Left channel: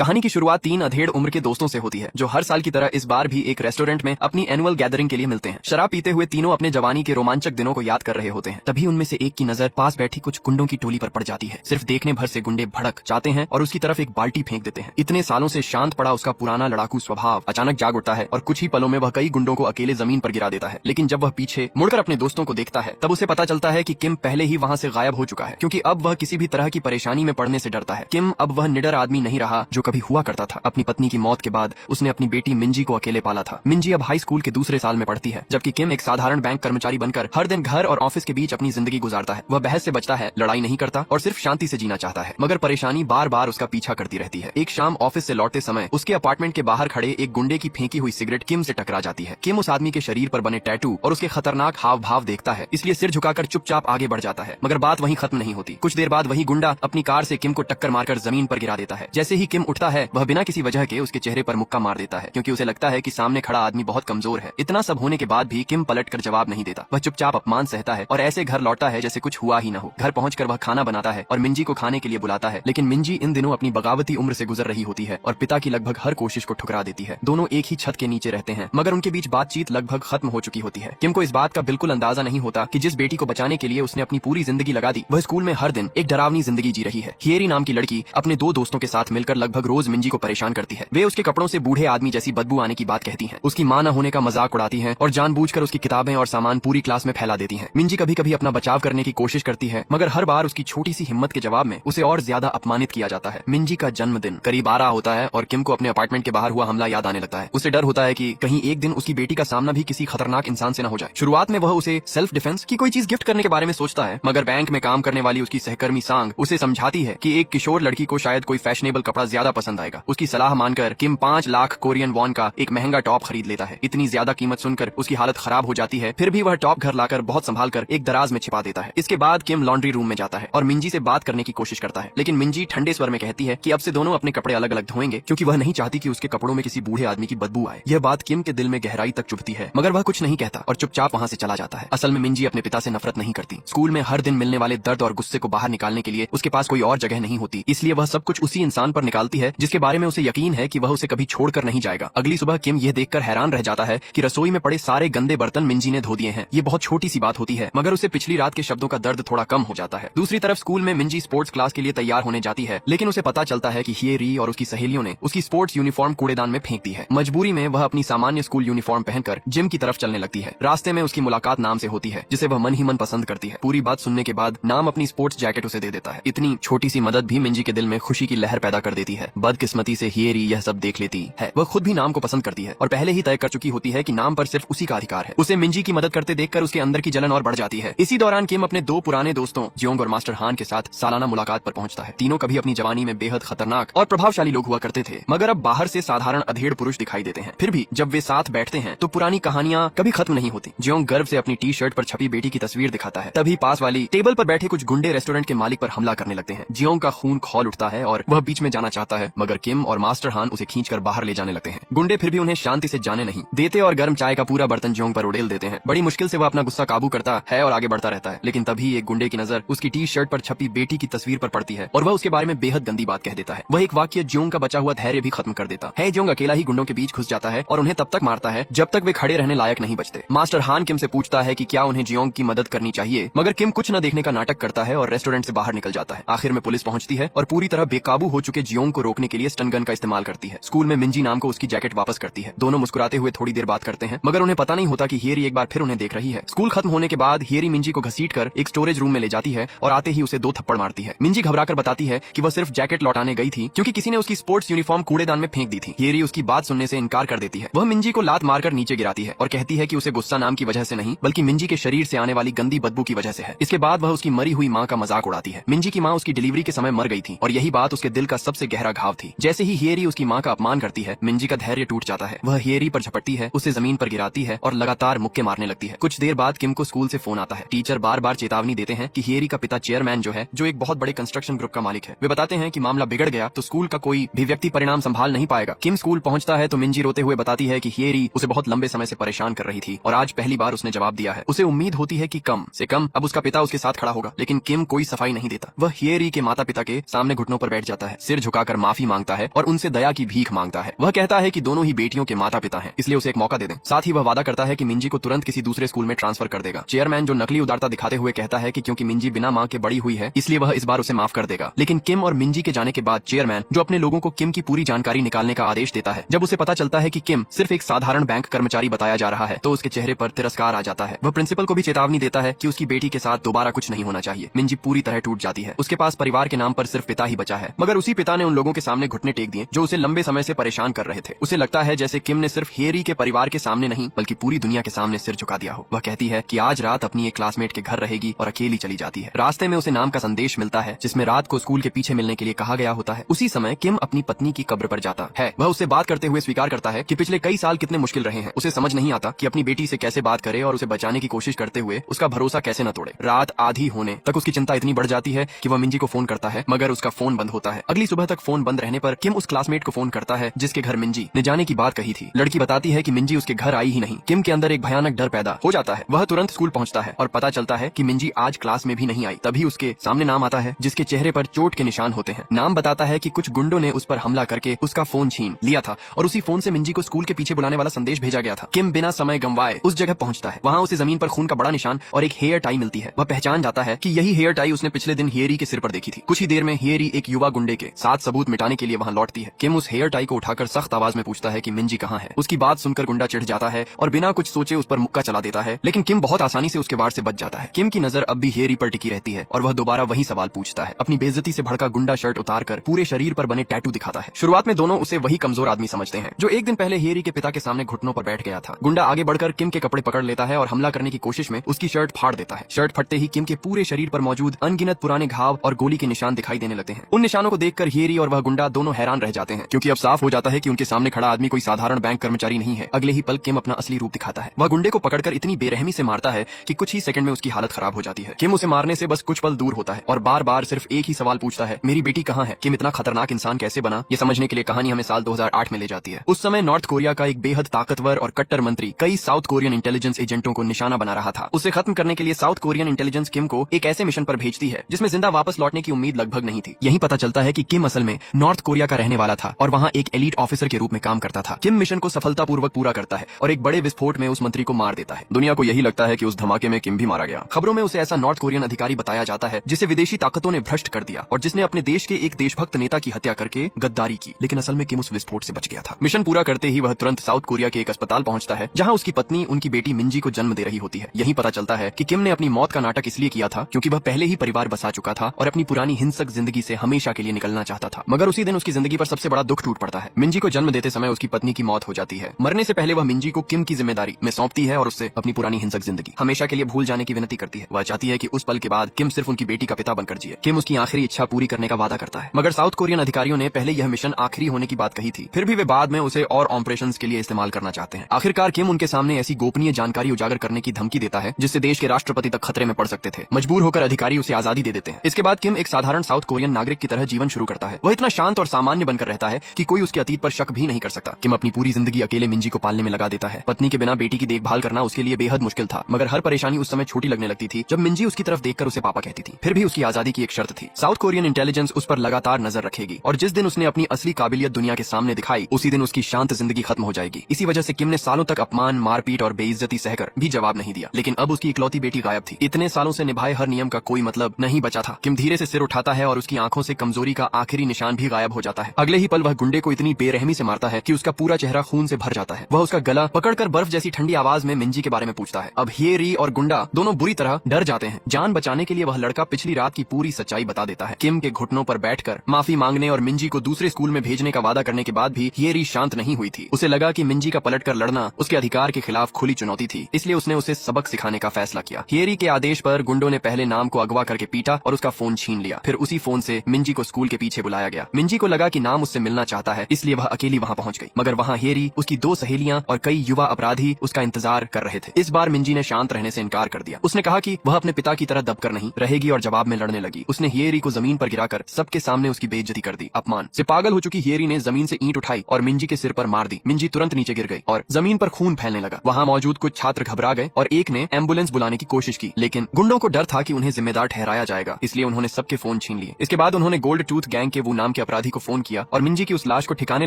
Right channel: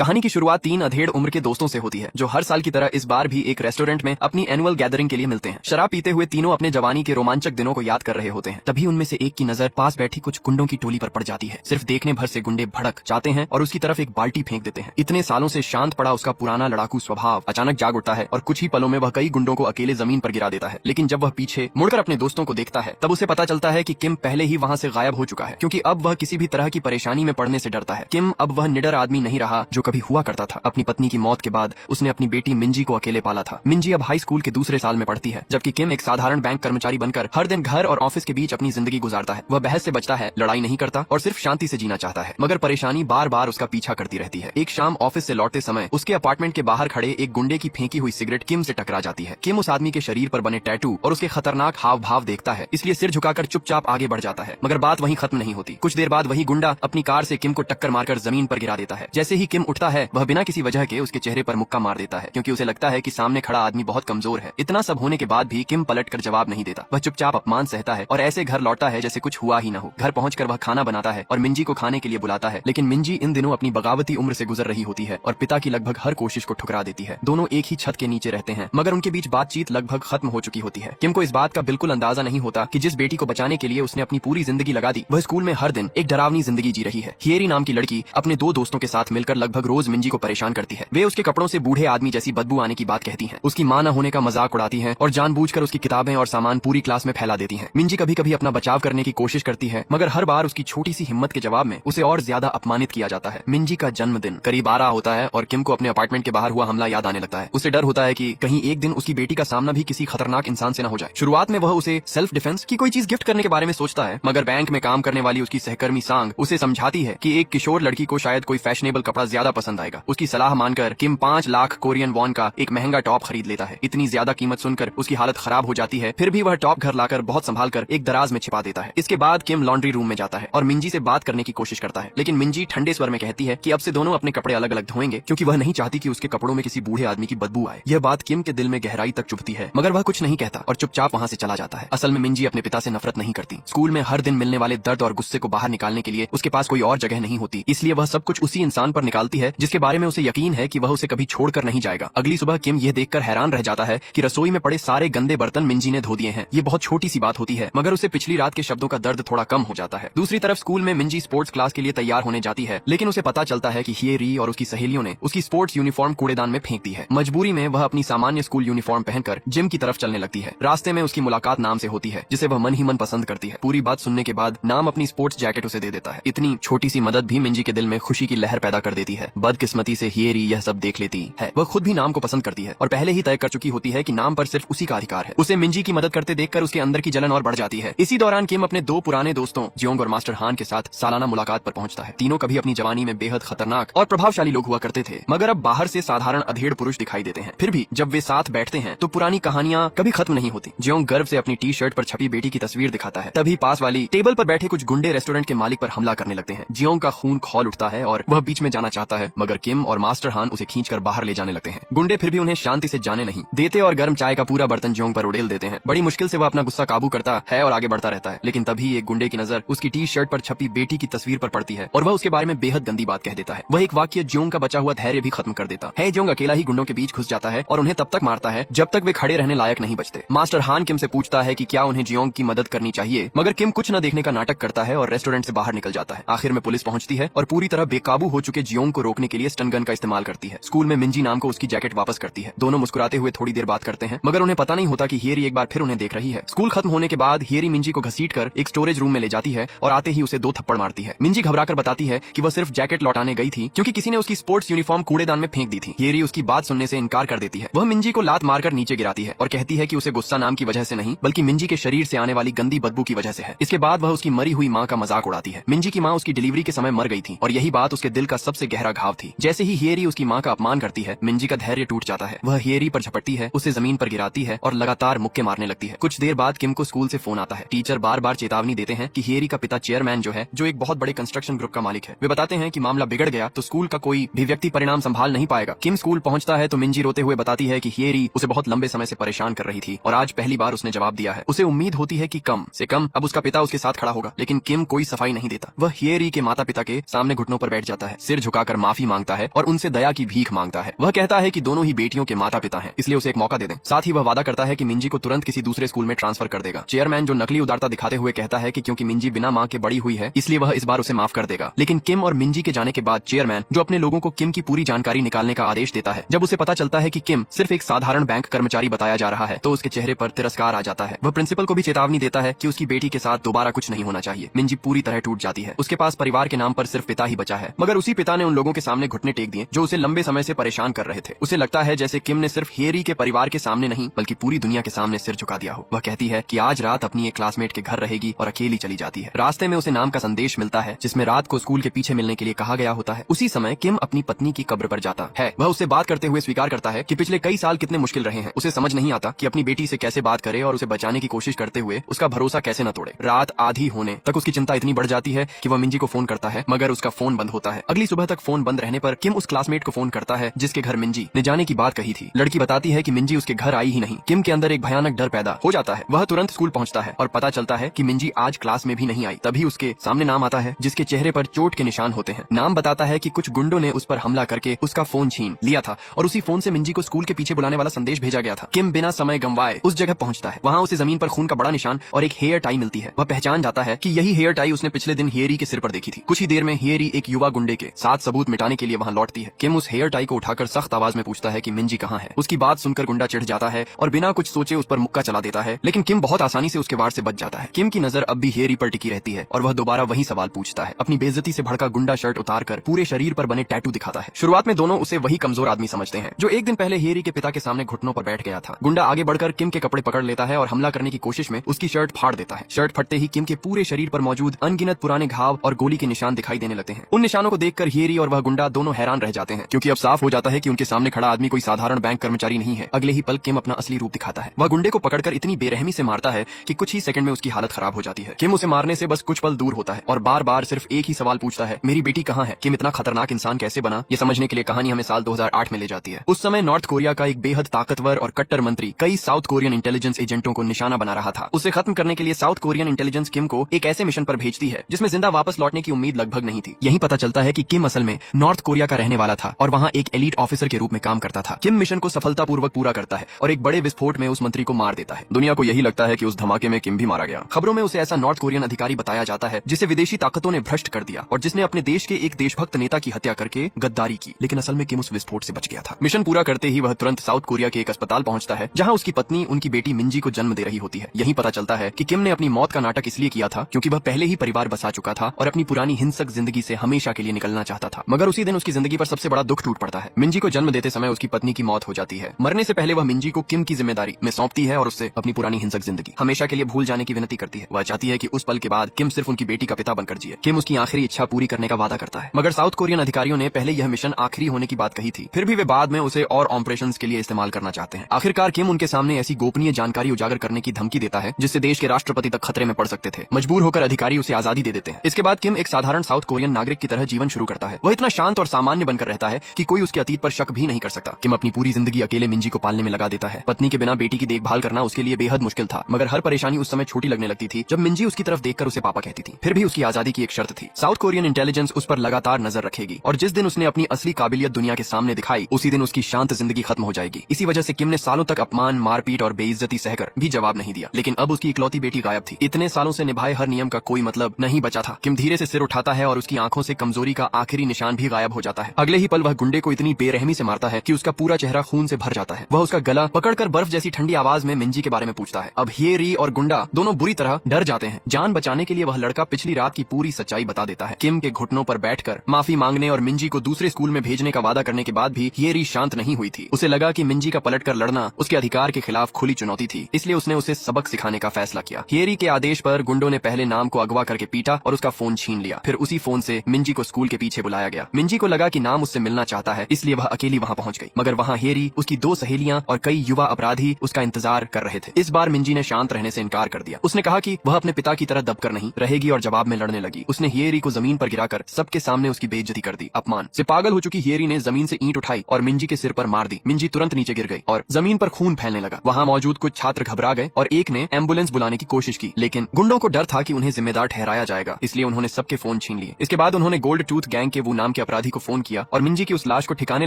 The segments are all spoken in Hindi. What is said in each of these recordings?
कहानी की शुरुआत 3 अधेड़ उम्र के दोस्तों से होती है जो हर साल की तरह इस बार भी एक रेस्टोरेंट में अपनी एनुअल गैदरिंग के लिए मिलते हैं। शराब पीते हुए तीनों अपने जवानी के रोमांचक दिनों को याद कर रहे होते हैं। तभी उनमें से एक की नजर पास बैठी कुछ गुंडों की टोली पर पड़ जाती है। सिर्फ देखने भर से गुंडे भड़क जाते हैं और उसकी तरफ एक बाल्टी फेंक देते हैं। इतने सालों से शांत पड़ा उसका पुराना लड़ाकू स्वभाव अचानक जाग उठता है और कुछ ही पलों में वह कई गुंडों को अकेले जमीन पर गिरा देता है। लेकिन जब वह पीछे मुड़कर अपने दोस्तों को देखता है तब उसे पता चलता है कि किम पहले ही वहाँ से गायब हो चुका है, क्योंकि अब वह किसी भी तरह की परेशानी में पड़ने से डरता है। किम अब वह निडर आदमी नहीं रहा जो कभी हुआ करता था। अपनी पत्नी की मौत के बाद उसने अपनी बेटी मिंजी को अकेले पाला था। मिंजी अब हाई स्कूल के दूसरे साल में पढ़ती है, जबकि किम एक साधारण बैंक कर्मचारी बनकर हर दिन घर और ऑफिस के बीच अपनी जिंदगी गुजारता है। वह बहस से बचता है, लड़ाई नहीं करता और सिर्फ शांति से जीना चाहता है, मगर परेशानी बार बार उसका पीछा करती रहती है। एक शाम ऑफिस से लौटते समय उसके अपार्टमेंट के बाहर खड़े एक गुंडे की फेंकी हुई सिगरेट किम से टकरा जाती है। किम उस आदमी के शरीर पर बने टैटू और उसके खतरनाक हाव भाव देखता है, इसलिए सिर झुकाकर चुपचाप आगे बढ़ जाता है। मगर बात वहीं खत्म नहीं होती। कुछ देर बाद वही गुंडा अपनी कार से किम को टक्कर मारकर जमीन पर गिरा देता है। जैसे ही किम उठता है वह बिना किसी वजह के उसके चेहरे पर मुक्का मार देता है, क्योंकि उसे लगता है कि सामने खड़ा आदमी बहुत कमजोर है। इतना सब होने के बाद भी किम पलटकर जवाब नहीं देता। वह चुपचाप अपमान सहता है और ऐसे घर लौटता है जैसे कुछ हुआ ही न हो। घर पहुंचकर वह खाना बनाता है और मिंजी को खाने के लिए बुलाता है, लेकिन मिंजी इन दिनों अपनी बगावती उम्र से गुजर रही होती है और पिता की लगभग हर कोशिश को ठुकरा देती है। दोनों एक ही छत के नीचे रहते हैं, मगर उनके बीच बातचीत लगभग खत्म हो चुकी होती है। किम को इस बात का बिल्कुल अंदाजा नहीं होता कि जिस बेटी को बचाने के लिए उसने अपनी पूरी जिंदगी लगा दी, वह स्कूल में हर दिन एक डरावनी जिंदगी जी रही है। हियरी नाम की लड़की अपने 2 दोस्तों के साथ मिलकर लगभग रोज मिंजी को परेशान करती है। वे उसके कपड़ों से बूढ़े आदमी जैसी बदबू आने की बात कहती है, उसकी मां न होने का मजाक उड़ाती है और जानबूझकर उसकी किताबें और सामान पूरी क्लास में फैला देती है। मिंजी कभी कभी अपना बचाव करने की कोशिश करती है, मगर हर बार उसकी छोटी सी हिम्मत के जवाब में उसे और ज्यादा अपमानित किया जाता है। मिंजी का जन्मदिन करीब आ रहा होता है और किम को अपने अपार्टमेंट के बाहर हुआ हमला याद आने लगता है। उसे डर होता है कि कहीं एक दिन उसकी बेटी का सामना भी किसी खतरनाक इंसान से न हो जाए। शुरुआत में वह उसे सेल्फ डिफेंस की कोई चीज गिफ्ट करने के बारे में सोचता है, मगर बैंक में काम करने वाली उसकी सहकर्मी सांग उसे समझाती है कि एक किशोर लड़की को शायद कोई फैशनेबल कपड़ा ज्यादा पसंद आएगा। उसकी सलाह मानकर किम 5 लाख कोरियन वॉन का एक महंगा टॉप खरीद लेता है। इतनी ज्यादा कीमत सुनकर उसकी हालत खराब हो जाती है, फिर भी वह टॉप घर लाकर बहुत संभाल कर एक दराज में छिपा देता है। इसके बाद किम लॉन्ड्री रूम में जाता है और मिंजी से बात करने की कोशिश करता है, लेकिन मिंजी ठंडे स्वर में कहती है कि अब से दोनों अपने कपड़े अलग अलग धोएंगे, क्योंकि वह नहीं चाहती कि उसके कपड़ों में किसी बूढ़े आदमी की बदबू आए। यह बात किम के दिल में गहराई तक चुभती है, मगर वह कुछ नहीं कहता और चुपचाप वहाँ से चला जाता है। असल में मिंजी अपने पिता से नफरत नहीं करती। स्कूल में हर दिन मिलने वाले दर्द और गुस्से को बाहर निकालने के लिए उसके पास कोई और जगह नहीं होती, इसलिए वह सब कुछ उसी इंसान पर निकालती है जिसके बारे में उसे यकीन है कि वह उसे कभी छोड़कर नहीं जाएगा। अगली सुबह किम ये देखकर हैरान रह जाता है कि रसोई में पड़े सारे गंदे बर्तन मिंजी ने धो दिए हैं। ये बहुत छोटी सी बात होती है, मगर उसे पिछली रात के शब्दों का दर्द थोड़ा कम हो जाता है। दूसरी तरफ स्कूल में मिंजी स्पोर्ट्स क्लास के लिए तैयार होने जाती है, लेकिन उसे पता चलता है कि हियरी और उसकी सहेलियों ने उसकी स्पोर्ट्स यूनिफॉर्म कूड़ेदान में फेंक दी है। मजबूरी में वह अपनी सामान्य स्कूल यूनिफॉर्म पहनकर जिम की तरफ चलने लगती है। रास्ते में उसकी मुलाकात नाम से होती है, जिसे वह मन ही मन पसंद करती है। पूरी बात सुनने के बाद नाम अपनी स्पोर्ट्स जैकेट उसे दे देता है। इतनी छोटी सी मदद भी मिंजी के दिल में खुशी की लहर पैदा कर देती है। बदकिस्मती से हियरी यह सब देख लेती है। वह खुद भी नाम को पसंद करती है और पहले ही तय कर चुकी होती है कि नाम पर सिर्फ उसी का अधिकार है। उसे मिंजी की मदद करते देखकर उसके अंदर की जलन और बढ़ जाती है। इसी दौरान किम अपने 2 पुराने दोस्तों जियोंग और मास्टर हान के साथ सालाना मुलाकात पर पहुंचता है। तीनों कभी अपनी जवानी में बेहद खतरनाक और प्रभावशाली लोग हुआ करते थे, मगर अब बाहर से साधारण अधेड़ पुरुष दिखाई देते हैं। फिर भी जब वे साथ बैठते हैं तो पुरानी कहानियां कभी खत्म नहीं होती। जियोंग गर्व से अपनी टी शर्ट पर छपी बेटी की तस्वीर दिखाता है। तभी पास वाली टेबल पर बैठे कुछ गुंडे रेस्टोरेंट के मालिक पर हमला करने लगते हैं। जियोंग का खून खौल उठता है और वह बीच में जाना चाहता है, मगर किम और मास्टर हान उसे खींचकर बाहर ले जाने लगते हैं। गुंडे फिर भी उन्हें शांति से जाने नहीं देते और गर्म चाय का पूरा बर्तन जियोंग पर उड़ेल देते हैं। बड़ी मुश्किल से वह अपना गुस्सा काबू करता है और आगे बढ़ता रहता है, लेकिन तभी एक गुंडे की नजर उसकी टी शर्ट पर छपी बेटी की तस्वीर पर पड़ती है और वह उसके बारे में बेहद गंदी बात कह देता है। वह एक वाक्य जियोंग का बचा हुआ धैर्य भी खत्म कर देता है। जियोंग अकेला ही गुंडों के बीच घुस जाता है और उन्हें तब तक मारता है जब तक वे खड़े रहने लायक नहीं बचते। मास्टर हान किम से पूछता है कि क्या उन्हें जियोंग की मदद करनी चाहिए, मगर किम कुछ न देखने का नाटक करता है और रेस्टोरेंट से बाहर निकल जाता है। आखिर में पुलिस पहुंचती है और पूरी तरह बेकाबू हो चुके जियोंग को रोकने के लिए स्टिंग गन का इस्तेमाल करती है। स्कूल में मिंजी नाम को उसकी जैकेट वापस करती है। दोनों मुस्कुराते हुए थोड़ी देर बात करते हैं, मगर उन्हें पता नहीं होता कि हियरी एक बार फिर उन्हें देख रही है। स्कूल खत्म होने के बाद हियरी मिंजी को घसीटकर एक स्टोरेज रूम में ले जाती है और आते ही उसे 2 थप्पड़ मारती है। मिंजी घबराकर बताती है कि वह सिर्फ जैकेट लौटाने गई थी क्योंकि किसी ने उसकी स्पोर्ट्स यूनिफॉर्म कूड़ेदान में फेंक दी थी। हियरी उसकी बात सुनने से इनकार कर देती है। वह मिंजी को लात मारकर नीचे गिराती है और कहती है कि उसे गुस्सा नाम की वजह से नहीं, बल्कि मिंजी के शरीर से आने वाली गंदी बदबू की वजह से है। इसके बाद वह उसकी मरी हुई माँ का मजाक उड़ाती है। मिंजी की माँ उसकी डिलीवरी के समय मर गई थी और यही बात उसके दिल का सबसे गहरा घाव थी। जैसे ही हियरी उसकी माँ का अपमान करती है, मिंजी का धैर्य टूट जाता है। वह हियरी पर झपटती है, उसे जमीन पर गिराती है और लगातार मुक्के मारने लगती है। कुछ देर बाद किम को स्कूल से फोन आता है। टीचर बार बार चेतावनी देते हैं कि हियरी का पिता चेयरमैन जो एक बहुत बड़े कंस्ट्रक्शन ग्रुप का मालिक है। वे बताते हैं कि मामला बिगड़ गया तो स्कूल का कोई भी व्यक्ति परिणाम संभाल नहीं पाएगा। किम स्कूल पहुंचता है तो मिंजी रोते हुए बताती है कि हियरी उसे बहुत लंबे समय से परेशान कर रही थी और आज पहली बार उसने जवाब दिया है। उसे उम्मीद होती है कि कम से कम अब उसका पिता उसके साथ खड़ा होगा, लेकिन किम कोई सफाई नहीं देता। वह हियरी के माता पिता के सामने घुटनों पर बैठ जाता है, सिर झुकाकर माफी मांगता है और उनसे दया की भीख मांगता है। वह कहता है कि दोनों ही बेटियों के माता पिता हैं, इसलिए उसे एक मौका दे दें। साथ ही वह वादा करता है कि मिंजी को तुरंत किसी दूसरे स्कूल में ट्रांसफर कर देगा। चेयरमैन जो नकली उदारता दिखाते हुए कहता है कि क्योंकि मिंजी बिना माँ के बड़ी हुई है इसलिए वह इस बार उसे माफ कर देगा। लेकिन किम और मिंजी के जाने के बाद चेयरमैन जो अपने लोगों को किम की पूरी जानकारी निकालने का आदेश देता है, जब उसे पता चलता है कि किम सिर्फ एक साधारण बैंक कर्मचारी बताया जा रहा है तो उसके चेहरे पर तिरस्कार आ जाता है। वह प्रिंसिपल को भी चेतावनी देता है कि उसकी बेटी के साथ दोबारा कुछ नहीं होना चाहिए। मिंजी पूरी तरह टूट जाती है। उसके पास परिवार के नाम पर सिर्फ पिता ही बचा है, मगर उसी पिता ने उन लोगों के सामने घुटने टेक दिए जो उसे लंबे समय से परेशान कर रहे थे। उसे लगता है जैसे किम ने सिर्फ हेरी के परिवार के सामने नहीं बल्कि पूरी दुनिया के सामने सिर झुका दिया हो। वह कहती है कि आज रात अपनी एक क्लासमेट के घर रहेगी और अकेली चली जाती है। रास्ते में उसे नाम का संदेश मिलता है जिसमें रात को स्कूल के पीछे मिलने के लिए कहा गया होता है। उसी समय किम अपनी पत्नी की कब्र पर जाता है। वह उससे बात करते हुए स्वीकार करता है कि पिछले कई साल कितने मुश्किल रहे हैं। उसे समझ नहीं आता कि अपनी बेटी से कैसे बात करे और उसे बचाने की कोशिश करते हुए उसका भरोसा कैसे न तोड़े। रात आधी होने तक उसकी चिंता इतनी बढ़ जाती है कि वह मिंजी को फोन करता है, मगर उसका फोन बंद होता है। अगली सुबह तक फोन बंद रहने पर किम उस क्लासमेट को फोन करता है जिसके घर मिंजी ने जाने की बात कही थी। लड़की बताती है कि मिंजी उसके घर आई ही नहीं। किम के अंदर एक भयानक डर पैदा हो जाता है। वह तुरंत स्कूल पहुंचता है और पता चलता है कि मिंजी आज क्लास में भी नहीं आई। तभी उसके सामने नाम आता है जिसके चेहरे पर चोट के निशान होते हैं। नाम बताता है कि कुछ गुंडों ने उस पर हमला करके उसका फोन छीन लिया था और उसी फोन से मिंजी को स्कूल के पीछे बुलाने वाला संदेश भेजा गया था। किम बिना समय गंवाए उस जगह पहुंचता है। वहाँ उसे जमीन पर खून का बड़ा निशान और एक हेयर टाई मिलती है। वह पहचान जाता है कि यही हेयर टाई उसने पिछले दिन हेरी के सिर पर देखी थी। कुछ ही देर में हेरी एक युवा गुंडे के साथ सबूत मिटाने के लिए वहाँ लौटती है। किम उस हेयर टाई को उठाकर सख्त आवाज में पूछता है कि मिंजी कहाँ है। उसकी बात सुनकर गुंडा चिढ़ जाता है और बिना कुछ सोचे उस पर मुक्का चला देता है, लेकिन किम बहुत आसानी से उसके वार से बच जाता है। किम की नजर अब भी हेरी पर टिकी रहती है और वह दोबारा वही सवाल पूछता है। अपनी बेइज्जती से भड़का गुंडा शर्ट उतारकर पूरे शरीर पर बने टैटू दिखाता है। शुरुआत में दोनों उसे वही कमजोर आदमी समझते हैं जो एक दिन पहले हेरी के पिता के सामने घुटनों पर बैठ गया था। गुंडा आगे बढ़कर किम के कपड़े पकड़ लेता है और हमला करने की कोशिश में उसकी शर्ट फाड़ देता है। शर्ट फटते ही किम के पूरे शरीर पर मौजूद अनगिनत पुराने घाव और गोली के निशान दिखाई देने लगते हैं। उन निशानों को देखकर हेरी और वह गुंडा दोनों हैरान रह जाते हैं, क्योंकि अब साफ हो जाता है कि उनके सामने खड़ा आदमी कोई साधारण बैंक कर्मचारी नहीं है। अगले ही पल किम अपना असली रूप दिखाता है। वह गुंडे को पकड़कर इतनी बेरहमी से मारता है कि कुछ ही सेकंड में उसकी हालत खराब हो जाती है। किम उसे मारने से बस कुछ पल दूर होता है और बार बार सिर्फ एक ही सवाल पूछता है, मेरी बेटी कहाँ है। किम इतना खतरनाक इंसान कैसे बना, ये समझने के लिए कहानी हमें साल 2008 में ले जाती है। उस समय नॉर्थ कोरिया का एक बेहद ताकतवर और कट्टर मंत्री कई साउथ कोरियन इंटेलिजेंस एजेंटों को निशाना बना रहा था। उसे खत्म करने के लिए साउथ कोरियन इंटेलिजेंस किम को एक ऐसे मिशन पर भेजती है जिसमें जिंदा वापस लौटने की उम्मीद लगभग नहीं थी। यही पता चलता है कि किम असल में नॉर्थ कोरिया का रहने वाला था और वहाँ एक एलीट ऑफिसर के रूप में काम करता था। किम मिशन को सफलतापूर्वक पूरा करता है और एक बड़े विस्फोट में उस मंत्री को मार देता है। दुनिया को यही लगता है कि उस धमाके में किम भी मारा गया। खबरों में उसे ऐसा नॉर्थ कोरियन अधिकारी बताया जाता है जिसे विदेशी ताकतों ने भ्रष्ट कर दिया और जिसने अपने देश के एक देशभक्त नेता की हत्या करके गद्दारी की, लेकिन असल में किम उस विस्फोट से बच गया था। मिशन पूरा करते ही वह तुरंत साउथ कोरिया के एक अस्पताल पहुंचता है जहां उसकी पत्नी उनकी बेटी मिंजी को जन्म दे रही होती है। यही पता चलता है कि किम ने अपनी मौत का नाटक इसलिए किया था क्योंकि वह पहले ही परिवार बसा चुका था और अपनी पुरानी हिंसक जिंदगी से हमेशा के लिए निकलना चाहता था। मगर उसी दिन उसकी जिंदगी पर सबसे बड़ा दुख टूट पड़ता है। मिंजी को जन्म देते समय उसकी पत्नी की मौत हो जाती है। मरने से पहले वह मिंजी को किम की जिम्मेदारी में सौंपती है और उससे अपनी पुरानी हिंसक जिंदगी हमेशा के लिए भूल जाने की विनती करती है। वह चाहती है कि उस पल के बाद किम सिर्फ उनकी बेटी का पिता बनकर जिए। किम उसकी आखिरी इच्छा पूरी करने का वादा करता है, मगर साउथ कोरियन अधिकारियों ने पहले यह मिशन आखिरी होने की बात कही थी। फिर भी वे बाद में उसे और ऑपरेशंस के लिए इस्तेमाल करना चाहते हैं। आखिरकार किम उनके सामने ऐसी गोपनीय जानकारी उजागर करने की धमकी देता है जिससे देश के राष्ट्रपति तक खतरे में पड़ सकते थे। मजबूर होकर अधिकारी उसे आजादी दे देते हैं। इसके बाद किम एक साधारण साउथ कोरियन नागरिक की तरह जीवन शुरू करता है। वह इतना शांत और सामान्य बनकर रहता है कि कोई उसके अतीत पर शक भी नहीं कर सकता। किम अपनी पूरी जिंदगी अकेले मिंजी को पालने में लगा देता है। पत्नी के बिना बेटी की देखभाल करना उसके लिए बेहद मुश्किल था, मगर हर परेशानी उस समय छोटी लगने लगती थी जब मिंजी उसकी तरफ देखकर उसे पापा कहती थी। फिर भी उसकी आजादी की एक शर्त थी, साउथ कोरियन इंटेलिजेंस उस पर लगातार नजर रखेगी और जिस दिन उसने अपनी असली काबिलियत दुनिया के सामने दिखाई उसी दिन उसकी शांत जिंदगी खत्म हो जाएगी। इसी वजह से किम ने सालों तक अपमान, मारपीट और बेइज्जती सहकर भी जवाब नहीं दिया। लेकिन अब उसकी इकलौती बेटी गायब थी। इतने सालों से निभाए हर नियम का कोई मतलब नहीं बचा था। किम धीरे से सिर उठाता है और उसकी आंखों से कमजोरी का आखिरी निशान भी गायब हो जाता है। अगले ही पल वह गुंडे को इतनी बेरहमी से मारता है कि उसका पूरा चेहरा खून से भर जाता है। वह उसका गला पकड़कर बर्फ जैसी ठंडी आवाज में मिंजी के बारे में पूछता है। अब हेरी और गुंडा दोनों बुरी तरह डर जाते हैं। जान बचाने के लिए वह लड़का पिछली रात की पूरी सच्चाई बता देता है। किम के घुटनों पर बैठकर माफी मांगने और मिंजी को दूसरे स्कूल में भेजने का वादा करने के बाद भी हेरी शांत नहीं हुई थी। उसे लगा कि मिंजी का पलटकर लड़ना उसके अधिकार के खिलाफ खुली चुनौती थी, इसलिए उसने उसे सबक सिखाने का फैसला किया। हेरी के आदेश पर गुंडों ने पहले नाम को अगवा करके पीटा और उसका फोन छीन लिया। फिर उसी फोन से मिंजी को स्कूल के पीछे बुलाया गया। मिंजी को लगा कि नाम उससे मिलना चाहता है, इसलिए वह अकेली वहां पहुंच गई। मगर वहां हेरी, उसकी 2 सहेलियां और कई युवा अपराधी उसका इंतजार कर रहे थे। इस बार मिंजी ने शांत रहने से इनकार कर दिया। उसने कहा कि वह अपने पिता की तरह दबकर नहीं रहेगी और जवाब में लड़ने लगी। उसने हेरी को जमीन पर गिराकर सबके सामने उसकी बेइज्जती कर दी। अपमान से पागल हो चुकी हेरी ने जमीन से ईंट उठाई और मिंजी के सिर पर मार दी। मिंजी तुरंत नीचे गिर गई और जमीन पर खून फैलने लगा। वहां मौजूद कुछ छात्र घबरा गए और एक ने एम्बुलेंस बुलाने की कोशिश की, लेकिन गुंडों को डर था कि उन्हें जिम्मेदार ठहराया जाएगा, इसलिए उन्होंने सबके फोन छीन लिए। इसके बाद उन्होंने गोल्ड टूथ गैंग के वो नामी नाम के अपराधी को फोन किया और मिंजी की उस लाश को ठिकाने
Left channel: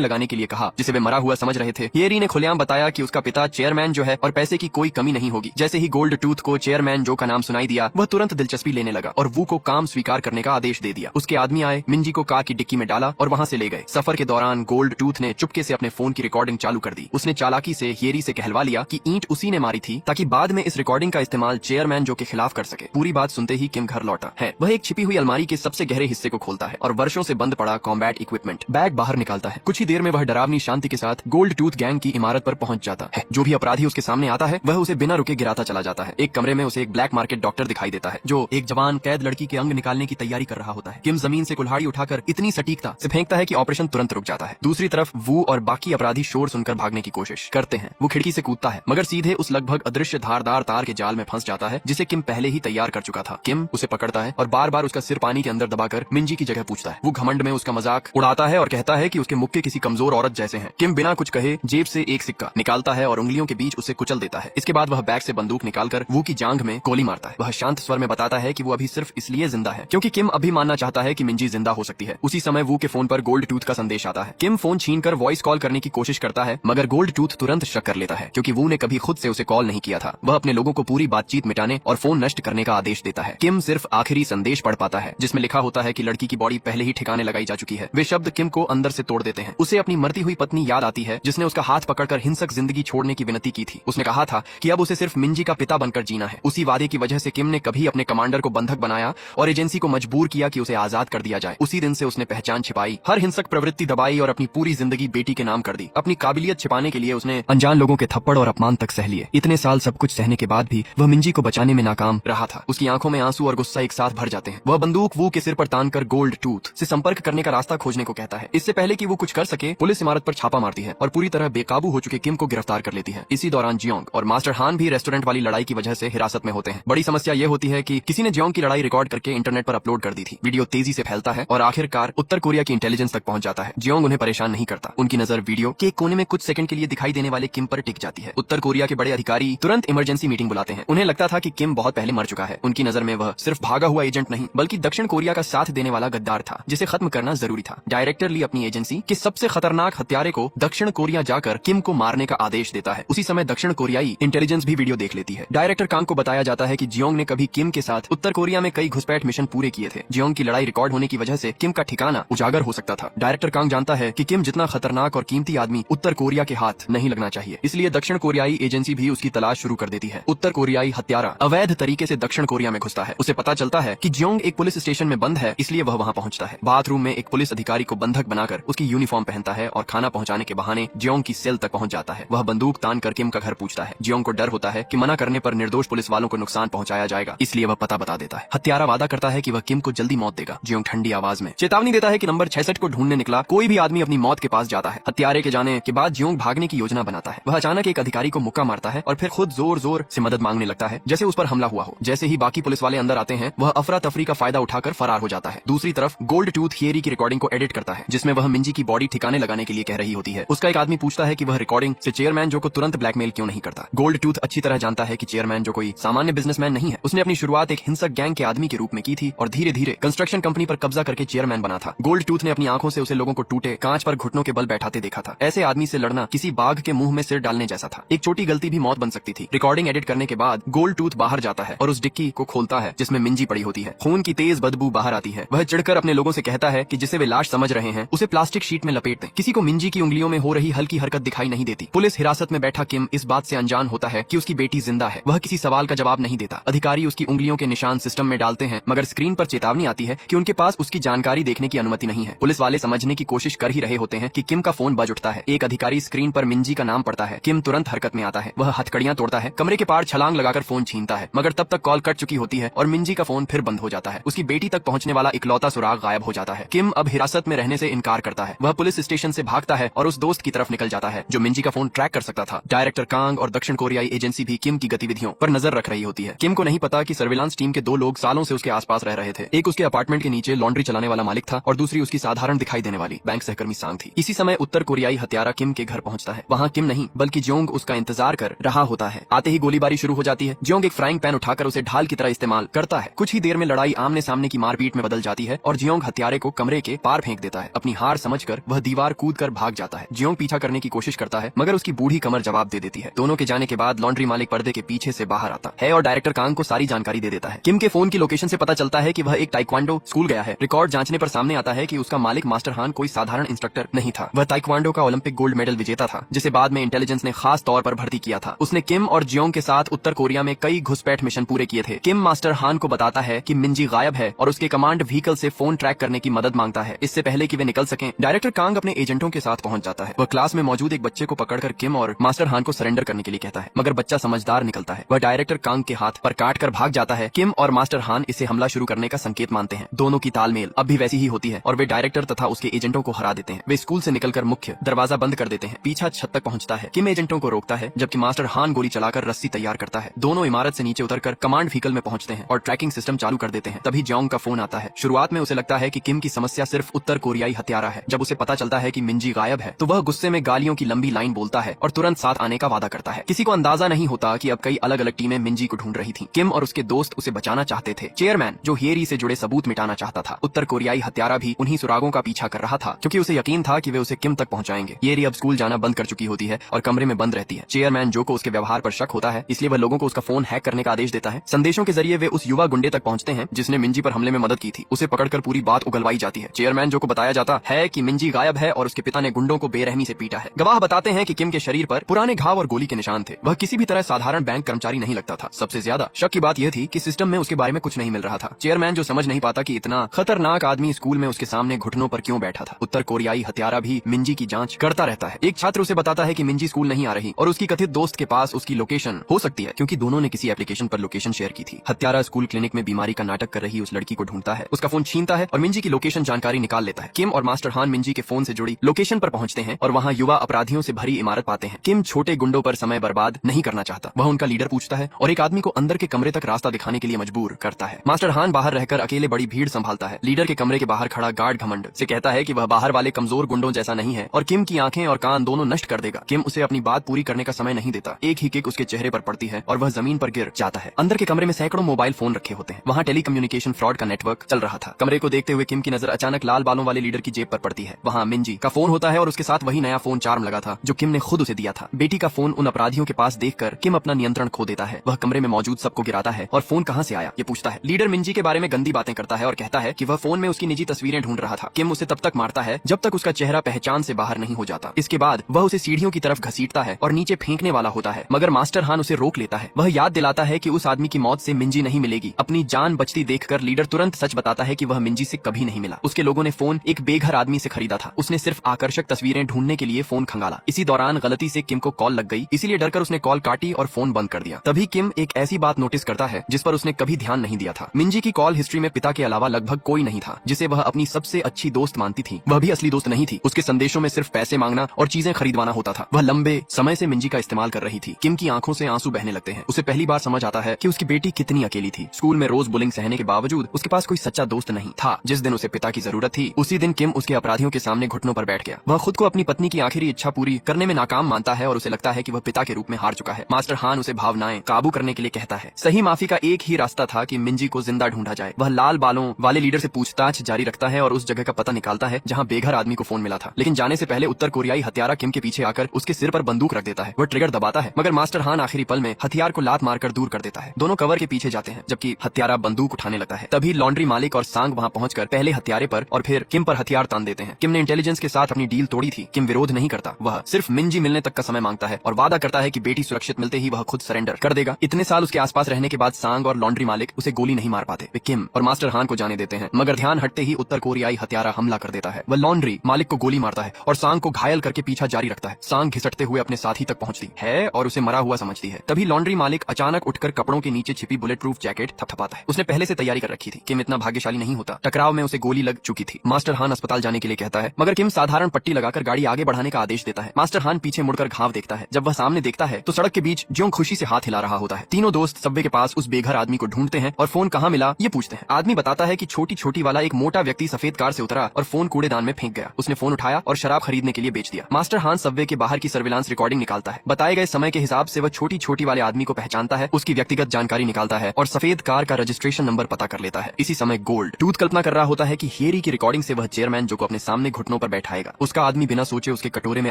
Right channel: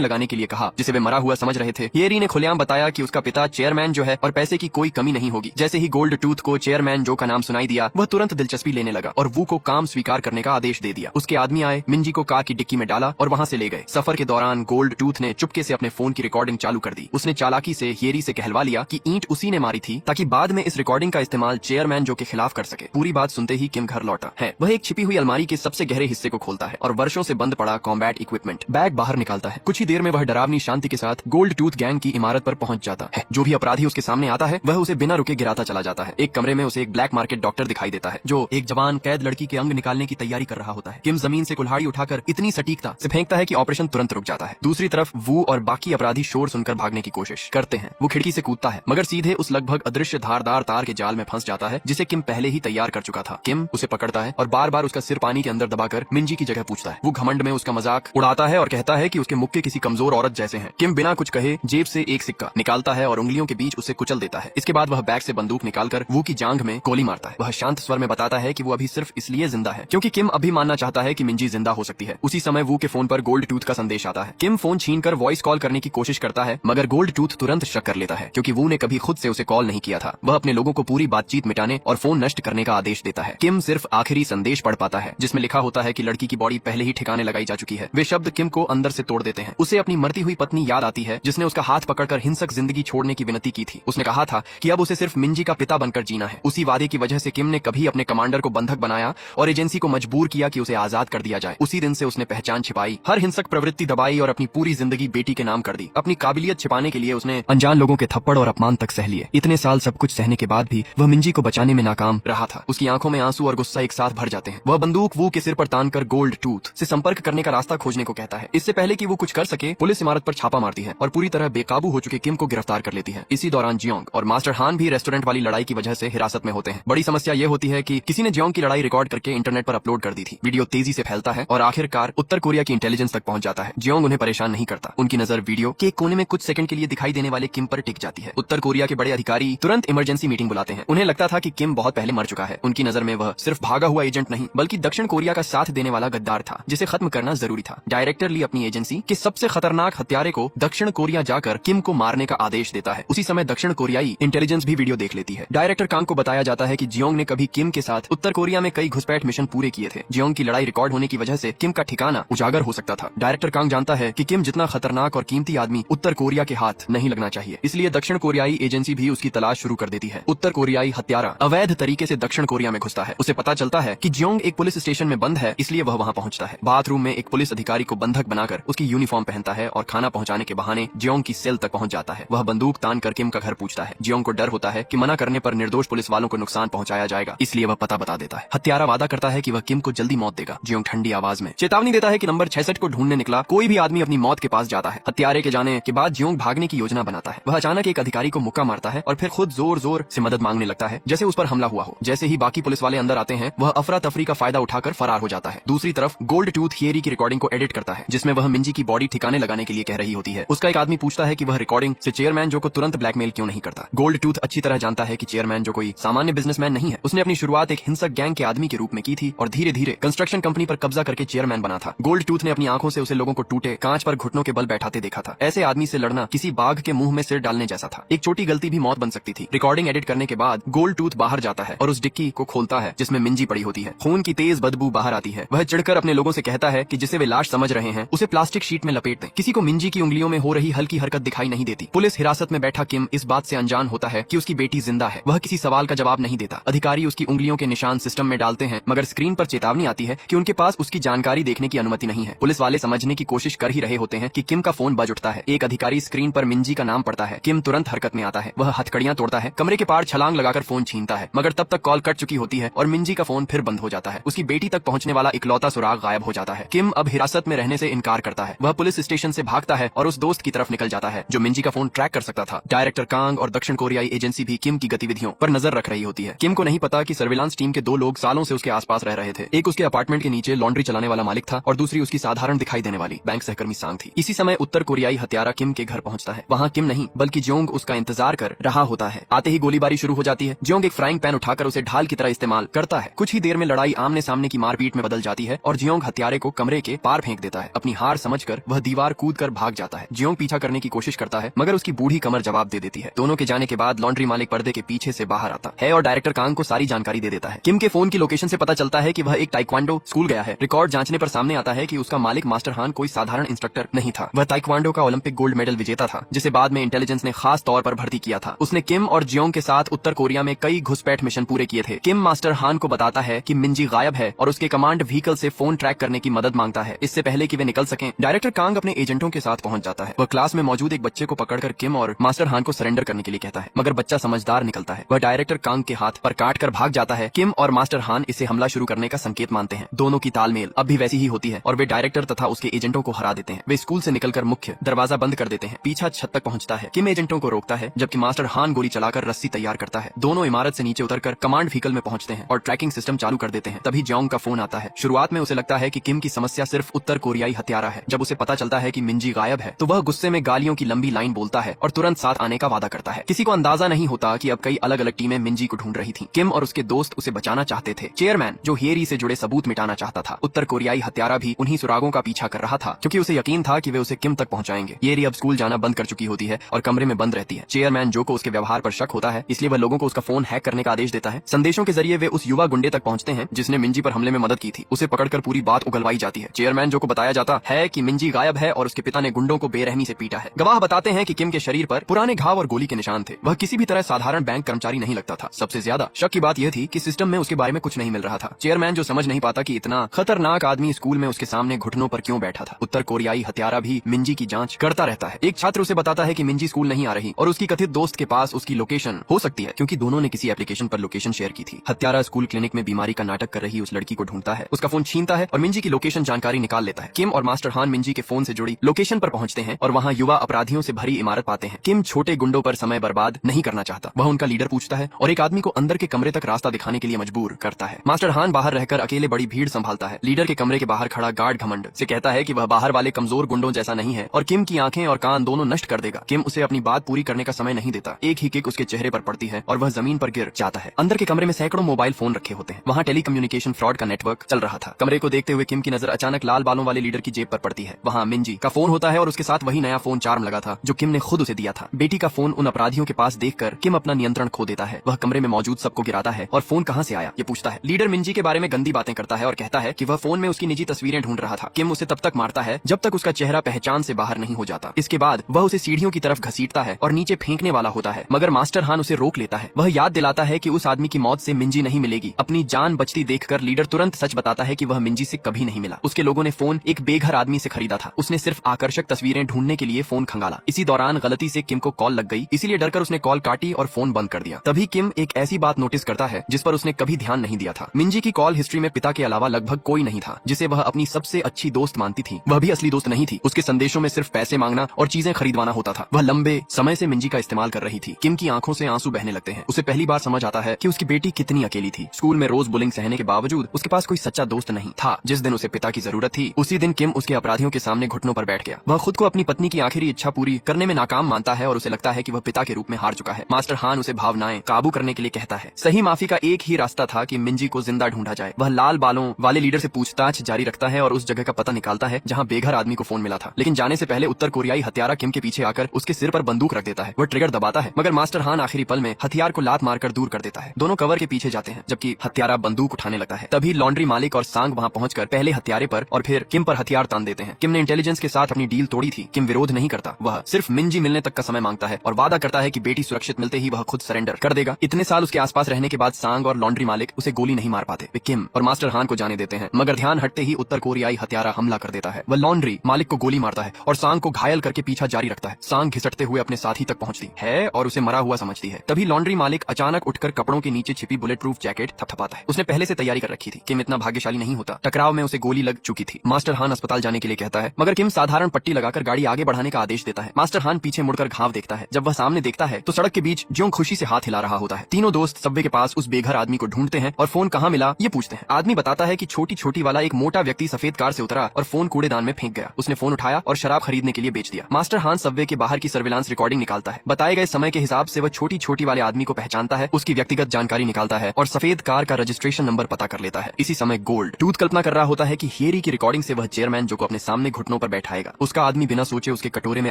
लगाने के लिए कहा जिसे वे मरा हुआ समझ रहे थे। हियरी ने खुलेआम बताया कि उसका पिता चेयरमैन जो है और पैसे की कोई कमी नहीं होगी। जैसे ही गोल्ड टूथ को चेयरमैन जो का नाम सुनाई दिया, वह तुरंत दिलचस्पी लेने लगा और वू को काम स्वीकार करने का आदेश दे दिया। उसके आदमी आए, मिंजी को कार की डिक्की में डाला और वहाँ से ले गए। सफर के दौरान गोल्ड टूथ ने चुपके से अपने फोन की रिकॉर्डिंग चालू कर दी। उसने चालाकी से हियरी से कहलवा लिया कि ईंट उसी ने मारी थी ताकि बाद में इस रिकॉर्डिंग का इस्तेमाल चेयरमैन जो के खिलाफ कर सके। पूरी बात सुनते ही किम घर लौटा है। वह एक छिपी हुई अलमारी के सबसे गहरे हिस्से को खोलता है और वर्षों से बंद पड़ा कॉम्बैट इक्विपमेंट बैग बाहर निकालता है। कुछ ही देर में वह डरावनी शांति के साथ गोल्ड टूथ गैंग की इमारत पर पहुंच जाता है। जो भी अपराधी उसके सामने आता है वह उसे बिना रुके गिराता चला जाता है। एक कमरे में उसे एक ब्लैक मार्केट डॉक्टर दिखाई देता है जो एक जवान कैद लड़की के अंग निकालने की तैयारी कर रहा होता है। किम जमीन से कुल्हाड़ी उठाकर इतनी सटीकता से फेंकता है कि ऑपरेशन तुरंत रुक जाता है। दूसरी तरफ वू और बाकी अपराधी शोर सुनकर भागने की कोशिश करते हैं। वो खिड़की से कूदता है मगर सीधे उस लगभग अदृश्य धारदार तार के जाल में फंस जाता है जिसे किम पहले ही तैयार कर चुका था। किम उसे पकड़ता है और बार बार उसका सिर पानी के अंदर दबाकर मिंजी की जगह पूछता है। वो घमंड में उसका मजाक उड़ाता है और कहता है कि उसके मुक्के किसी कमजोर औरत जैसे हैं। किम बिना कुछ कहे जेब से एक सिक्का निकालता है और उंगलियों के बीच उसे कुचल देता है। इसके बाद वह बैग से बंदूक निकालकर वो की जांघ में गोली मारता है। वह शांत स्वर में बताता है कि वो अभी सिर्फ इसलिए जिंदा है क्योंकि किम अभी मानना चाहता है कि मिंजी जिंदा हो सकती है। उसी समय वो के फोन पर गोल्ड टूथ का संदेश आता है। किम फोन छीनकर वॉइस कॉल करने की कोशिश करता है मगर गोल्ड टूथ तुरंत शक कर लेता है क्योंकि वो ने कभी खुद से उसे कॉल नहीं किया था। वह अपने लोगों को पूरी बातचीत मिटाने और फोन नष्ट करने का आदेश देता है। किम सिर्फ आखिरी संदेश पढ़ पाता है जिसमें लिखा होता है कि लड़की की बॉडी पहले ही ठिकाने लगाई जा चुकी है। वे शब्द किम को अंदर से तोड़ देते हैं। उसे अपनी मरती हुई पत्नी याद आती है जिसने उसका हाथ पकड़कर हिंसक जिंदगी छोड़ने की विनती की थी। उसने कहा था कि अब उसे सिर्फ मिंजी का पिता बनकर जीना है। उसी वादे की वजह से किम ने कभी अपने कमांडर को बंधक बनाया और एजेंसी को मजबूर किया कि उसे आजाद कर दिया जाए। उसी दिन से उसने पहचान छिपाई, हर हिंसक प्रवृत्ति दबाई और अपनी पूरी जिंदगी बेटी के नाम कर दी। अपनी काबिलियत छिपाने के लिए उसने अनजान लोगों के थप्पड़ और अपमान तक सह लिए। इतने साल सब कुछ सहने के बाद भी वह मिंजी को बचाने में नाकाम रहा था। उसकी आंखों में आंसू और गुस्सा एक साथ भर जाते हैं। वह बंदूक वू के सिर पर तानकर गोल्ड टूथ से संपर्क करने का रास्ता खोजने को कहता है। इससे पहले कि वो कुछ कर सके, पुलिस इमारत पर छापा मारती है और पूरी तरह बेकाबू हो चुके किम को गिरफ्तार कर लेती है। इसी दौरान जियोंग और मास्टर हान भी रेस्टोरेंट वाली लड़ाई की वजह से हिरासत में होते हैं। बड़ी समस्या ये होती है कि किसी ने जियोंग की लड़ाई रिकॉर्ड करके इंटरनेट पर अपलोड कर दी थी। वीडियो तेजी से फैलता है और आखिरकार उत्तर कोरिया की इंटेलिजेंस तक पहुंच जाता है। जियोंग उन्हें परेशान नहीं करता। उनकी नजर वीडियो के कोने में कुछ सेकंड के लिए दिखाई देने वाले किम पर टिक जाती है। उत्तर कोरिया के बड़े अधिकारी तुरंत इमरजेंसी मीटिंग बुलाते हैं। उन्हें लगता था कि किम बहुत पहले मर चुका है। उनकी नजर में वह सिर्फ भागा हुआ एजेंट नहीं बल्कि दक्षिण कोरिया का साथ देने वाला गद्दार था जिसे खत्म करना जरूरी था। डायरेक्टर ली अपनी एजेंसी के सबसे खतरनाक हत्यारे को दक्षिण कोरिया जाकर किम को मारने का आदेश देता है। उसी समय दक्षिण कोरियाई इंटेलिजेंस भी वीडियो देख लेती है। डायरेक्टर कांग को बताया जाता है कि जियोंग ने कभी किम के साथ उत्तर कोरिया में कई घुसपैठ मिशन पूरे किए थे। जियोंग की लड़ाई रिकॉर्ड होने की वजह से किम का ठिकाना उजागर हो सकता था। डायरेक्टर कांग जानता है कि किम जितना खतरनाक और कीमती आदमी उत्तर कोरिया के हाथ नहीं लगना चाहिए, इसलिए दक्षिण कोरियाई एजेंसी भी उसकी तलाश शुरू कर देती है। उत्तर कोरियाई हत्यारा अवैध तरीके से दक्षिण कोरिया में घुसता है। उसे पता चलता है कि जियोंग एक पुलिस स्टेशन में बंद है, इसलिए वह वहाँ पहुँचता है। बाथरूम में एक पुलिस अधिकारी को बंधक बनाकर उसकी यूनिफॉर्म पहनता है और खाना पहुँचाने के बहाने जियोंग की सेल तक पहुँच जाता है। वह बंदूक तान कर किम का घर पूछता है। जियोंग को डर होता है कि मना करने पर निर्दोष पुलिस वालों को नुकसान पहुँचाया जाएगा, इसलिए वह पता बता देता है। हत्यारा वादा करता है कि वह किम को जल्दी मौत देगा। जियोंग ठंडी आवाज में चेतावनी देता है कि नंबर 66 को ढूंढने निकला कोई भी आदमी अपनी मौत के पास जाता है। हत्यारे के जाने के बाद जियोंग भागने की योजना बनाता है। वह अचानक एक अधिकारी को मुक्का मारता है और फिर खुद जोर जोर से मदद मांगने लगता है जैसे उस पर हमला हुआ हो। जैसे ही बाकी पुलिस वाले अंदर आते हैं वह अफरा तफरी का फायदा उठाकर फरार हो जाता है। दूसरी तरफ गोल्ड टूथ हियरी की रिकॉर्डिंग को एडिट करता है जिसमें वह मिंजी की बॉडी ठिकाने लगाने के लिए कह रही होती है। उसका एक आदमी पूछता है कि वह रिकॉर्डिंग से चेयरमैन जो को तुरंत ब्लैकमेल क्यों नहीं करता। गोल्ड टूथ अच्छी तरह जानता है कि चेयरमैन जो कोई सामान्य बिजनेसमैन नहीं है। उसने अपनी शुरुआत एक हिंसक गैंग के आदमी के रूप में की थी और धीरे धीरे कंस्ट्रक्शन कंपनी पर कब्जा करके चेयरमैन बना था। गोल्ड टूथ ने अपनी आंखों से उसे लोगों को टूटे कांच पर घुटनों के बल बैठाते देखा था। ऐसे आदमी से लड़ना किसी बाघ के मुंह में सिर डालने जैसा था। एक छोटी गलती भी मौत बन सकती थी। रिकॉर्डिंग एडिट करने के बाद गोल्ड टूथ बाहर जाता है और उस डिक्की को खोलता है जिसमें मिंजी पड़ी होती है। खून की तेज बदबू बाहर आती है। वह चिढ़कर अपने लोगों से कहता है कि जिसे वे लाश समझ रहे हैं उसे प्लास्टिक शीट में लपेट दें। किसी को मिंजी की उंगलियों में हो रही हल्की हरकत दिखाई नहीं देती। पुलिस हिरासत में बैठा किम इस बात से अनजान होता है कि उसकी बेटी जिंदा है। वह किसी सवाल का जवाब नहीं देता। अधिकारी उसकी उंगलियों के निशान सिस्टम में डालते हैं मगर स्क्रीन पर चेतावनी आती है कि उनके पास उसकी जानकारी देखने की अनुमति नहीं है। पुलिस वाले समझने की कोशिश कर ही रहे होते हैं कि किम का फोन बज उठता है। एक अधिकारी स्क्रीन पर मिंजी का नाम पढ़ता है। किम तुरंत हरकत में आता है। वह हथकड़ियां तोड़ता है, कमरे के पार छलांग लगाकर फोन छीनता है मगर तब तक कॉल कट चुकी होती है और मिंजी का फोन फिर बंद हो जाता है। उसकी बेटी तक पहुंचने वाला इकलौता सुराग गायब हो जाता है। किम अब हिरासत में रहने से इनकार करता है। वह पुलिस स्टेशन से भागता है और उस दोस्त की तरफ निकल जाता है जो मिंजी का फोन ट्रैक कर सकता था। डायरेक्टर कांग और दक्षिण कोरियाई एजेंसी भी किम की गतिविधियों पर नजर रख रही होती है। किम को नहीं पता कि सर्विलांस टीम के दो लोग सालों से उसके आसपास रह रहे थे। एक उसके अपार्टमेंट के नीचे लॉन्ड्री चलाने वाला मालिक था और दूसरी उसकी साधारण दिखाई देने वाली बैंक सहकर्मी सांग थी। इसी समय उत्तर कोरियाई हत्यारा किम के घर पहुंचता है। वहाँ किम नहीं बल्कि जियोंग उसका इंतजार कर रहा होता है। आते ही गोलीबारी शुरू हो जाती है। जियोंग एक फ्राइंग पैन उठाकर उसे ढाल की तरह इस्तेमाल करता है। कुछ ही देर में लड़ाई आमने सामने की मारपीट में बदल जाती है और जियोंग हत्यारे को कमरे कमरे के पार फेंक देता है। अपनी हार समझकर वह दीवार कूद कर भाग जाता है। जियोंग पीछा करने की कोशिश करता है मगर उसकी बूढ़ी कमर जवाब दे देती है। दोनों के जाने के बाद लॉन्ड्री मालिक पर्दे के पीछे से बाहर आता है और डायरेक्टर कांग को सारी जानकारी दे देता है। किम के फोन की लोकेशन से पता चलता है कि वह एक ताइक्वांडो स्कूल गया है। रिकॉर्ड जांचने पर सामने आता है कि उसका मालिक मास्टर हान कोई साधारण इंस्ट्रक्टर नहीं था। वह ताइक्वांडो का ओलंपिक गोल्ड मेडल विजेता था जिसे बाद में इंटेलिजेंस ने खास तौर पर भर्ती किया था। उसने किम और जियोंग के साथ उत्तर कोरिया में कई घुसपैठ मिशन पूरे किए थे। किम मास्टर हान को बताता है कि मिंजी गायब है और उसके कमांड व्हीकल से फोन ट्रैक करने की मदद मांगता है इससे पहले कि वे निकल सकें। डायरेक्टर कांग अपने एजेंटों के साथ पहुंच जाता है। वो क्लास में मौजूद एक बच्चे को पकड़कर किम और मास्टर हान को सरेंडर करने के लिए कहता है मगर बच्चा समझदार निकलता है। वह डायरेक्टर कांग के हाथ पर काट कर भाग जाता है। किम और मास्टर हान इसे हमला शुरू करने का संकेत मानते हैं। दोनों की तालमेल अब भी वैसी ही होती है और वे डायरेक्टर तथा उसके एजेंटों को हरा देते हैं। वे स्कूल से निकलकर मुख्य दरवाजा बंद कर देते हैं। पीछा छत तक पहुंचता है। किम एजेंटों को रोकता है जबकि मास्टर हान गोली चलाकर रस्सी तैयार करता है। दोनों इमारत से नीचे उतरकर कमांड व्हीकल में पहुंचते हैं और ट्रैकिंग सिस्टम चालू कर देते हैं। तभी जियोंग का फोन आता है। शुरुआत में उसे लगता है कि किम की समस्या सिर्फ उत्तर कोरियाई हत्यारा है। जब उसे पता चलता है कि मिंजी गायब है तो वह गुस्से में गालियों की लंबी लाइन बोलता है और तुरंत साथ आने का वादा करता है। किसी को अंदाजा नहीं होता कि अब कई अलग अलग टीमें मिंजी को ढूंढ रही थी। किम और उसके दोस्त उसे बचाना चाहते थे। चेयरमैन जो हेरी से जुड़े सबूत मिटाना चाहता था। उत्तर कोरियाई हत्यारा भी उन्हीं सुरागों का पीछा कर रहा था क्योंकि उसे यकीन था कि वे उसे किम तक पहुंचाएंगे। हेरी अब स्कूल जाना बंद कर चुकी होती है और कमरे में बंद रहती है। चेयरमैन जो को उसके व्यवहार पर शक होता है इसलिए वह लोगों को उसका फोन हैक करने का आदेश देता है। संदेशों के जरिए वे उस युवा गुंडे तक पहुंचते हैं जिसने मिंजी पर हमले में मदद की थी। उसे पकड़कर पूरी बात उगलवाई जाती है। चेयरमैन जो को बताया जाता है कि मिंजी गायब है और उसके पिता ने गुंडों को बेरहमी से पीटा है। गवाह बताते हैं कि किम के शरीर पर पुराने घाव और गोली के निशान थे। वह किसी भी तरह साधारण बैंक कर्मचारी नहीं लगता था। सबसे ज्यादा शक की बात यह थी कि सिस्टम में उसके बारे में कुछ नहीं मिल रहा था। चेयरमैन जो समझ नहीं पाता कि इतना खतरनाक आदमी स्कूल में उसके सामने घुटनों पर क्यों बैठा था। उत्तर कोरियाई हत्यारा भी मिंजी की जांच करता रहता है। एक छात्र उसे बताता है कि मिंजी स्कूल नहीं आ रही और उसकी कथित दोस्त के पास उसकी लोकेशन हो सकती है क्योंकि दोनों ने किसी एप्लीकेशन पर लोकेशन शेयर की थी। हत्यारा स्कूल क्लिनिक में बीमारी का नाटक कर रही उस लड़की को ढूंढता है, उसका फोन छीनता है और मिंजी की लोकेशन जानकारी निकाल लेता है। किम और मास्टर हान मिंजी के फोन से जुड़ी लोकेशन पर पहुंचते हैं और वहाँ युवा अपराधियों से भरी इमारत पाते हैं। किम छोटे गुंडों पर समय बर्बाद नहीं करना चाहता। वह उनका लीडर पूछता है और एक आदमी को अंदर के कमरे तक रास्ता दिखाने के लिए मजबूर करता है। मास्टर हान बाहर रहकर अकेले बड़ी भीड़ संभालता है। लीडर के कमरे के बाहर खड़ा गार्ड घमंड से कहता है कि वह बाहर वाले कमजोर गुंडों जैसा नहीं है और किम की आंखें और कान दोनों नष्ट कर देगा। किम उसे अपनी बात पूरी करने का समय नहीं देता। एक ही किक उसके चेहरे पर पड़ती है और वह जमीन पर गिर जाता है। अंदर के कमरे में सैकड़ों मोबाइल फोन रखे होते हैं। वहाँ टेलीकम्युनिकेशन फ्रॉड का नेटवर्क चल रहा था। कमरे को देखते हुए किम की नजर अचानक लाल बालों वाले लीडर की जेब पर पड़ती है। वहाँ मिंजी का फोन होता है और उसके साथ वही नया फोन चार्म लगा था जो किम ने खुद उसे दिया था। बेटी का फोन उन अपराधियों के पास देखकर किम अपना नियंत्रण खो देता है। वह कमरे में मौजूद सबको गिराता है और फोन कहाँ से आया ये पूछता है। लीडर मिंजी के बारे में गंदी बातें करता है और कहता है कि वह फोन में उसकी निजी तस्वीरें ढूंढ रहा था। किम उसे तब तक मारता है जब तक उसका चेहरा पहचान से बाहर नहीं हो जाता। इसके बाद वह उसे सीढ़ियों की तरफ घसीटता है और नीचे फेंकने वाला होता है मगर मास्टर हान उसे रोक लेता है। वह याद दिलाता है कि उस आदमी की मौत से मिंजी नहीं मिलेगी। अपनी जान बचती देखकर लीडर तुरंत सच बताता है कि वह मिंजी से कभी नहीं मिला। उसके लोगों ने फोन एक बेघर आदमी से खरीदा था। उसने सिर्फ आकर्षक तस्वीरें ढूंढने के लिए फोन खंगाला। इसी दौरान गलती से किम को कॉल लग गई, इसीलिए डरकर उसने कॉल काटी और फोन बंद कर दिया। तभी किम एक ऐसी बात नोटिस करता है जिस पर उसने कभी ध्यान नहीं दिया था। मिंजी की कॉल हिस्ट्री में पिता के अलावा लगभग कोई नहीं था जिसे वह अपनी सबसे अच्छी दोस्त मानती थी। वह भी असली दोस्त नहीं थी। उसके संदेशों में सिर्फ पैसे मांगना और चीजें खरीदवाना होता था। वह लंबे समय से मिंजी का इस्तेमाल कर रही थी। किम की आंखों से आंसू बहने लगते हैं। उसे पहली बार समझ आता है कि उसकी बेटी कितनी अकेली थी। स्कूल में रोज बुलिंग सहने के बावजूद उसके पास कोई सच्चा दोस्त नहीं था। जिस दिन उसे पिता की जरूरत थी उसी दिन किम उसके अपराधियों के सामने घुटनों पर बैठ गया। वह खुद को अपनी पत्नी की आखिरी इच्छा पूरी करने में नाकाम मानता है और उसे लगता है कि वह पिता के रूप में हार चुका है। मास्टर हान उसे भावनाएं काबू करने के लिए कहता है। सही माफी का एक ही रास्ता था कि मिंजी को जिंदा ढूंढा जाए। वह लाल बालों वाले लीडर से पूछताछ जारी रखता है और उस जगह का पता निकालता है जहां बेघर आदमी को फोन मिला था। लेकिन जाने से पहले उत्तर कोरियाई हत्यारा किम के पीछे आकर उसके सिर पर बंदूक रख देता है। वो ट्रिगर दबाता है मगर मास्टर हान आखिरी पल में हथियार को लात मारकर दूर कर देता है। दोनों कवर के पीछे जाते हैं जबकि हत्यारा बंदूक उठाने लगता है। तभी लॉन्ड्री मालिक और सांग वहां पहुंचकर पहले हत्यारे पर और फिर किम पर हथियार तान देते हैं। किम ने इंटेलिजेंस के साथ अपनी डील तोड़ी थी। किम विरोध नहीं करता। वह सिर्फ मिंजी मिलने तक का समय मांगता है और वादा करता है कि बेटी सुरक्षित मिलते ही वह खुद सरेंडर कर देगा। इतने साल उसके आसपास रहने के बाद सांग और लॉन्ड्री मालिक उसे गोली नहीं मार पाते। वे किम और मास्टर हान को जाने देते हैं मगर ध्यान हटते ही उत्तर कोरियाई हत्यारा हमला कर देता है। वह लॉन्ड्री मालिक को गोली मारता है और सांग को घायल करके पीछा जारी रखता है। सांग घिसटते हुए अपने साथी तक पहुंचती है और उसे मरा हुआ समझती है। तभी लॉन्ड्री मालिक अचानक उठकर कपड़ों के नीचे छिपी बुलेट प्रूफ जैकेट थपथपाता है। उसने पहले से तैयारी कर रखी थी। किम इतना भाग्यशाली नहीं होता। टकराव में उसे गोली लग चुकी थी। मास्टर हान अस्पताल जाने के लिए कहता है मगर किम साधारण पट्टी लगाकर गाड़ी आगे बढ़ाने का आदेश देता है। मास्टर हान पीछे मुड़कर घाव देखता है। जब वह सामने देखता है तो सड़क के बीच जो खुशी से हाथ हिला रहा होता है। तीनों दोस्त सबवे के पास उस बेघर आदमी को ढूंढते हैं और फोन कहाँ मिला ये पूछते हैं। आदमी बताता है कि छोटी छोटी वाला एक मोटा व्यक्ति सफेद कार से उतरा और फोन कूड़ेदान में फेंक गया। उसने फोन उठाया और शराब खरीदने के लिए बेच दिया। मास्टर हान सबवे के बाहर की सर्विलांस रिकॉर्डिंग निकालता है। बताए गए समय के हिसाब से वह छोटी छोटी वाले आदमी को पहचानता है, उसकी व्यक्तिगत जानकारी निकालता है और सफेद कार का रजिस्ट्रेशन नंबर पता कर लेता है। इसी समय गोल्ड टूथ कल्पना कर रहा होता है कि हियरी की रिकॉर्डिंग से वह चेयरमैन जो को अपने सामने घुटनों पर बैठाएगा। उसका आदमी बिना सोचे उसके कटोरे में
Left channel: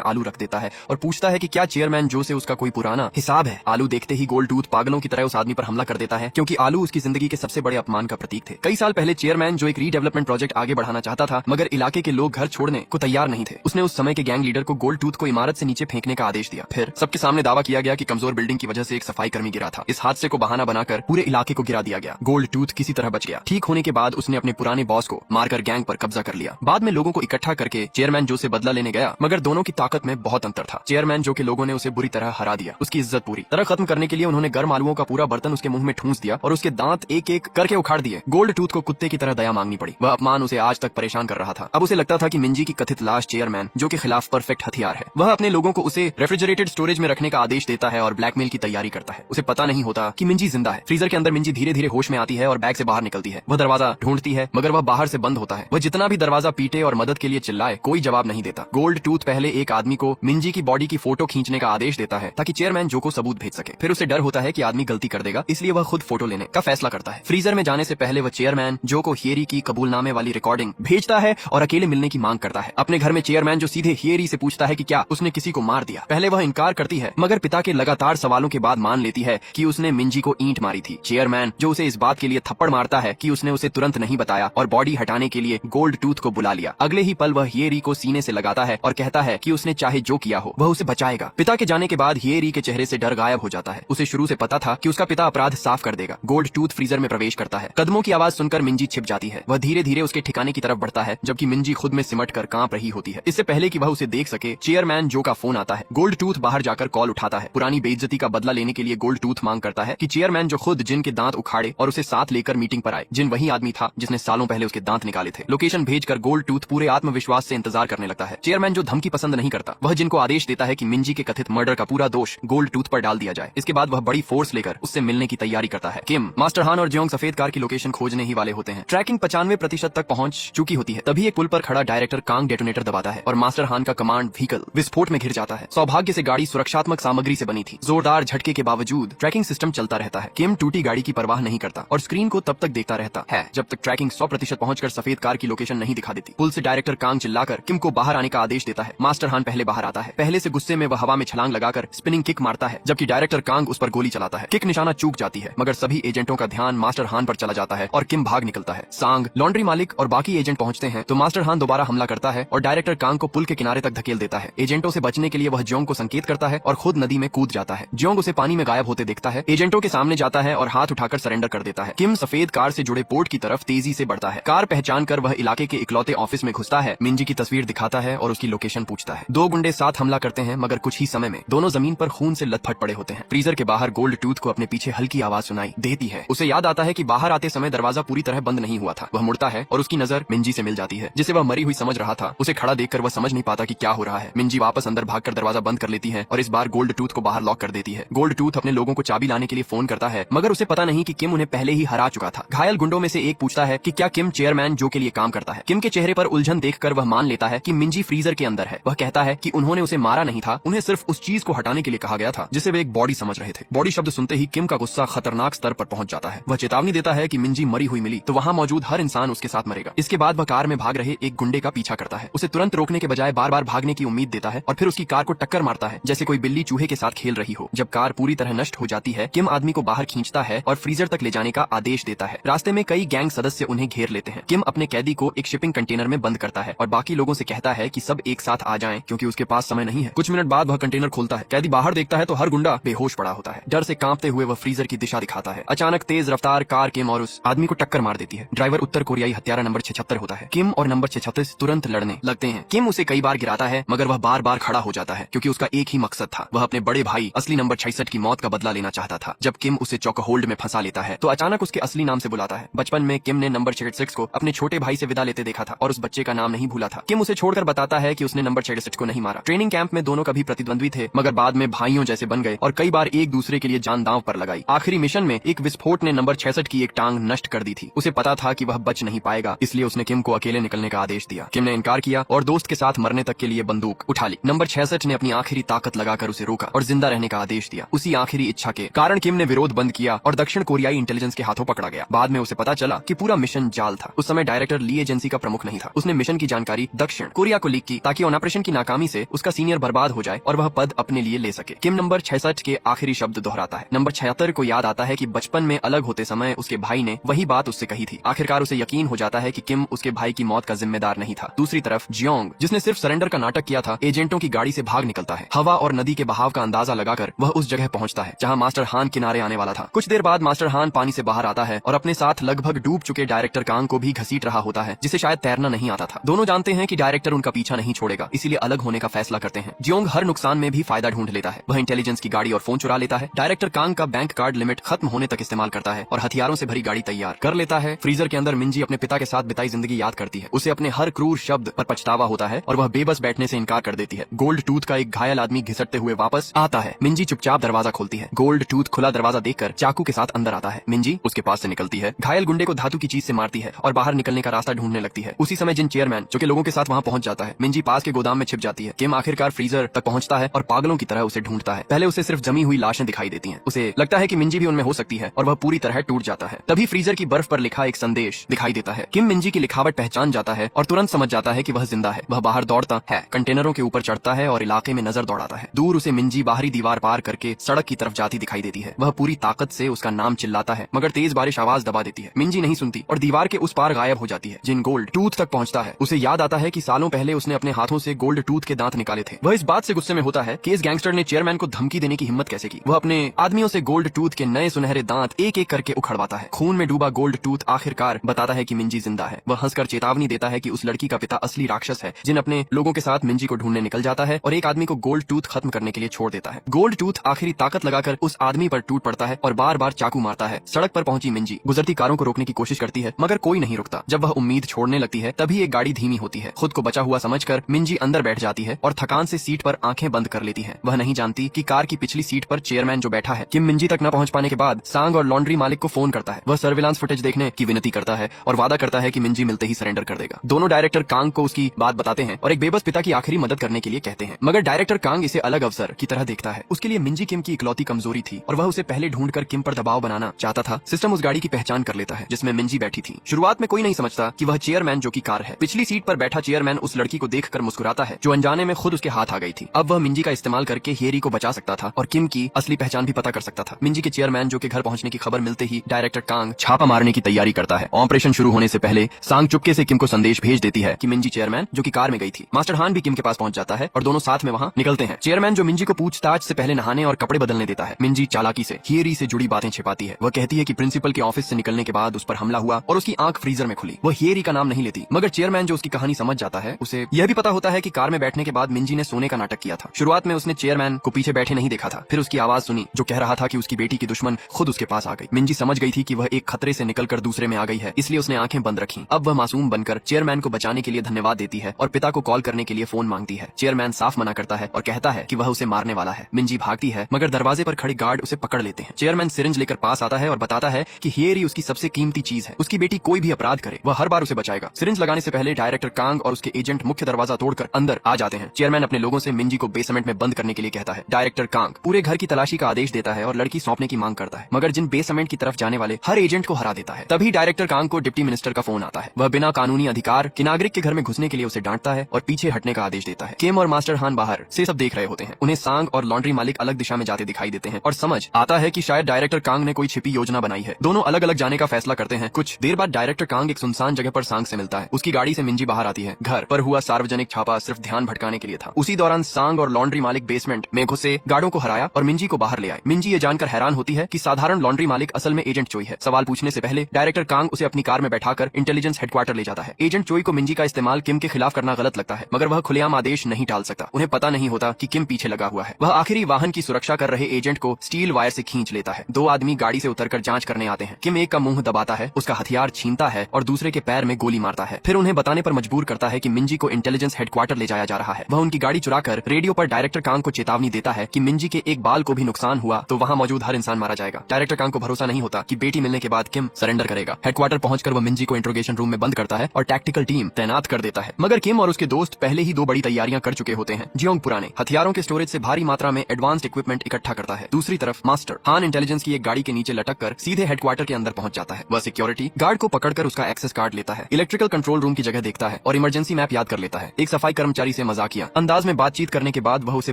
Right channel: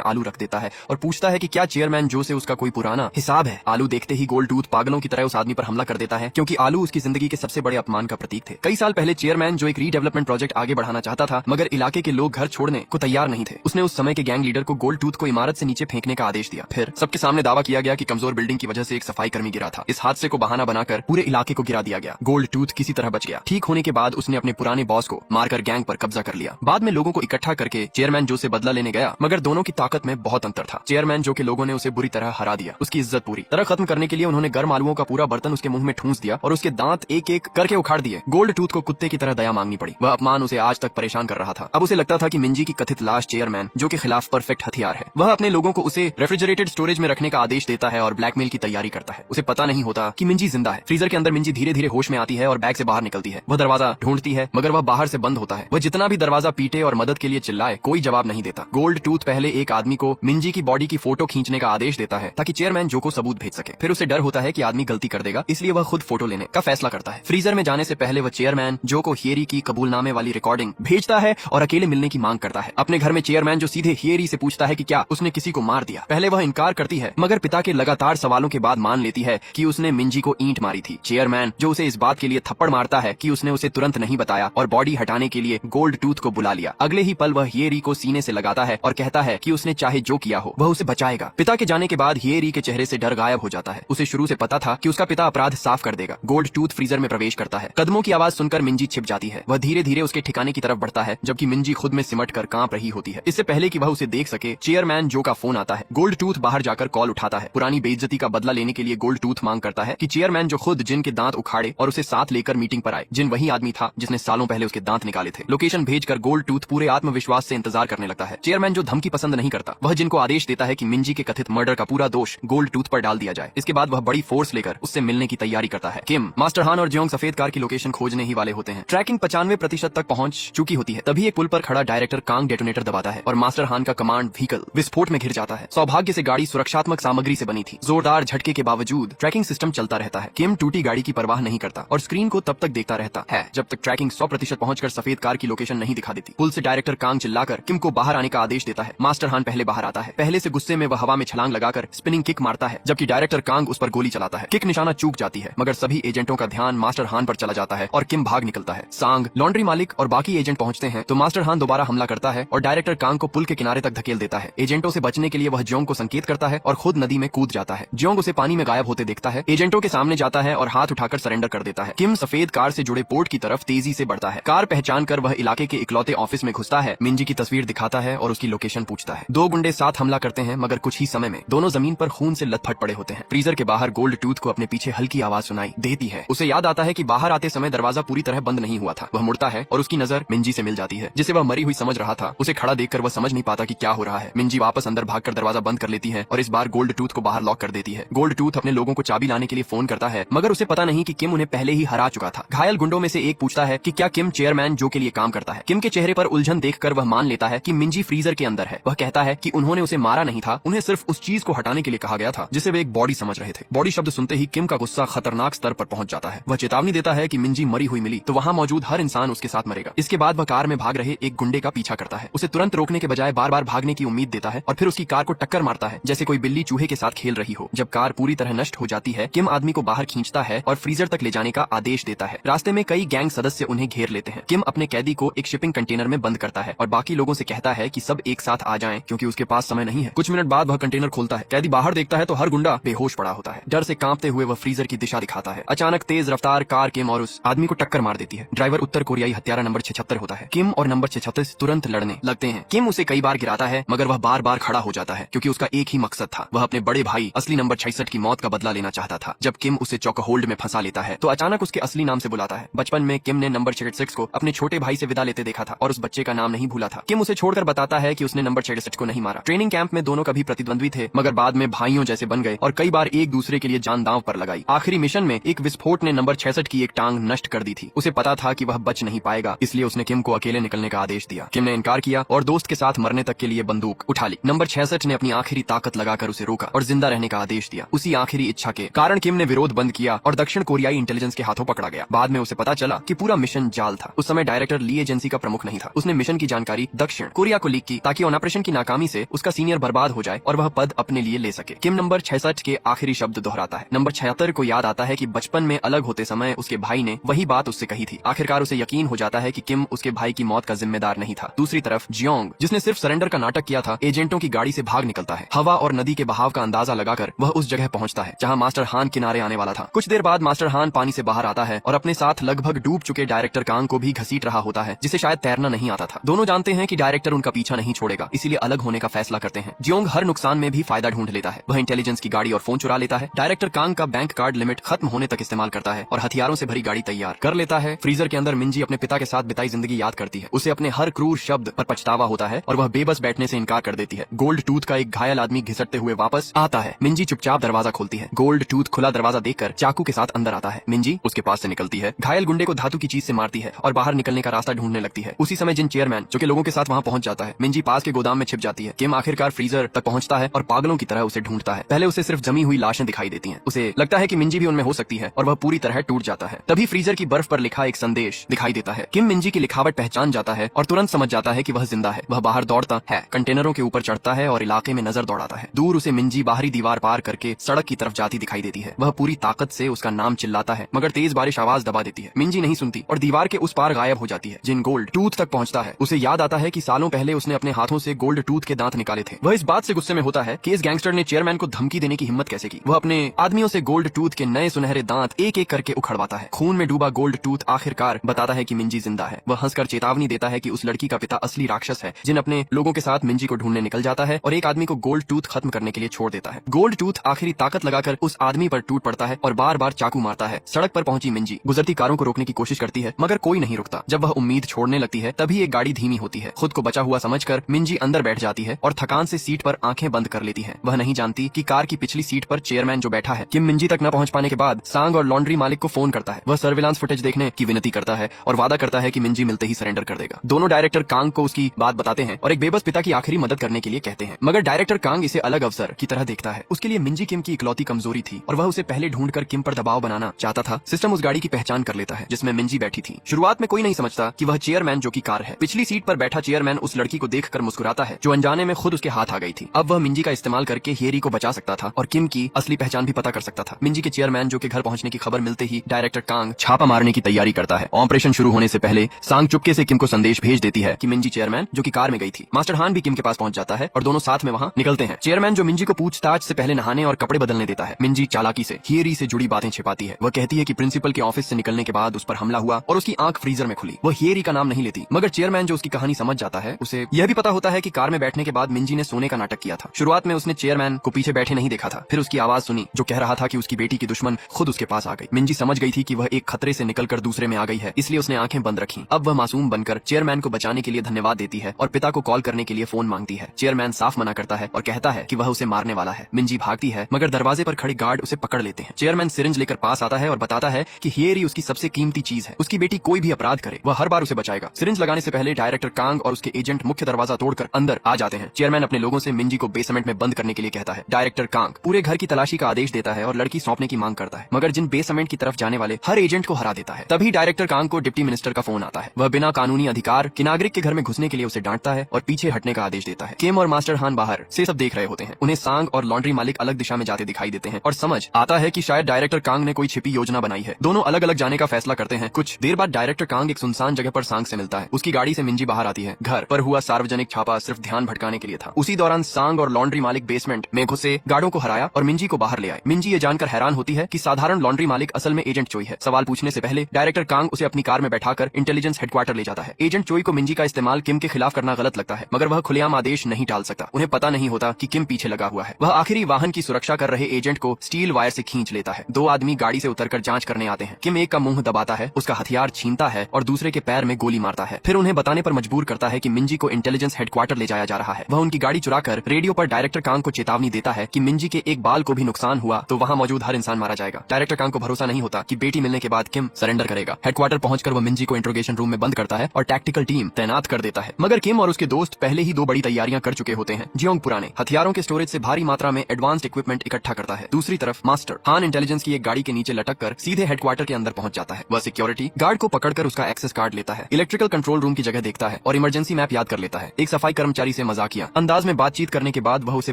आलू रख देता है और पूछता है कि क्या चेयरमैन जो से उसका कोई पुराना हिसाब है। आलू देखते ही गोल्ड टूथ पागलों की तरह उस आदमी पर हमला कर देता है, क्योंकि आलू उसकी जिंदगी के सबसे बड़े अपमान का प्रतीक थे। कई साल पहले चेयरमैन जो एक रीडेवलपमेंट प्रोजेक्ट आगे बढ़ाना चाहता था, मगर इलाके के लोग घर छोड़ने को तैयार नहीं थे। उसने उस समय के गैंग लीडर को गोल्ड टूथ को इमारत से नीचे फेंकने का आदेश दिया। फिर सबके सामने दावा किया गया कि कमजोर बिल्डिंग की वजह से एक सफाई कर्मी गिरा था। इस हादसे को बहाना बनाकर पूरे इलाके को गिरा दिया गया। गोल्ड टूथ किसी तरह बच गया। ठीक होने के बाद उसने अपने पुराने बॉस को मारकर गैंग पर कब्जा कर लिया। बाद में लोगों को इकट्ठा करके चेयरमैन जो से बदला लेने गया, मगर दोनों की ताकत में बहुत अंतर था। चेयरमैन जो के लोगों ने उसे बुरी तरह हरा दिया। उसकी इज्जत पूरी तरह खत्म करने के लिए उन्होंने गर्म आलुओं का पूरा बर्तन उसके मुंह में ठूंस दिया और उसके दांत एक एक करके उखाड़ दिए। गोल्ड टूथ को कुत्ते की तरह दया मांगनी पड़ी। वह अपमान उसे आज तक परेशान कर रहा था। अब उसे लगता था कि मिंजी की कथित लाश चेयरमैन जो के खिलाफ परफेक्ट हथियार है। वह अपने लोगों को उसे रेफ्रिजरेटेड स्टोरेज में रखने का आदेश देता है और ब्लैकमेल की तैयारी करता है। उसे पता नहीं होता कि मिंजी जिंदा है। फ्रीजर के अंदर मिंजी धीरे धीरे होश में आती है और बैग से बाहर निकलती है। वो दरवाजा ढूंढती है, मगर वह बाहर से बंद होता है। वह जितना भी दरवाजा पीटे और मदद के लिए चिल्लाए, कोई जवाब नहीं देता। गोल्ड टूथ पहले एक आदमी को मिंजी की बॉडी की फोटो खींचने का आदेश देता है ताकि चेयरमैन जो को सबूत भेज सके। फिर उसे डर होता है कि आदमी गलती कर देगा, इसलिए वह खुद फोटो लेने का फैसला करता है। फ्रीजर में जाने से पहले वह चेयरमैन जो को हियरी की कबूलनामे वाली रिकॉर्डिंग भेजता है और अकेले मिलने की मांग करता है। अपने घर में चेयरमैन जो सीधे हियरी से पूछता है कि क्या उसने किसी को मार दिया। पहले वह इनकार करती है, मगर पिता के लगातार सवालों के बाद मान लेती है कि उसने मिंजी को ईंट मारी थी। चेयरमैन जो उसे इस बात के लिए थप्पड़ मारता है कि उसने उसे तुरंत नहीं बताया और बॉडी हटाने के लिए गोल्ड टूथ को बुला लिया। अगले ही पल वह हियरी को सीने से लगाता है और कहता है कि उसने चाहे जो किया हो वह उसे बचाएगा। पिता के जाने के बाद हियरी के चेहरे से डर गायब हो जाता है। उसे शुरू से पता था कि उसका पिता अपराध साफ कर देगा। गोल्ड टूथ फ्रीजर में प्रवेश करता है। कदमों की आवाज सुनकर मिंजी छिप जाती है। वह धीरे धीरे उसके ठिकाने की तरफ बढ़ता है, जबकि मिंजी खुद में सिमट कर कांप रही होती है। इससे पहले कि वह उसे देख सके, चेयरमैन जो का फोन आता है। गोल्ड टूथ बाहर जाकर कॉल उठाता है। पुरानी बेइज्जती का बदला लेने के लिए गोल्ड टूथ मांग करता है कि चेयरमैन जो खुद जिन के दांत उखाड़े और उसे साथ लेकर मीटिंग पर आए। जिन वही आदमी था जिसने सालों पहले उसके दांत निकाले थे। लोकेशन भेजकर गोल्ड टूथ पूरे आत्मविश्वास से इंतजार करने लगता है। चेयरमैन जो धमकी पसंद नहीं करता, वह जिनको आदेश देता है कि मिंजी के कथित मर्डर का पूरा दोष गोल्ड टूथ पर डाल दिया जाए। इसके बाद वह बड़ी फोर्स लेकर उससे मिलने की तैयारी करता है। किम, मास्टर हान और जियोंग सफेद कार की लोकेशन खोजने ही वाले होते हैं। ट्रैकिंग 95% तक पहुंच चुकी होती है। तभी एक पुल पर खड़ा डायरेक्टर कांग डेटोनेटर दबाता है और मास्टर हान का कमांड व्हीकल विस्फोट में घिर जाता है। सौभाग्य से गाड़ी सुरक्षात्मक सामग्री से बनी थी। जोरदार झटके के बावजूद ट्रैकिंग सिस्टम चलता रहता है। किम टूटी गाड़ी की परवाह नहीं करता और स्क्रीन को तब तक देखता रहता है जब तक ट्रैकिंग 100% पहुंचकर सफेद कार की लोकेशन नहीं दिखा देती। पुल से डायरेक्टर कांग चिल्लाकर किम को बाहर आने का आदेश देता है। मास्टर हान पहले बाहर आता है। पहले से गुस्से में वह हवा में छलांग लगाकर स्पिनिंग किक मारता है, जबकि डायरेक्टर कांग उस पर गोली चलाता है। किक निशाना चूक जाती है, मगर सभी एजेंटों का ध्यान मास्टर हान पर चला जाता है और किम भाग निकलता है। सांग, लॉन्ड्री मालिक और बाकी एजेंट पहुंचते हैं तो मास्टर हान दोबारा हमला करता है और डायरेक्टर कांग को पुल के किनारे तक धकेल देता है। एजेंटों से बचने के लिए वह जियोंग को संकेत करता है और खुद नदी में कूद जाता है। जियोंग उसे पानी में गायब होते देखता है, एजेंटों के सामने जाता है और हाथ उठाकर सरेंडर कर देता है। किम सफेद कार से जुड़े पोर्ट की तरफ तेजी से बढ़ता है। कार पहचान कर वह इलाके के इकलौते ऑफिस में घुसता है। मिंजी की तस्वीर दिखाता है और उसकी लोकेशन पूछता है। दो गुंडे साथ हमला करते हैं, मगर कुछ ही समय में दोनों जमीन पर खून से लथपथ पड़े होते हैं। फ्रीजर के बाहर गोल्ड टूथ को अपने पीछे हल्की आवाज सुनाई देती है। उसे याद आता है कि बाहर आते समय दरवाजा पूरी तरह बंद नहीं हुआ था। वह मुड़ता है और उसकी नजर मिंजी से मिल जाती है, जिसे वह मरी हुई समझ रहा था। उसे खड़ा देखकर वह समझ नहीं पाता कि क्या हो रहा है। मिंजी वापस अंदर भागकर दरवाजा बंद कर लेती है और इस बार गोल्ड टूथ को बाहर लॉक कर देती है। गोल्ड टूथ अपने लोगों को चाबी लाने के लिए फोन करता है, मगर उसे पता नहीं कि किम उन्हें पहले ही हरा चुका था। घायल गुंडों में से एक पूछता है कि क्या किम चेयरमैन जो के लिए काम करता है। किम के चेहरे पर उलझन देखकर वह मान लेता है कि मिंजी फ्रीजर के अंदर है। वह कहता है कि उन्होंने उसे मारा नहीं था, उन्हें सिर्फ उस चीज को हटाने के लिए कहा गया था जिसे वे एक बॉडी समझ रहे थे। बॉडी शब्द सुनते ही किम का गुस्सा खतरनाक स्तर पर पहुंच जाता है। वह चेतावनी देता है कि मिंजी मरी हुई मिली तो वहाँ मौजूद हर इंसान उसके साथ मरेगा। इसके बाद वह कार में भाग रहे एक गुंडे का पीछा करता है। उसे तुरंत रोकने के बजाय बार बार भागने की उम्मीद देता है और फिर उसकी कार को टक्कर मारता है जैसे कोई बिल्ली चूहे के साथ खेल रही हो। जब कार पूरी तरह नष्ट हो जाती है, किम आदमी को बाहर खींचता है और फ्रीजर तक ले जाने का आदेश देता है। रास्ते में कई गैंग सदस्य उन्हें घेर लेते हैं। किम अपने कैदी को एक शिपिंग कंटेनर में बंद करता है और बाकी लोगों से कहता है कि सब एक साथ आ जाएं क्योंकि उसके पास समय नहीं है। कुछ मिनट बाद वह कंटेनर खोलता है। कैदी बाहर देखता है तो हर गुंडा बेहोश पड़ा होता है। डर से कांपते हुए वह फ्रीजर की दिशा दिखाता है। अचानक तेज रफ्तार कार किम और उस आदमी को टक्कर मार देती है। ड्राइवर उत्तर कोरियाई हत्यारा नंबर 76 होता है। किम और नंबर 76 तुरंत लड़ने लगते हैं। किम उसे कई बार गिराता है, मगर वह बार बार खड़ा हो जाता है क्योंकि उसका एक ही मकसद था। वह अपने बड़े भाई असली नंबर 66 की मौत का बदला लेना चाहता था। जब किम उसे चौक होल्ड में फंसा लेता है तो अचानक उसके असली नाम से बुलाता है। बचपन में किम ने नंबर 66 को अपने छोटे भाई से विदा लेते देखा था और उस बच्चे का नाम नहीं भूला था। किम उसे छोड़कर बताता है कि उसने नंबर 66 को नहीं मारा। ट्रेनिंग कैंप में दोनों कभी प्रतिद्वंद्वी थे, मगर बाद में भाइयों जैसे बन गए और कई बार एक दूसरे के लिए जान दांव पर लगाई। आखिरी मिशन में एक विस्फोट ने नंबर 66 की एक टांग नष्ट कर दी थी। उसे पता था कि वह बच नहीं पाएगा, इसलिए उसने किम को अकेले निकलने का आदेश दिया। किम ने इनकार किया और दोस्त के साथ मरने तक के लिए बंदूक उठा ली। नंबर 66 ने अपनी आखिरी ताकत लगाकर उसे रोका और जिंदा रहने का आदेश दिया। उसी आखिरी इच्छा के कारण किम ने विरोध बंद किया और दक्षिण कोरियाई इंटेलिजेंस के हाथों पकड़ा गया। बाद में उसे पता चला कि पूरा मिशन जाल था। उस समय डायरेक्टर ली एजेंसी का प्रमुख नहीं था। उसने मिशन की जानकारी दक्षिण कोरिया को लीक की ताकि ऑपरेशन की नाकामी से उसका सीनियर बर्बाद हो जाए और वह पद अपने लिए ले सके। किम नंबर 66 के आखिरी शब्द दोहराता है। नंबर 76 को याद आता है कि बचपन में अलग होते समय उसके भाई ने वही बात उससे कही थी। आखिरकार उसे यकीन हो जाता है कि किम उसके भाई की मौत का जिम्मेदार नहीं था। दूसरी तरफ जियोंग, जिसने सिर्फ सरेंडर का नाटक किया था, एजेंटों की गाड़ी से भाग निकलता है। हवा और नदी के बहाव का अंदाजा लगाकर वह उस जगह पहुंचता है जहां मास्टर हान किनारे आने वाला था। कुछ देर बाद मास्टर हान पानी से बाहर आता है और अपने साथ लगभग डूब चुके डायरेक्टर कांग को भी घसीट रहा होता है, जिसे शायद तैरना नहीं आता था। दोनों जानते हैं कि डायरेक्टर उनका पीछा नहीं छोड़ेगा, इसीलिए अलग होने का फैसला करते हैं। जियोंग हर नुकसान में भी फायदा ढूंढ लेता है। वह इंटेलिजेंस की गाड़ी और फोन चुरा लेता है। डायरेक्टर कांग का बैंक कार्ड लिमिट खत्म होने तक इस्तेमाल करता है और हथियारों से भरी गाड़ी तैयार कर लेता है। फ्रीजर के अंदर मिंजी अपने पिता के साथ बिताई जिंदगी याद करती है। उसे अपने हर क्रूर शब्द पर पछतावा होता है और वह बेबस बैठने से इनकार कर देती है। गोल्ड टूथ का एक घायल आदमी घिसकते हुए वापस आता है। मिंजी चुपचाप दरवाजा खोलती है। गोल्ड टूथ खुला दरवाजा देखकर चाकू के साथ अंदर आता है। मिंजी उसके पास से निकलती है, घायल गुंडे को धातु की चीज से मारती है और बाहर निकलने का रास्ता ढूंढने लगती है। उसी समय जिन चेयरमैन जो के लोगों के साथ वहां पहुंच जाता है। मिंजी पास के गोदाम में छिप जाती है। किम आखिरकार फ्रीजर तक पहुंचता है और पागलों की तरह उसे ढूंढता है। पहले उसे सिर्फ जमी हुई लाशें दिखाई देती हैं। उसे लगता है कि मिंजी भी उनमें हो सकती है और वह पूरी तरह टूट जाता है। तभी फ्रीजर की बर्फ पर लिखा एक संदेश दिखाई देता है। किम मिंजी की लिखावट पहचान जाता है और तुरंत समझ जाता है कि वह जिंदा है। वह बाहर दौड़ता है, कंटेनरों के ऊपर चढ़ता है और इलाके में नजर दौड़ाता है। दूर उसे मिंजी बाहरी दीवार पार करके सड़क की तरफ जाती दिखाई देती है। वह पूरी ताकत से उसका नाम चिल्लाता है, मगर तेज बारिश आवाज दबा देती है। मिंजी नहीं सुनती और दीवार के उस पार गायब हो जाती है। जिन गोल्ड टूथ तक पहुंचता है, उसे याद आता है कि सालों पहले उसने अपने हाथों से गोल्ड टूथ के दांत निकाले थे। वह इस बात से गुस्से में होता है कि इस गैंगस्टर ने चेयरमैन को धमकी देने की हिम्मत कैसे की। वह अपने आदमियों से गोल्ड टूथ के नए सुनहरे दांत एक एक करके उखड़वाता है। खून में डूबा गोल्ड टूथ आखिरकार बताता है कि मिंजी जिंदा है। वह हंसकर चेतावनी देता है कि उस लड़की का पिता असली राक्षस है, जिन अपने लोगों के साथ मिंजी को ढूंढने निकल जाता है और एक आदमी को गोल्ड टूथ खत्म करने के लिए छोड़ देता है। गोल्ड टूथ आखिरी ताकत लगाकर उस आदमी पर टूट पड़ता है और बार बार चाकू मारता है। सड़क पर पहुंची मिंजी गुजरती कारों को रोकने की कोशिश करती है, मगर कोई नहीं रुकता। जब वह उम्मीद छोड़ने लगती है, तभी एक गाड़ी धीमी होती है। खुद को बचा हुआ समझकर मिंजी अंदर बैठ जाती है और थकान से सीट पर आंखें बंद कर लेती है। वह नहीं जानती कि कार की पिछली सीट पर चेयरमैन जो बैठा है। किम मिंजी तक न पहुंच पाने के बाद सांग और लॉन्ड्री मालिक को फोन करता है। वह सर्विलांस फुटेज देखने की विनती करता है और वादा करता है कि मिंजी मिलते ही सरेंडर कर देगा। दोनों डायरेक्टर कांग को उसकी बात बताते हैं और एक बेबस पिता की आखिरी मदद करने के लिए कहते हैं, मगर डायरेक्टर कांग इसे अलग अवसर की तरह देखता है। उसके लिए मिंजी किम की इकलौती कमजोरी थी और वह उसे पहले ढूंढकर किम पर दबाव बनाना चाहता था। सिस्टम उस गाड़ी की पहचान कर लेता है जिसमें मिंजी बैठी थी। शुरुआत में कोई नहीं समझता कि वह चेयरमैन जो की कार है। पिछली सीट पर बैठा चेयरमैन उस लड़की को देखकर मुस्कुराता है जो अनजाने में खुद उसके हाथ आ गई थी। अब वह मिंजी का इस्तेमाल करके हेरी को बचा सकता था और किम की असली पहचान भी पता कर सकता था। मिंजी के चेयरमैन जो के घर पहुंचने की खबर मिलते ही डायरेक्टर कांग छापा मारने की तैयारी करता है। ऑपरेशन शुरू होने से पहले सांग चुपके से किम को संदेश भेज देती है कि मिंजी चेयरमैन जो की कार में गई थी। मास्टर हान भी किम के पास पहुंच जाता है और दोनों साथ में वहां निकलते हैं। चेयरमैन जो मिंजी को पूछताछ से पहले नहाने और कपड़े बदलने देता है। मिंजी चालाकी से हेरी से जुड़ी बातें छिपाती है। वह कहती है कि प्रिंसिपल के ऑफिस से निकलने के बाद उस पर हमला हुआ और उसकी आंख फ्रीजर में खुली। वह हेरी का नाम नहीं लेती, मगर चेयरमैन जो उसकी कहानी समझ जाता है, उसे यह भी पता होता है कि कार में बैठने के बाद मिंजी ने सोने का नाटक किया था। शुरुआत में उसने चेयरमैन को पीछे बैठे नहीं देखा था, फिर उसकी आवाज सुनी जो कह रहा था कि उसकी बेटी के दुश्मन खुद उसके पास आ गई। मिंजी समझ गई थी कि वह एक खतरे से निकलकर दूसरे में आ गई है, इसलिए उसने आंखें बंद रखी। अब वह मासूम बनकर चेयरमैन को बचाने के लिए धन्यवाद देती है और पिता को कॉल करने के लिए फोन मांगती है। चेयरमैन साफ मना करता है और कहता है कि वह उसे मारने वाला है। मिंजी भागती है, मगर दरवाजे पर खड़े गार्ड उसे पकड़ लेते हैं। चेयरमैन सिरिंज लेकर पास आता है और बताता है कि हेरी उसकी सबसे कीमती चीज है। उसकी बेटी कोई भी अपराध करे, वह हर बार उसे बचाएगा। सिरिंज लगाने से पहले डायरेक्टर कांग और उसके एजेंट मुख्य दरवाजा तोड़कर अंदर आ जाते हैं। चेयरमैन अपने लोगों से मिंजी को बेसमेंट में बंद करने के लिए कहता है। डायरेक्टर कांग पूरे घर की तलाशी का आदेश देता है और लड़की सौंपने की मांग करता है, मगर जिन बेसमेंट की तरफ जाने वाले हर एजेंट को हरा देता है। तभी डायरेक्टर कांग को डिप्टी मिनिस्टर का फोन आता है। वह बिना कानूनी अधिकार के नागरिक के घर में घुसने के लिए उसे डांटता है और पीछे हटने का आदेश देता है। किम और मास्टर हान बाहर से सब देख रहे होते हैं। उन्हें सांग और लॉन्ड्री मालिक अलग दिशा में जाते दिखाई देते हैं और समझ आता है कि शायद डायरेक्टर कांग ने कोई छिपी योजना बनाई है। दोनों अलग अलग जाने का फैसला करते हैं। कुछ देर बाद डायरेक्टर कांग एक सुनसान जगह पर सांग से मिलता है। उसकी गाड़ी से मिंजी बाहर आती है। घर पर हुआ सार्वजनिक छापा सिर्फ ध्यान भटकाने के लिए था। उसी दौरान सांग और लॉन्ड्री मालिक बेसमेंट में घुसे गार्डों को हराया और मिंजी को बाहर ले आए। मिंजी ये जानकर हैरान होती है कि साधारण लॉन्ड्री मालिक असल में एजेंट चोई है। सवाल पूछने से पहले डायरेक्टर कांग उसे अपनी कार में बैठाकर इंटेलिजेंस हेडक्वार्टर ले जाता है। एजेंट चोई को मिंजी का इस्तेमाल किम के खिलाफ करना गलत लगता है, मगर वह खुलेआम आदेश नहीं डाल सकता। उन्हें पता नहीं होता कि किम पीछे लगा हुआ है। वह आखिरी वाहन की सुरक्षा कर रहे एजेंट को स्टील वायर से खींच लेता है। दो आदमी गाड़ी से उतरकर जांच करने आते हैं। किम एक का मुंह दबाता है, उसका हथियार छीनता है और दूसरे के पैर में गोली मारता है। फिर उन्हें बताने पर मजबूर करता है कि मिंजी को इंटेलिजेंस हेडक्वार्टर ले जाया जा रहा है। वह उनकी गाड़ी चुराकर रेडियो पर डायरेक्टर कांग को चेतावनी देता है कि मिंजी के एक बाल को भी नुकसान हुआ तो वहाँ मौजूद हर इंसान मारा जाएगा। डायरेक्टर कांग को भरोसा नहीं होता कि बेटी मिलने के बाद किम सरेंडर करेगा। हेडक्वार्टर पहुंचकर वो मिंजी को इंट्रोगेशन रूम में बंद करता है और टैक्टिकल टीम तैनात कर देता है। मगर किम और उसके दोस्त पहले ही 2 बड़ी तैयारियां कर चुके होते हैं। जियोंग पुराने हथियारों के स्टोरेज से भारी मात्रा में एडवांस्ड इक्विपमेंट इकट्ठा करता है। दूसरी तरफ मास्टर हान इंटेलिजेंस की एक गाड़ी के नीचे लटक कर सीधे हेडक्वार्टर के अंदर पहुंच जाता है। वह सिक्योरिटी गार्ड को पकड़कर उसका एक्सेस कार्ड लेता है, इलेक्ट्रिकल कंट्रोल रूम की जगह देखता है और इमरजेंसी मैप याद कर लेता है। एक सफाई कर्मचारी से मजाकिया अंदाज में बातचीत करने के बाद वह उसे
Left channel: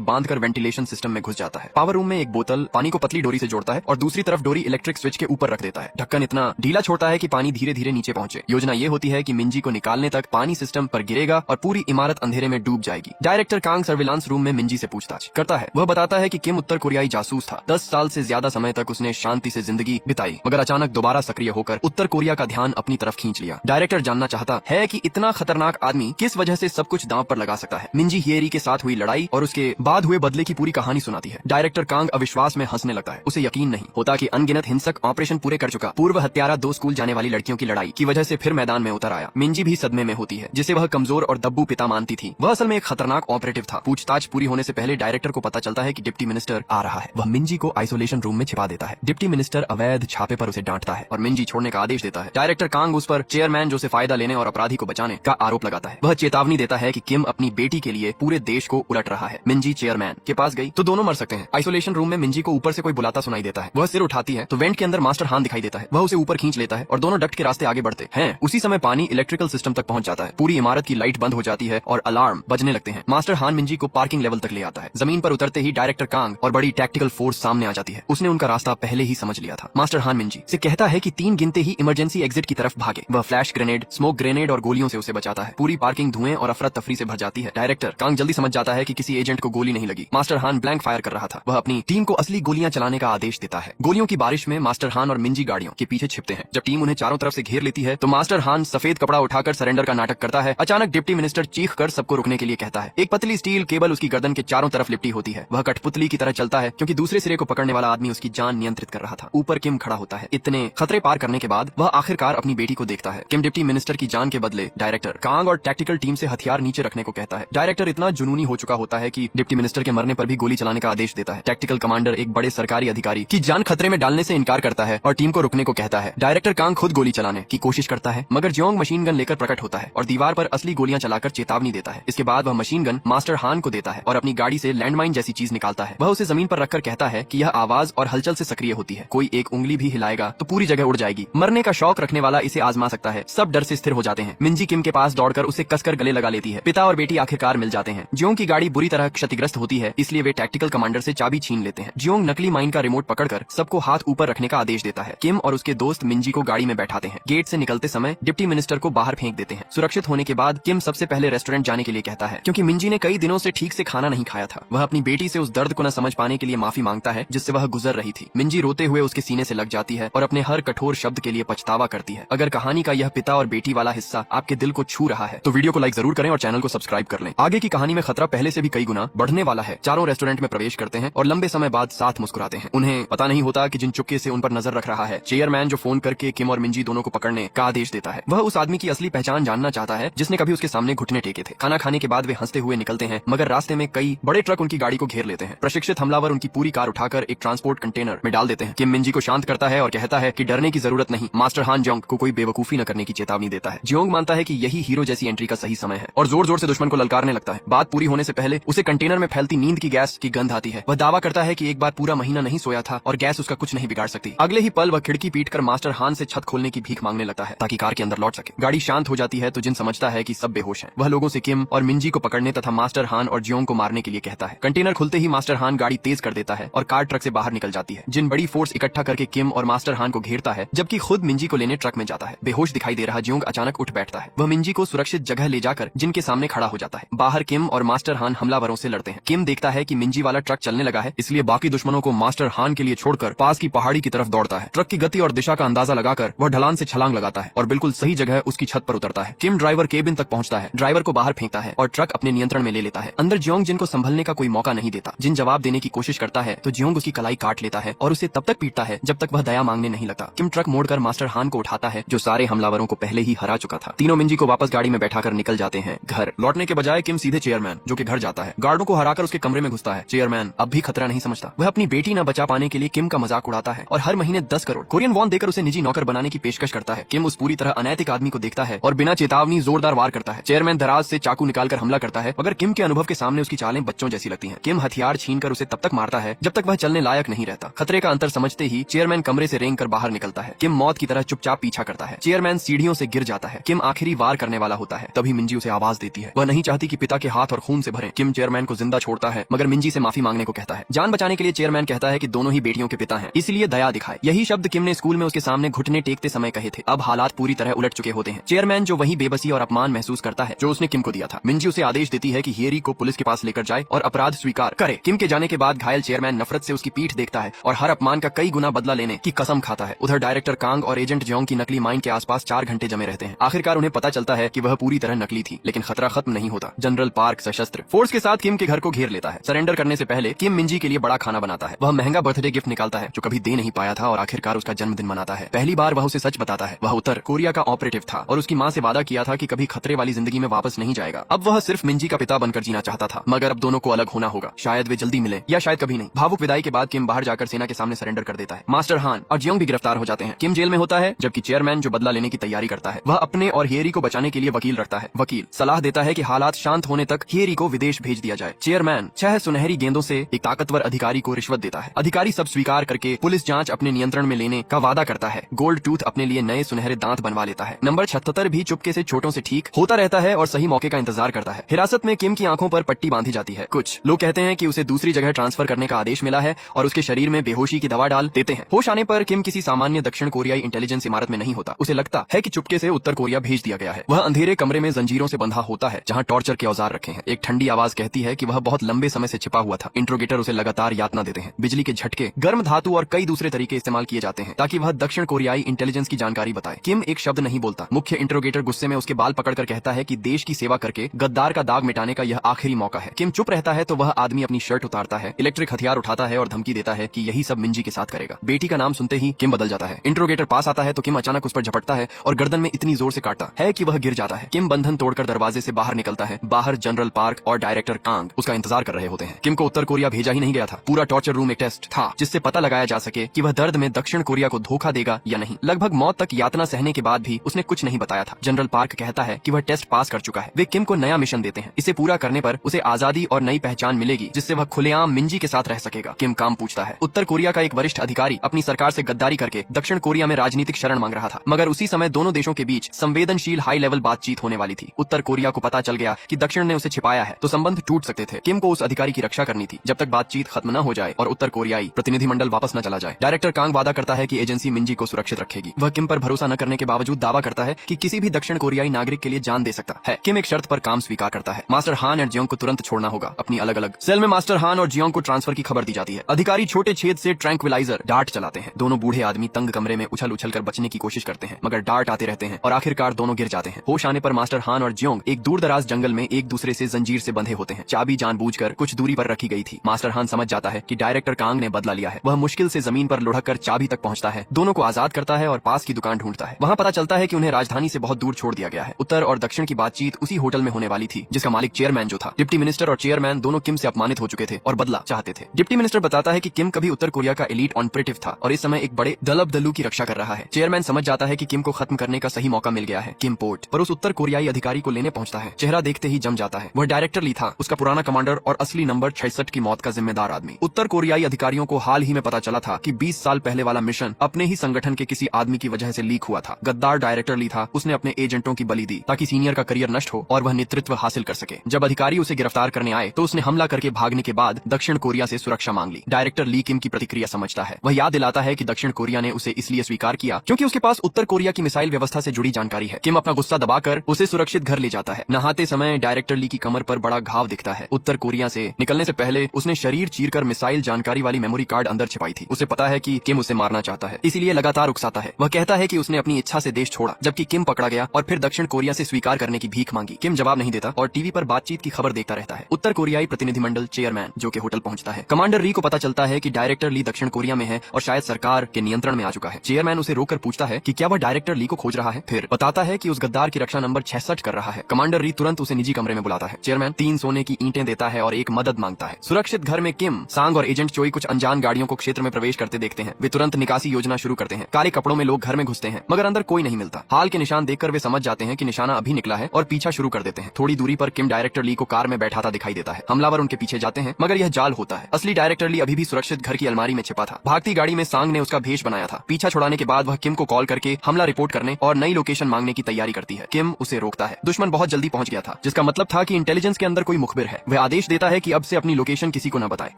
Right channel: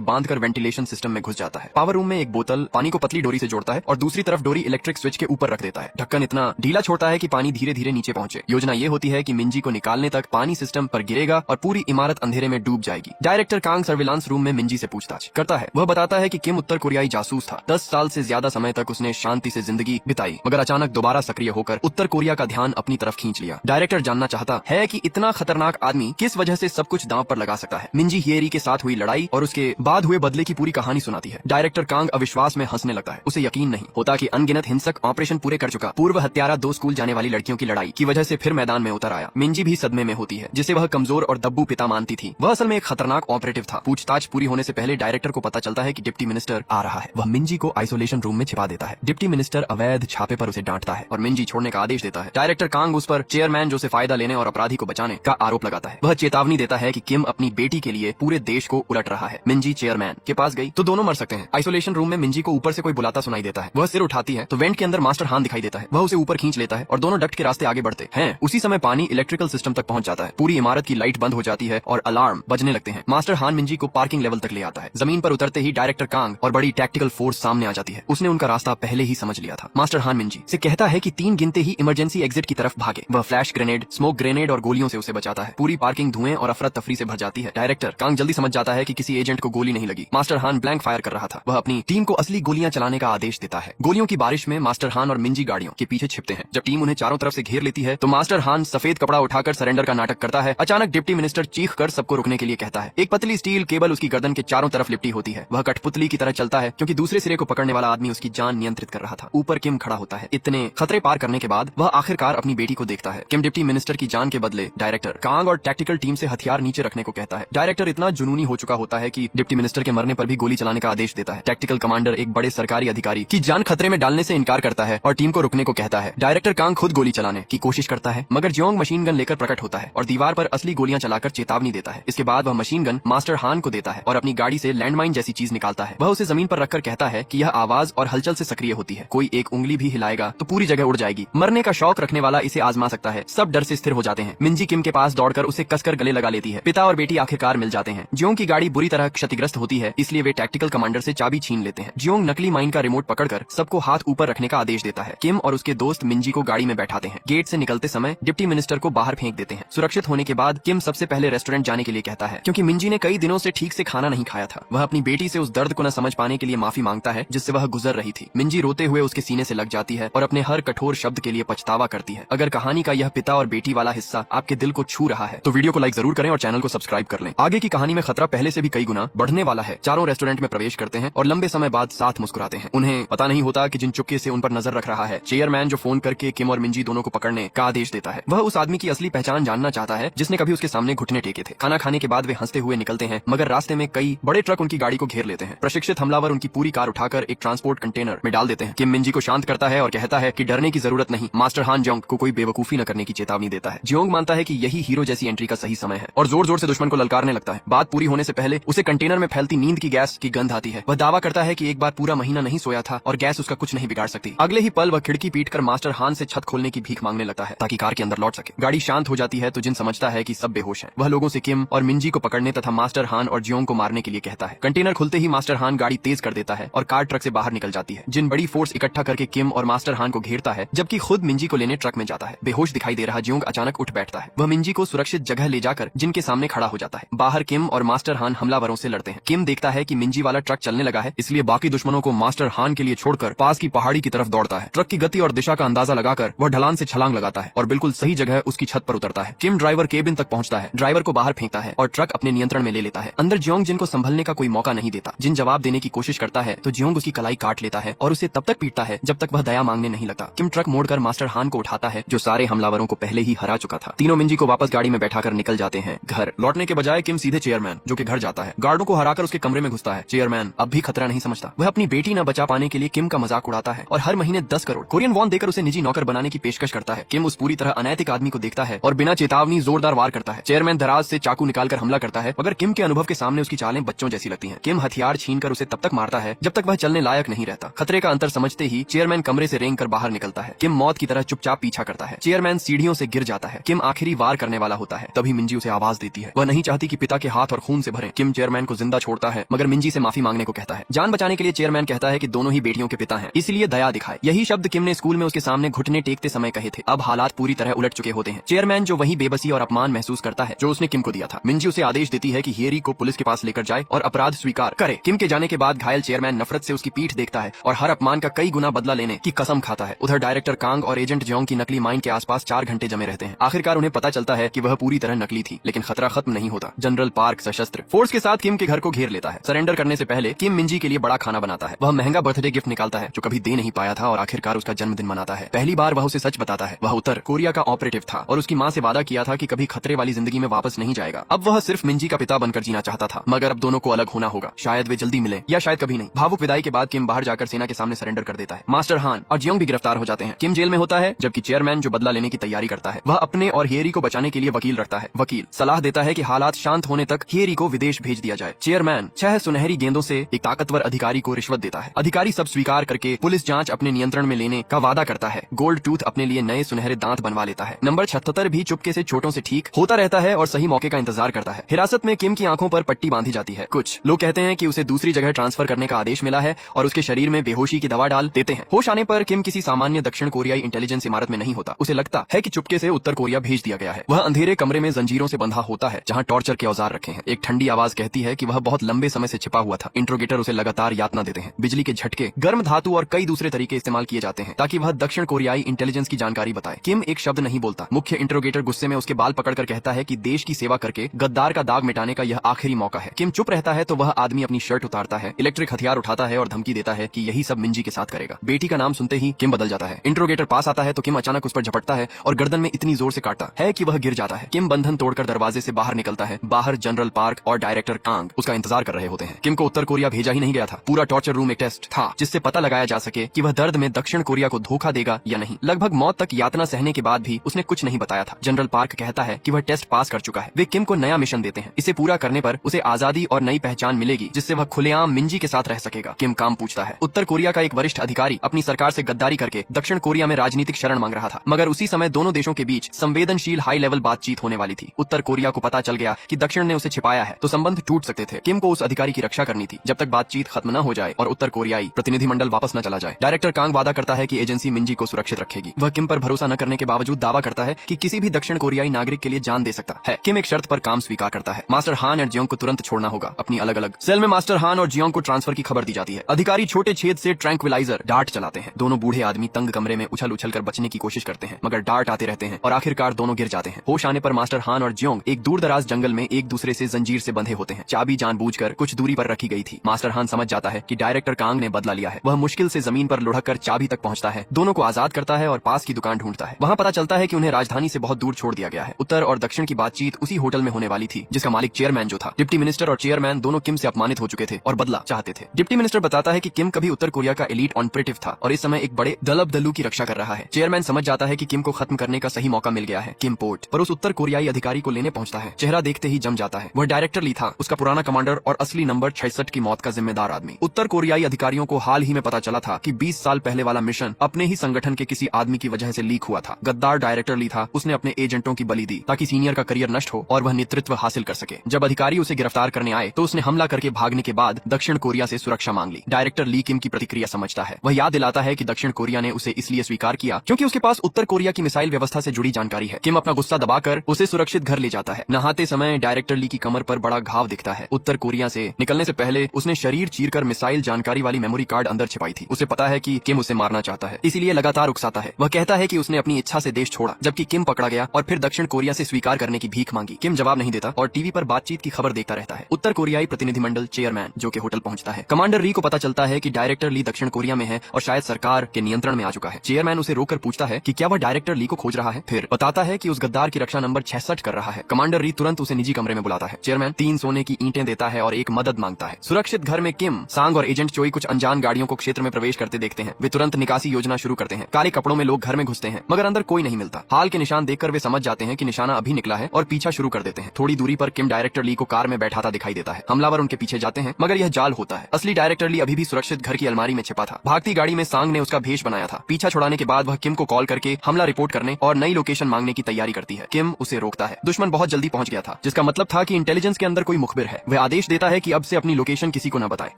बांधकर वेंटिलेशन सिस्टम में घुस जाता है। पावर रूम में एक बोतल पानी को पतली डोरी से जोड़ता है और दूसरी तरफ डोरी इलेक्ट्रिक स्विच के ऊपर रख देता है। ढक्कन इतना ढीला छोड़ता है कि पानी धीरे धीरे नीचे पहुंचे। योजना ये होती है कि मिंजी को निकालने तक पानी सिस्टम पर गिरेगा और पूरी इमारत अंधेरे में डूब जाएगी। डायरेक्टर कांग सर्विलांस रूम में मिंजी से पूछताछ करता है। वह बताता है कि किम उत्तर कोरियाई जासूस था। 10 साल से ज्यादा समय तक उसने शांति से जिंदगी बिताई, मगर अचानक दोबारा सक्रिय होकर उत्तर कोरिया का ध्यान अपनी तरफ खींच लिया। डायरेक्टर जानना चाहता है कि इतना खतरनाक आदमी किस वजह से सब कुछ दांव पर लगा सकता है। मिंजी हियरी के साथ हुई लड़ाई और उसके बाद हुए बदले की पूरी कहानी सुनाती है। डायरेक्टर कांग अविश्वास में हंसने लगता है। उसे यकीन नहीं होता कि अनगिनत हिंसक ऑपरेशन पूरे कर चुका पूर्व हत्यारा 2 स्कूल जाने वाली लड़कियों की लड़ाई की वजह से फिर मैदान में उतर आया। मिंजी भी सदमे में होती है, जिसे वह कमजोर और दब्बू पिता मानती थी। वह असल में एक खतरनाक ऑपरेटिव था। पूछताछ पूरी होने से पहले डायरेक्टर को पता चलता है कि डिप्टी मिनिस्टर आ रहा है। वह मिंजी को आइसोलेशन रूम में छिपा देता है। डिप्टी मिनिस्टर अवैध छापे पर उसे डांटता है और मिंजी छोड़ने का आदेश देता है। डायरेक्टर कांग उस पर चेयरमैन जो से फायदा लेने और अपराधी को बचाने का आरोप लगाता है। वह चेतावनी देता है कि किम अपनी बेटी के लिए पूरे देश को उलट रहा है। मिंजी चेयरमैन के पास गई तो दोनों मर सकते हैं। आइसोलेशन रूम में मिंजी को ऊपर से कोई बुलाता सुनाई देता है। वह सिर उठाती है तो वेंट के अंदर मास्टर हान दिखाई देता है। वह उसे ऊपर खींच लेता है और दोनों डक्ट के रास्ते आगे बढ़ते हैं। उसी समय पानी इलेक्ट्रिकल सिस्टम तक पहुंच जाता है। पूरी इमारत की लाइट बंद हो जाती है और अलार्म बजने लगते हैं। मास्टर हान मिंजी को पार्किंग लेवल तक ले आता है। जमीन पर उतरते ही डायरेक्टर कांग और बड़ी टैक्टिकल फोर्स सामने आ जाती है। उसने उनका रास्ता पहले ही समझ लिया था। मास्टर हान मिंजी से कहता है कि 3 गिनते ही इमरजेंसी एग्जिट की तरफ भागे। वह फ्लैश ग्रेनेड, स्मोक ग्रेनेड और गोलियों से उसे बचाता है। पूरी पार्किंग धुएं और अफरा तफरी से भर जाती है। डायरेक्टर कांग जल्दी समझ जाता है कि किसी एजेंट को गोली नहीं लगी। मास्टर हान ब्लैंक फायर कर रहा था। वह अपनी टीम को असली गोलियां चलाने का आदेश देता है। गोलियों की बारिश में मास्टर हान और मिंजी गाड़ियों के पीछे छिपते हैं। जब टीम उन्हें चारों तरफ से घेर लेती है तो मास्टर हान सफेद कपड़ा उठाकर सरेंडर का नाटक करता है। अचानक डिप्टी मिनिस्टर चीख कर सबको रुकने के लिए कहता है। एक पतली स्टील केबल उसकी गर्दन के चारों तरफ लिपटी होती है। वह कठपुतली की तरह चलता है क्योंकि दूसरे सिरे को पकड़ने वाला आदमी उसकी जान नियंत्रित कर रहा था। ऊपर किम खड़ा होता है। इतने खतरे पार करने के बाद वह आखिरकार अपनी बेटी को देखता है। किम डिप्टी मिनिस्टर की जान के बदले डायरेक्टर कांग और टैक्टिकल टीम से हथियार नीचे रखने को कहता है। डायरेक्टर इतना जुनूनी हो चुका होता है कि डिप्टी मिनिस्टर के मरने पर भी गोली चलाने का आदेश देता है। टैक्टिकल कमांडर एक बड़े सरकारी अधिकारी की जान खतरे में डालने से इनकार करता है और टीम को रुकने को कहता है। डायरेक्टर कांग खुद गोली चलाने की कोशिश करता है, मगर जियोंग मशीन गन लेकर प्रकट होता है और दीवार पर असली गोलियां चलाकर चेतावनी देता है। इसके बाद वह मशीन गन मास्टर हान को देता है और अपनी गाड़ी से लैंडमाइन जैसी चीज निकालता है। वह उसे जमीन पर रखकर कहता है कि यह आवाज और हलचल से सक्रिय होती है। कोई एक उंगली भी हिलाएगा तो पूरी जगह उड़ जाएगी। मरने का शौक रखने वाला इसे आजमा सकता है। सब डर से स्थिर हो जाते हैं। मिंजी किम के पास दौड़कर उसे कसकर गले लगा लेती है। पिता और बेटी आखिरकार मिल जाते हैं। जियोंग की गाड़ी बुरी तरह क्षतिग्रस्त होती है, इसलिए वे टैक्टिकल कमांडर से चाबी छीन लेते हैं। जियोंग नकली माइन का रिमोट पकड़कर सबको हाथ ऊपर रखने का आदेश देता है। किम और उसके दोस्त मिंजी को गाड़ी में बैठाते हैं। गेट से निकलते समय डिप्टी मिनिस्टर को बाहर फेंक देते हैं। सुरक्षित होने के बाद किम सबसे पहले रेस्टोरेंट जाने के लिए कहता है, क्योंकि मिंजी ने कई दिनों से ठीक से खाना नहीं खाया था। वह अपनी बेटी से उस दर्द को न समझ पाने के लिए माफी मांगता है जिससे वह गुजर रही थी। मिंजी रोते हुए उसके सीने से लग जाती है और अपने हर कठोर शब्द के लिए पछतावा करती है। अगर कहानी का यह पिता और बेटी वाला हिस्सा आपके दिल को छू रहा है तो वीडियो को लाइक जरूर करें और चैनल को सब्सक्राइब कर लें। आगे की कहानी में खतरा पहले से भी कई गुना बढ़ने वाला है। चारों रेस्टोरेंट में प्रवेश करते हैं और लंबे समय बाद साथ मुस्कुराते हैं। उन्हें पता नहीं होता कि जिन चुपके से उन पर नजर रख रहा है चेयरमैन, जो फोन करके किम और मिंजी दोनों को पकड़ने का आदेश देता है। वह उस आदमी की असली पहचान जानना चाहता है जिसने कभी उसके सामने घुटने टेके थे। खाना खाने के बाद वे हंसते हुए निकलते हैं, मगर रास्ते में कई बड़े ट्रक उनकी गाड़ी को घेर लेते हैं। प्रशिक्षित हमलावर उनकी पूरी कार उठाकर एक ट्रांसपोर्ट कंटेनर में डाल देते हैं। किम मिंजी को शांत करता है और कहता है कि डरने की जरूरत नहीं। मास्टर हान जियोंग को कोई बेवकूफी न करने की चेतावनी देता है। जियोंग मानता है कि यही हीरो जैसी एंट्री का सही समय है और जोर जोर से दुश्मन को ललकारने लगता है। बात पूरी होने से पहले उसे कंटेनर में फैलती नींद की गैस की गंध आती है। वह दावा करता है कि एक बार पूरा महीना नहीं सोया था और गैस उसका कुछ नहीं बिगाड़ सकती। अगले ही पल वह खिड़की पीटकर मास्टर हान से छत खोलने की भीख मांगने लगता है ताकि कार के अंदर लौट सके। गाड़ी शांत हो जाती है तो जिन समझता है कि सब बेहोश है। वह लोगों से किम और मिंजी को पकड़ने तथा मास्टर हान और जियोंग को मारने के लिए कहता है। कंटेनर खुलते ही मास्टर हान गाड़ी तेज कर देता है और कार ट्रक से बाहर निकल जाती है। जिन बड़ी फोर्स इकट्ठा करके किम और मास्टर हान को घेरता है जबकि खुद मिंजी को लेने ट्रक में जाता है। बेहोश दिखाई दे रहा जियोंग अचानक उठ बैठता है। वह मिंजी को सुरक्षित जगह ले जाकर जिनके सामने खड़ा हो जाता है। बाहर किम और मास्टर हान हमलावरों से लड़ते हैं। किम देखता है कि मिंजी वाला ट्रक चलने लगा है, इसलिए बाकी दुश्मनों को मास्टर हान के लिए छोड़कर पास की पहाड़ी की तरफ दौड़ता है। ट्रक की गति और दिशा का अंदाजा लगाकर वह ढलान से छलांग लगाता है और बिल्कुल सही जगह उसकी छत पर उतरता है। किम ड्राइवर केबिन तक पहुंचता है, ड्राइवर को बाहर फेंकता है और ट्रक अपने नियंत्रण में ले लेता है। अंदर जियोंग जिनको संभलने का कोई मौका नहीं देता। जिन जवाब देने की कोशिश करता है तो जियोंग उसकी कलाई काट लेता है और उसे तब तक पीटता है जब तक वह दया मांगने नहीं लगता। किम ट्रक मोड़कर मास्टर हान को उठाता है जो सारे हमलावरों को पहले ही हरा चुका था। तीनों मिंजी को वापस गाड़ी में बैठाकर निकल जाते हैं। घर लौटने के बजाय किम सीधे चेयरमैन जो कि घर जाता है। गार्डों को हराकर उसके कमरे में घुसता है। चेयरमैन अब भी खतरा नहीं समझता। वह अपनी बेटी न बचा पाने के लिए किम का मजाक उड़ाता है और हर महीने 10 करोड़ कोरियन वॉन देकर उसे निजी नौकर बनाने की पेशकश करता है। किम उस पूरी तरह अनैतिक आदमी को देखता है और बिना चेतावनी जोरदार वार करता है। चेयरमैन दराज से चाकू निकालकर हमला करता है, मगर किम के अनुभव के सामने उसकी चालें बच्चों जैसी लगती हैं। किम हथियार छीनकर उसे तब तक मारता है जब तक वह चलने लायक नहीं रहता। खतरे का अंतर समझते ही चेयरमैन कमरे से रेंग कर बाहर निकलता है। किम मौत की तरह चुपचाप पीछा करता है। चेयरमैन सीढ़ियों से गिर जाता है। किम आखिरी वार करने वाला होता है, तभी मिंजी उसे आवाज देती है। वह नहीं चाहती कि पिता के हाथ और खून से भरे। किम चेयरमैन को जिंदा छोड़ता है, मगर मिंजी से माफी मांगने को कहता है। जान बचाने के लिए चेयरमैन कहता है कि दोनों ही बेटियों के पिता हैं, इसलिए दया दिखाए। यही शब्द किम ने स्कूल में उसके सामने घुटने टेकते समय कहे थे। अब हालात पूरी तरह उलट चुके होते हैं। चेयरमैन जो वही बेबसी और अपमान महसूस करता है जो उसने किम को दिया था। मिंजी उसे आदेश देती है कि हेरी को पुलिस के पास लेकर जाए और अपराध स्वीकार करे। किम के जाने के बाद घायल चेयरमैन नफरत से उसकी पीठ देखता है और हर अपमान का कई गुना बदला लेने की कसम खाता है। उधर डायरेक्टर कांग और एजेंट जियोंग की नकली माइन के आसपास 4 घंटे जमे रहते हैं। आखिरकार उन्हें पता चलता है कि वह पूरी तरह नकली थी, लेकिन खतरा खत्म नहीं होता। जनरल पार्क सशस्त्र फोर्स के साथ किम के घर को घेर लेता है। सरेंडर करने से पहले किम मिंजी के लिए बड़ा खाना बनाता है। वह महंगा बर्थडे गिफ्ट निकालता है जो कभी दे नहीं पाया था और आखिरकार उसका जन्मदिन मनाता है। पहली बार वह उसे सच बताता है। वह उत्तर कोरिया का ऑपरेटिव था और उसकी माँ से वादा किया था कि कभी खतरे वाली जिंदगी में वापस नहीं जाएगा। अब वह सिर्फ मिंजी का पिता बनकर जीना चाहता था, मगर अब दोनों को अलग होना होगा। शायद वे जल्दी मिले या शायद कभी नहीं। भावुक विदाई के बाद किम बाहर जाकर सेना के सामने सरेंडर कर देता है। मास्टर हान और जियोंग भी गिरफ्तार हो जाते हैं। किम जेल में होता है, जबकि चेयरमैन जो बदला लेने की तैयारी करता है वह अपने और हेरी को बचाने के लिए वकील रखता है। वकील सलाह देता है कि हालात शांत होने तक हेरी को विदेश भेज दिया जाए। चेयरमैन 6 सुनहरी गेंदों से एक ताकतवर अधिकारी को रिश्वत देता है। अधिकारी सब स्वीकार करके पुलिस जांच अपने नियंत्रण में लेने का वादा करता है। गोल्ड टूथ अपने लिए नए सुनहरे दांत बनवा लेता है। नंबर 76 भी चुपके से छोटों से ठीक होता रहता है और सही मौके का इंतजार करता है। हिरासत में किम की आंखों पर पट्टी बांधी जाती है। कुछ लोग कहते हैं कि उसे दूसरी जगह ट्रांसफर करने का आदेश मिला है और उसके शरीर में बेहोशी की दवा डाल देते हैं। होश आने पर किम किसी सामान्य दक्षिण कोरियाई इंटेलिजेंस इमारत में नहीं होता। उसे लगता है कि चुपके से उत्तर कोरिया भेज दिया गया है। वह अंधेरे कमरे में जंजीरों से बंधा होता है जहाँ टॉर्चर के औजार रखे हैं। एक ठंडी आवाज कहती है कि वह बहुत लंबे समय से छिपा हुआ था। इंट्रोगेटर उसे लगातार यातना देते हैं। बिजली के झटके, गर्म धातु और कई दूसरे तरीके इस्तेमाल किए जाते हैं ताकि वह दक्षिण कोरियाई इंटेलिजेंस की जानकारी बताए। किम एक शब्द नहीं बोलता। मुख्य इंट्रोगेटर गुस्से में उसके बाल पकड़कर कहता है कि देश की सेवा करके गद्दार का दाग मिटाने का यह आखिरी मौका है। किम चुप रहता है तो वह आदमी अपनी शर्ट उतारता है, इलेक्ट्रिक हथियार उठाता है और धमकी देता है कि यही सब मिंजी के साथ करेगा। बेटी का नाम सुनते ही किम बदल जाता है। इंट्रोगेटर पास आता है तो किम अचानक उस पर झपटता है और गर्दन में इतनी जोर से काटता है कि वह गिर जाता है। किम बंधन तोड़कर दरवाजे से बाहर निकलता है। बाहर जनरल पार्क और डायरेक्टर कांग उसका इंतजार कर रहे होते हैं। किम को उत्तर कोरिया भेजा ही नहीं गया था। पूरा टॉर्चर रूम एक टेस्ट था जिससे पता लगाया जा सके कि वह दर्द में दक्षिण कोरिया को धोखा देगा या नहीं। लगभग मौत तक यातना सहने के बाद भी उसने कुछ नहीं बताया था। जनरल पार्क कहता है कि वह टेस्ट पास कर चुका है। वे किम को नया मिशन देते हैं। इसे पूरा करने पर उसे आजादी और नई पहचान मिलेगी जिससे वह खुलेआम मिंजी के साथ रह सकेगा। किम काम पूछता है। उत्तर कोरिया का एक वरिष्ठ अधिकारी अपनी सरकार से गद्दारी करके दक्षिण कोरिया में राजनीतिक शरण मांग रहा था, मगर उसी समय दोनों देशों के बीच संवेदनशील हाई लेवल बातचीत होने वाली थी। उत्तर कोरिया को पता चल गया कि दक्षिण ने उसे छिपाया है तो संबंध टूट सकते थे। किम को उस अधिकारी की रक्षा करनी थी जब तक बातचीत खत्म न हो जाए और उत्तर कोरियाई प्रतिनिधिमंडल वापस न चला जाए। डायरेक्टर कांग वादा करता है कि एजेंसी मिंजी को सुरक्षित रखेगी। वह किम पर भरोसा न करने के बावजूद दावा करता है कि किसी भी दक्षिण कोरियाई नागरिक के लिए जान दे सकता है। किम एक शर्त पर काम स्वीकार करता है। मास्टर हान और जियोंग को तुरंत छोड़ना होगा। अपनी अलग अलग सेल में मास्टर हान और जियोंग को ट्रांसफर की खबर दी जाती है। अधिकारी छोटे छेद से ट्रैंक्विलाइजर डार्ट चलाते हैं। दोनों बूढ़े आदमी तंग कमरे में उछल उछल कर बचने की कोशिश करते हैं, मगर डार्ट आते रहते हैं और आखिरकार दोनों गिर जाते हैं। होश आने पर मास्टर हान और जियोंग एक दूर दराज जंगल में एक दूसरे से जंजीर से बंधे होते हैं। चाबी जानबूझकर कुछ दूरी पर रखी गई थी। मास्टर हान समझ जाता है कि डायरेक्टर कांग ने बदला लिया है। वह मुश्किल से जमीन पर लुढ़क कर चाबी तक पहुंचता है, दोनों को आजाद करता है और पास की दुकान ढूंढता है। वहाँ पता चलता है कि उन्हें राजधानी से बहुत दूर छोड़ दिया गया है। उत्तर और दक्षिण की बातचीत उसी होटल में होने वाली थी जिसका मालिक चेयरमैन जो था। डिप्टी मिनिस्टर और चेयरमैन दोनों किम से अपमानित हो चुके थे और बदला चाहते थे। डिप्टी मिनिस्टर बताता है कि किम कभी उत्तर कोरिया का एलीट ऑपरेटिव था और इस समय एक बड़े दलबदलू की रक्षा कर रहा है। चेयरमैन समझ जाता है कि किम को खत्म करने का सही मौका मिल गया है। किम पोर्ट पर उस उत्तर कोरियाई अधिकारी को लेने पहुंचता है। चेहरा देखते ही जम जाता है। वह डायरेक्टर ली था, उसका पुराना कमांडर और असली नंबर 66 की मौत का जिम्मेदार आदमी। उत्तर कोरियाई अधिकारियों को हाल ही में पता चला था कि 20 साल पहले वाला मिशन अपने ही संगठन के किसी आदमी की वजह से लीक हुआ था। गद्दार डायरेक्टर ली था, उसने अपने एजेंटों की बलि दी ताकि सीनियर का करियर नष्ट हो और वह नेतृत्व हासिल कर सके। जब अधिकारी उसे गिरफ्तार करने आए तो उसने हमला करके भागने के बाद दक्षिण कोरिया से सुरक्षा मांग ली। डायरेक्टर ली किम की प्रतिक्रिया समझता है। वह याद दिलाता है कि दक्षिण कोरिया ने उसे इसलिए स्वीकार किया क्योंकि उसके पास उत्तर कोरिया की मिसाइल व्यवस्था से जुड़ी जानकारी है। किम अपना गुस्सा दबाकर उसे सुरक्षित घर ले जाता है। नहाते समय डायरेक्टर ली की कमर पर बड़ा घाव दिखता है। उत्तर कोरिया से निकलने से पहले उसने शरीर चीरकर मिसाइल जानकारी वाली मेमोरी कार्ड अंदर छिपाई थी। उसे पता है कि किम उसे मारना चाहता है, इसीलिए लगातार उकसाता है। वह कहता है कि उसने अपनी इच्छा से देश छोड़ा, जबकि किम पकड़ा गया और फिर दक्षिण कोरिया से स्वीकार करने की भीख मांगी। किम जवाब नहीं देता और टीवी पर बातचीत की खबर देखता रहता है। उत्तर कोरियाई प्रतिनिधिमंडल चेयरमैन जो कि होटल पहुंचता है। कमांडर री को पता चलता है कि डायरेक्टर ली दक्षिण कोरिया में है और शायद सरकार के नियंत्रण में आ चुका है। चेयरमैन उसे रोककर पूछता है कि क्या वह डायरेक्टर ली को खोज रहा है, फिर बताता है कि उस गद्दार की रक्षा नंबर 66 कर रहा है। कमांडर री तुरंत उसे निजी कमरे में बुलाता है। चेयरमैन 3 सोने की ईंटें धमकियां देता है और एक मदद मांगता है। सुरक्षित घर में किम, सांग और एजेंट चोई कुछ अनजान गाड़ियों को क्षेत्र में प्रवेश करते देखते हैं। वे तुरंत निकासी योजना शुरू करते हैं। काले कपड़ों में लोग घर में घुसते हैं, मगर अंदर कोई नहीं मिलता। हाल के निशान देखकर वे समझ जाते हैं कि निशाना अभी निकला है और पीछा शुरू कर देते हैं। थोड़ी दूरी पर किम डायरेक्टर ली को कार में बैठाता दिखाई देता है। हमलावर उनके पीछे जाते हैं, मगर यह जाल होता है। असली डायरेक्टर ली अभी भी सुरक्षित घर की अलमारी में छिपा था। भागती गाड़ी में सांग ने उसका भेष बनाया था। पीछा छुड़ाने के बाद वह किम को कॉल करके हमला रिपोर्ट करने और नई लोकेशन मांगने की तैयारी करती है। किम उसे रोकता है। दुश्मन बहुत जल्दी पहुंच गया था, जिसका मतलब था कि इंटेलिजेंस के अंदर कोई मुखबिर है। वह आदेश देता है कि अब से अपनी लोकेशन किसी को न बताए।